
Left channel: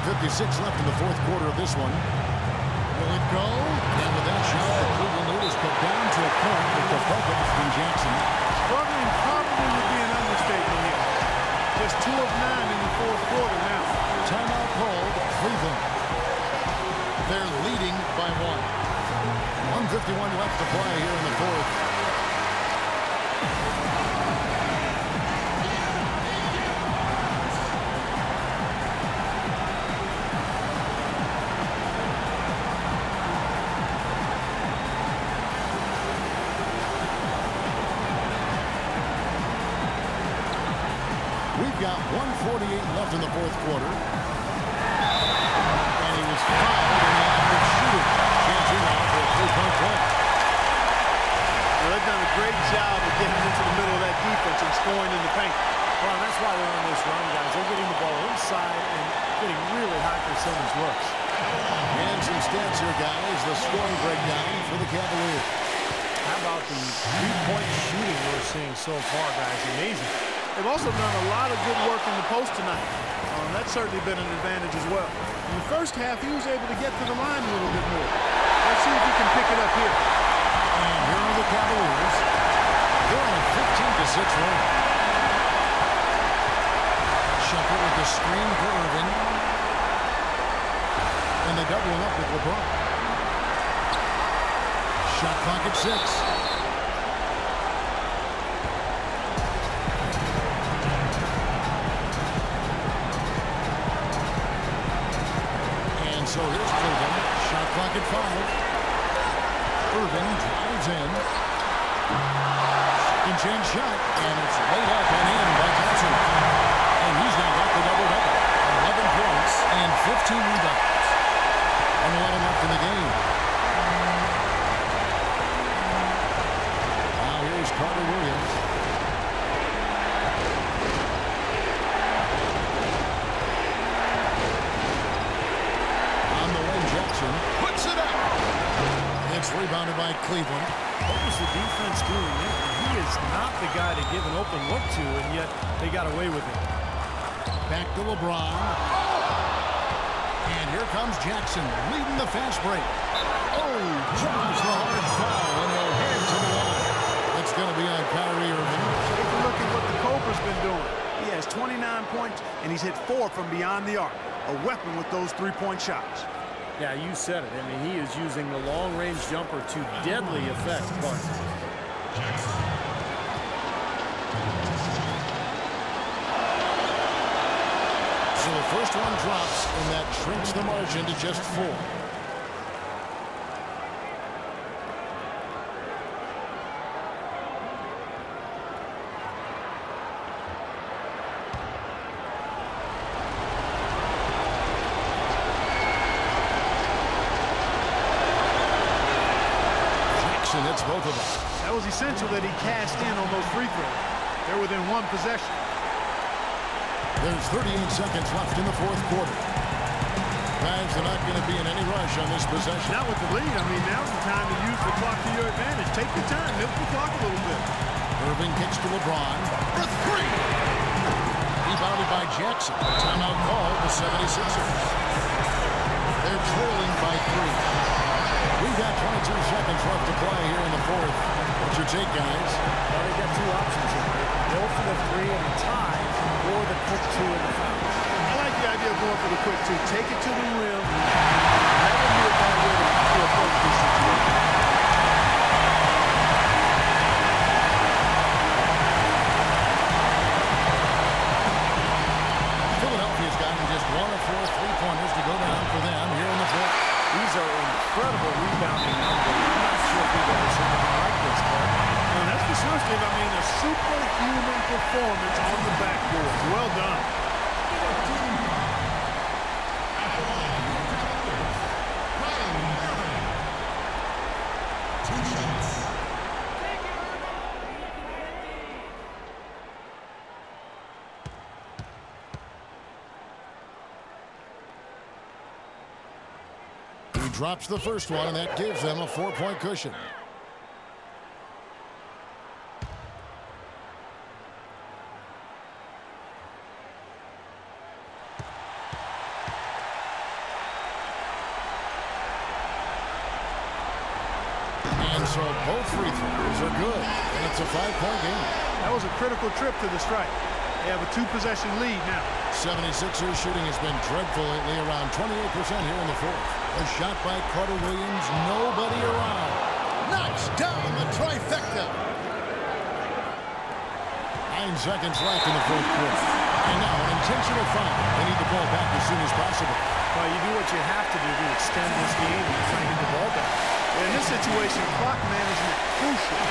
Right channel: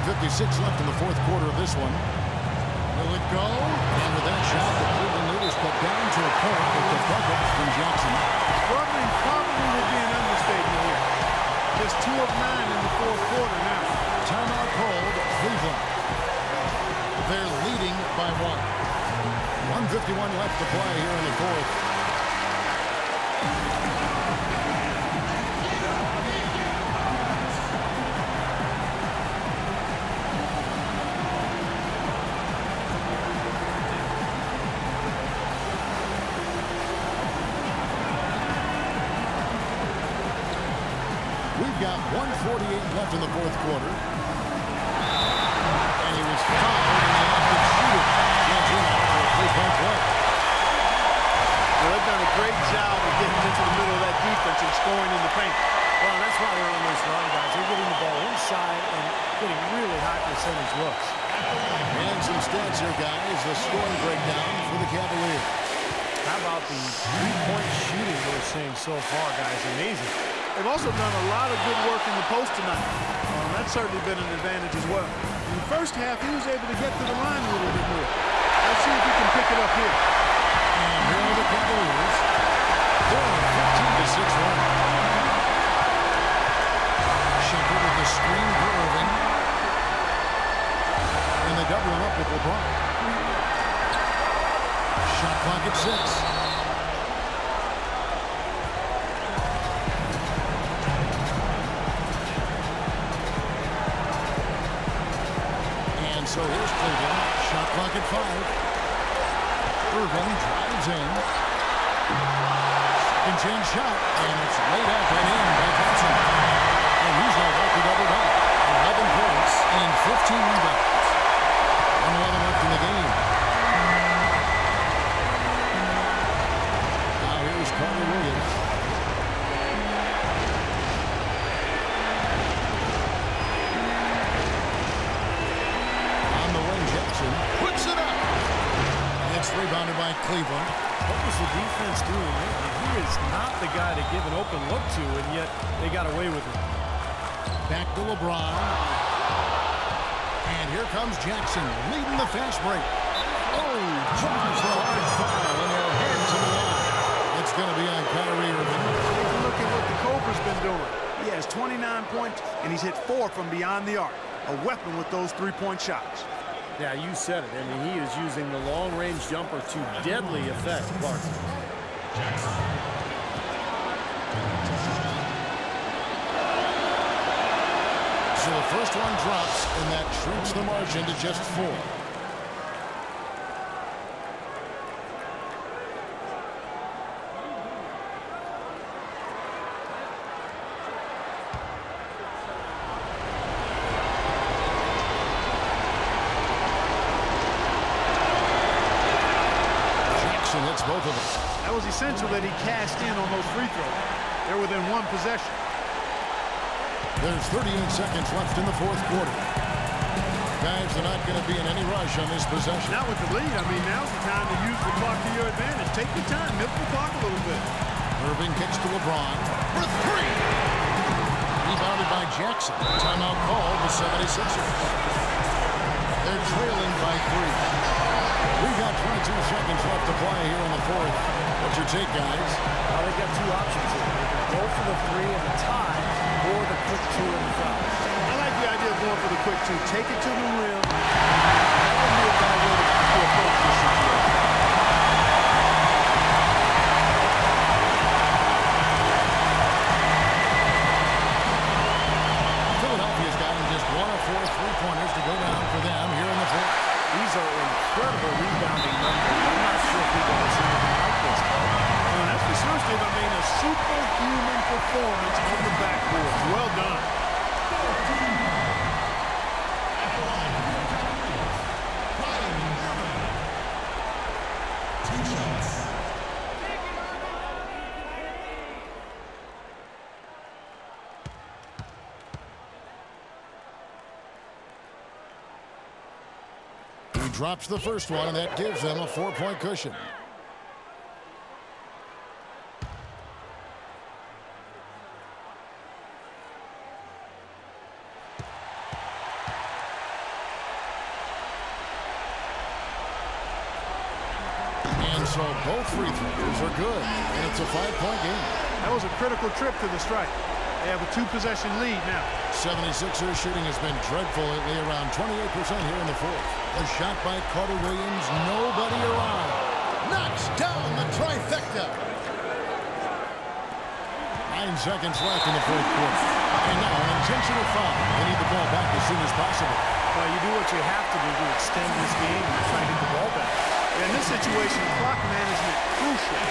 .56 left in the fourth quarter of this one. Will it go? And with that shot, the Cleveland lead is cut down to a point with the bucket from Jackson. Struggling probably would be an understatement here. Just 2 of 9 in the fourth quarter now. Timeout called, Cleveland. They're leading by 1. 1:51 left to play here in the fourth. We've got 1:48 left in the fourth quarter. And he was fouled in the act of shooting. Chance here now for a 3-point play. Well, they've done a great job of getting into the middle of that defense and scoring in the paint. Well, that's why they're on this run, guys. They're getting the ball inside and getting really high percentage looks. And some stats here, guys. The scoring breakdown for the Cavaliers. How about the three-point shooting we're seeing so far, guys? Amazing. They've also done a lot of good work in the post tonight. That's certainly been an advantage as well. In the first half, he was able to get to the line a little bit more. Let's see if he can pick it up here. And here are the Cavaliers. They're on a 15-6 run. Shumpert with the screen for Irving. And they double him up with LeBron. Shot clock at 6. And so here's Cleveland. Shot clock at 5. Irving drives in. Second chance shot. And it's laid up and in by Thompson. And he's now got the double-double. 11 points and 15 rebounds. 1:11 left in the game. Now here's Carter Williams. Jackson puts it up. It's rebounded by Cleveland. What was the defense doing there? He is not the guy to give an open look to, and yet they got away with it. Back to LeBron. And here comes Jackson leading the fast break. Oh, draws the hard foul, and he'll head to the line. It's going to be on Kyrie Irving. Take a look at what the Cobra's been doing. He has 29 points, and he's hit 4 from beyond the arc. A weapon with those three-point shots. Yeah, you said it. I mean, he is using the long-range jumper to deadly effect, Clark. So the first one drops, and that shrinks the margin to just 4. Hits both of them. That was essential that he cashed in on those free throws. They're within 1 possession. There's 38 seconds left in the fourth quarter. Guys, they're not going to be in any rush on this possession. Not with the lead. I mean, now's the time to use the clock to your advantage. Take your time. Milk the clock a little bit. Irving kicks to LeBron for 3. Rebounded by Jackson. Timeout called the 76ers. They're trailing by 3. We've got 22 seconds left to play here in the fourth. What's your take, guys? Well, they've got 2 options here. They can go for the 3 and the tie, or the quick 2 and the foul. I like the idea of going for the quick 2. Take it to the rim. That wouldn't be a bad way to approach this situation. Philadelphia's gotten just 1 of 4 3-pointers to go down for them here in the fourth. These are incredible rebounding numbers. I'm not sure if we've ever seen anything like this, Clark. That's for sure, Steve. I mean, a superhuman performance on the backboard. Well done. 14 at the line for the Cavaliers, Kyrie Irving. 2 shots. He drops the first one, and that gives them a 4-point cushion. And so both free throws are good, and it's a 5-point game. That was a critical trip to the stripe. They have a 2-possession lead now. 76ers shooting has been dreadful lately, around 28% here in the fourth. A shot by Carter Williams, nobody around. Knocks down the trifecta. 9 seconds left in the fourth quarter. And now an intentional foul. They need the ball back as soon as possible. Well, you do what you have to do to extend this game, and you're trying to get the ball back. In this situation, clock management crucial.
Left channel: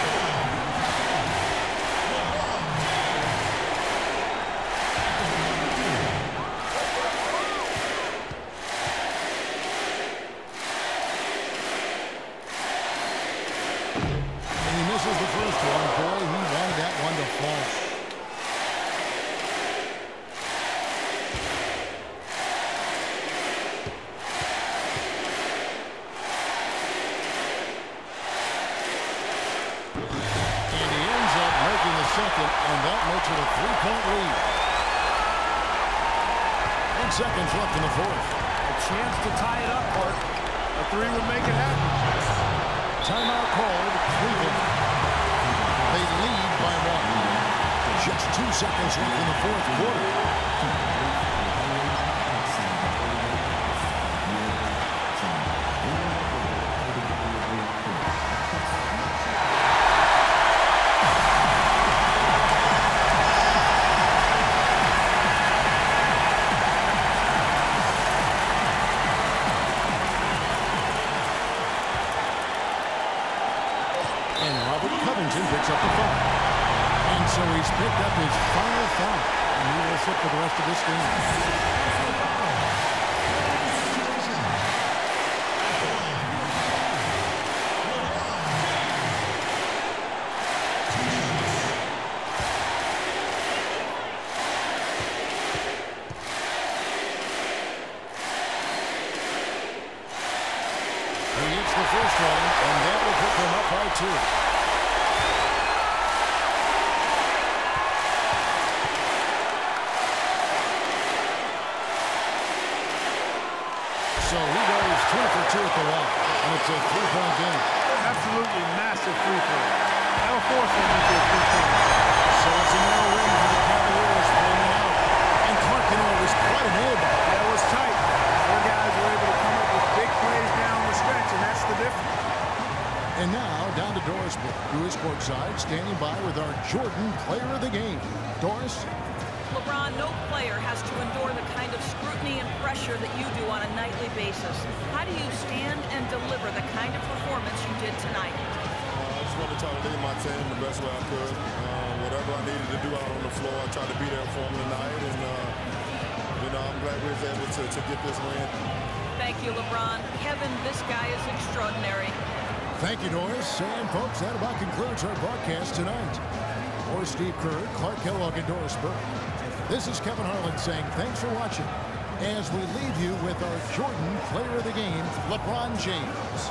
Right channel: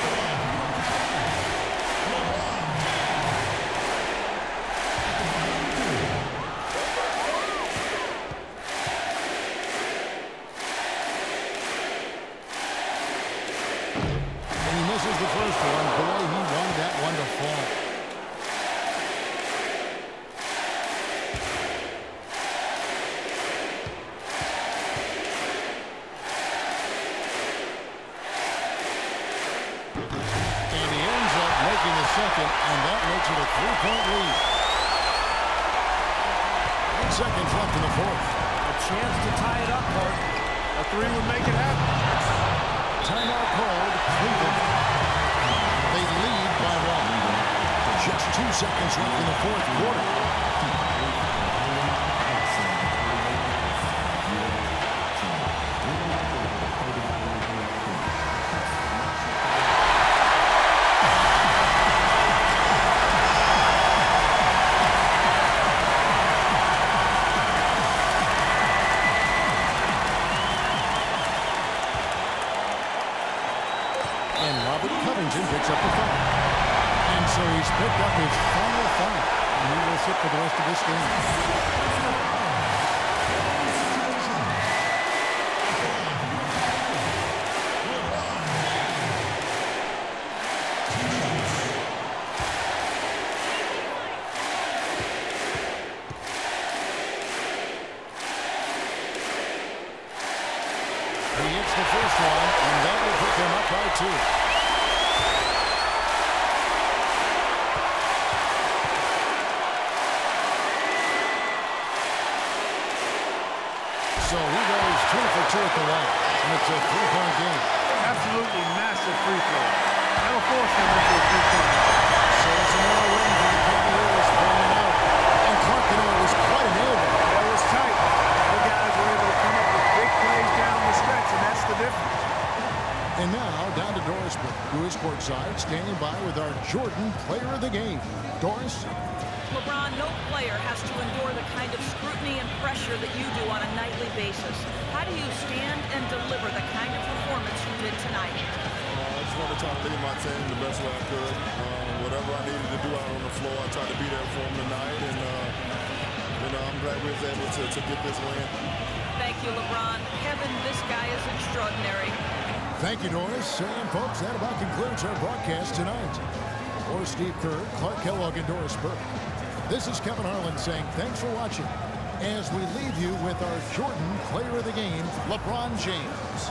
Misses the first one. Boy, he wanted that one to fall. And he ends up making the second, and that makes it a 3-point lead. 8 seconds left in the fourth. A chance to tie it up, Clark. A 3 would make it happen. Timeout called, Cleveland. They lead by 1. Just 2 seconds left in the fourth quarter. Picks up the foul. And so he's picked up his final foul. And he will sit for the rest of this game. He hits the first one, and that will put them up by 2. So he goes 2 for 2 at the line, and it's a 3-point game. Absolutely massive free throw. That'll force them into a 3-point. So it's a narrow win for the Cavaliers, pulling it out. And Clark, you know, it was quite a nail biter. Yeah, it was tight. Their guys were able to come up with big plays down the stretch, and that's the difference. And now down to Doris Burke, who is courtside, standing by with our Jordan Player of the Game. Doris? LeBron, no player has to endure the kind of scrutiny and pressure that you do on a nightly basis. How do you stand and deliver the kind of performance you did tonight? I just wanted to try to lead my team the best way I could. Whatever I needed to do out on the floor, I tried to be there for them tonight. And, you know, I'm glad we was able to get this win. Thank you, LeBron. Kevin, this guy is extraordinary. Thank you, Doris. And, folks, that about concludes our broadcast tonight. For Steve Kerr, Clark Kellogg, and Doris Burke, this is Kevin Harlan saying thanks for watching as we leave you with our Jordan Player of the Game, LeBron James.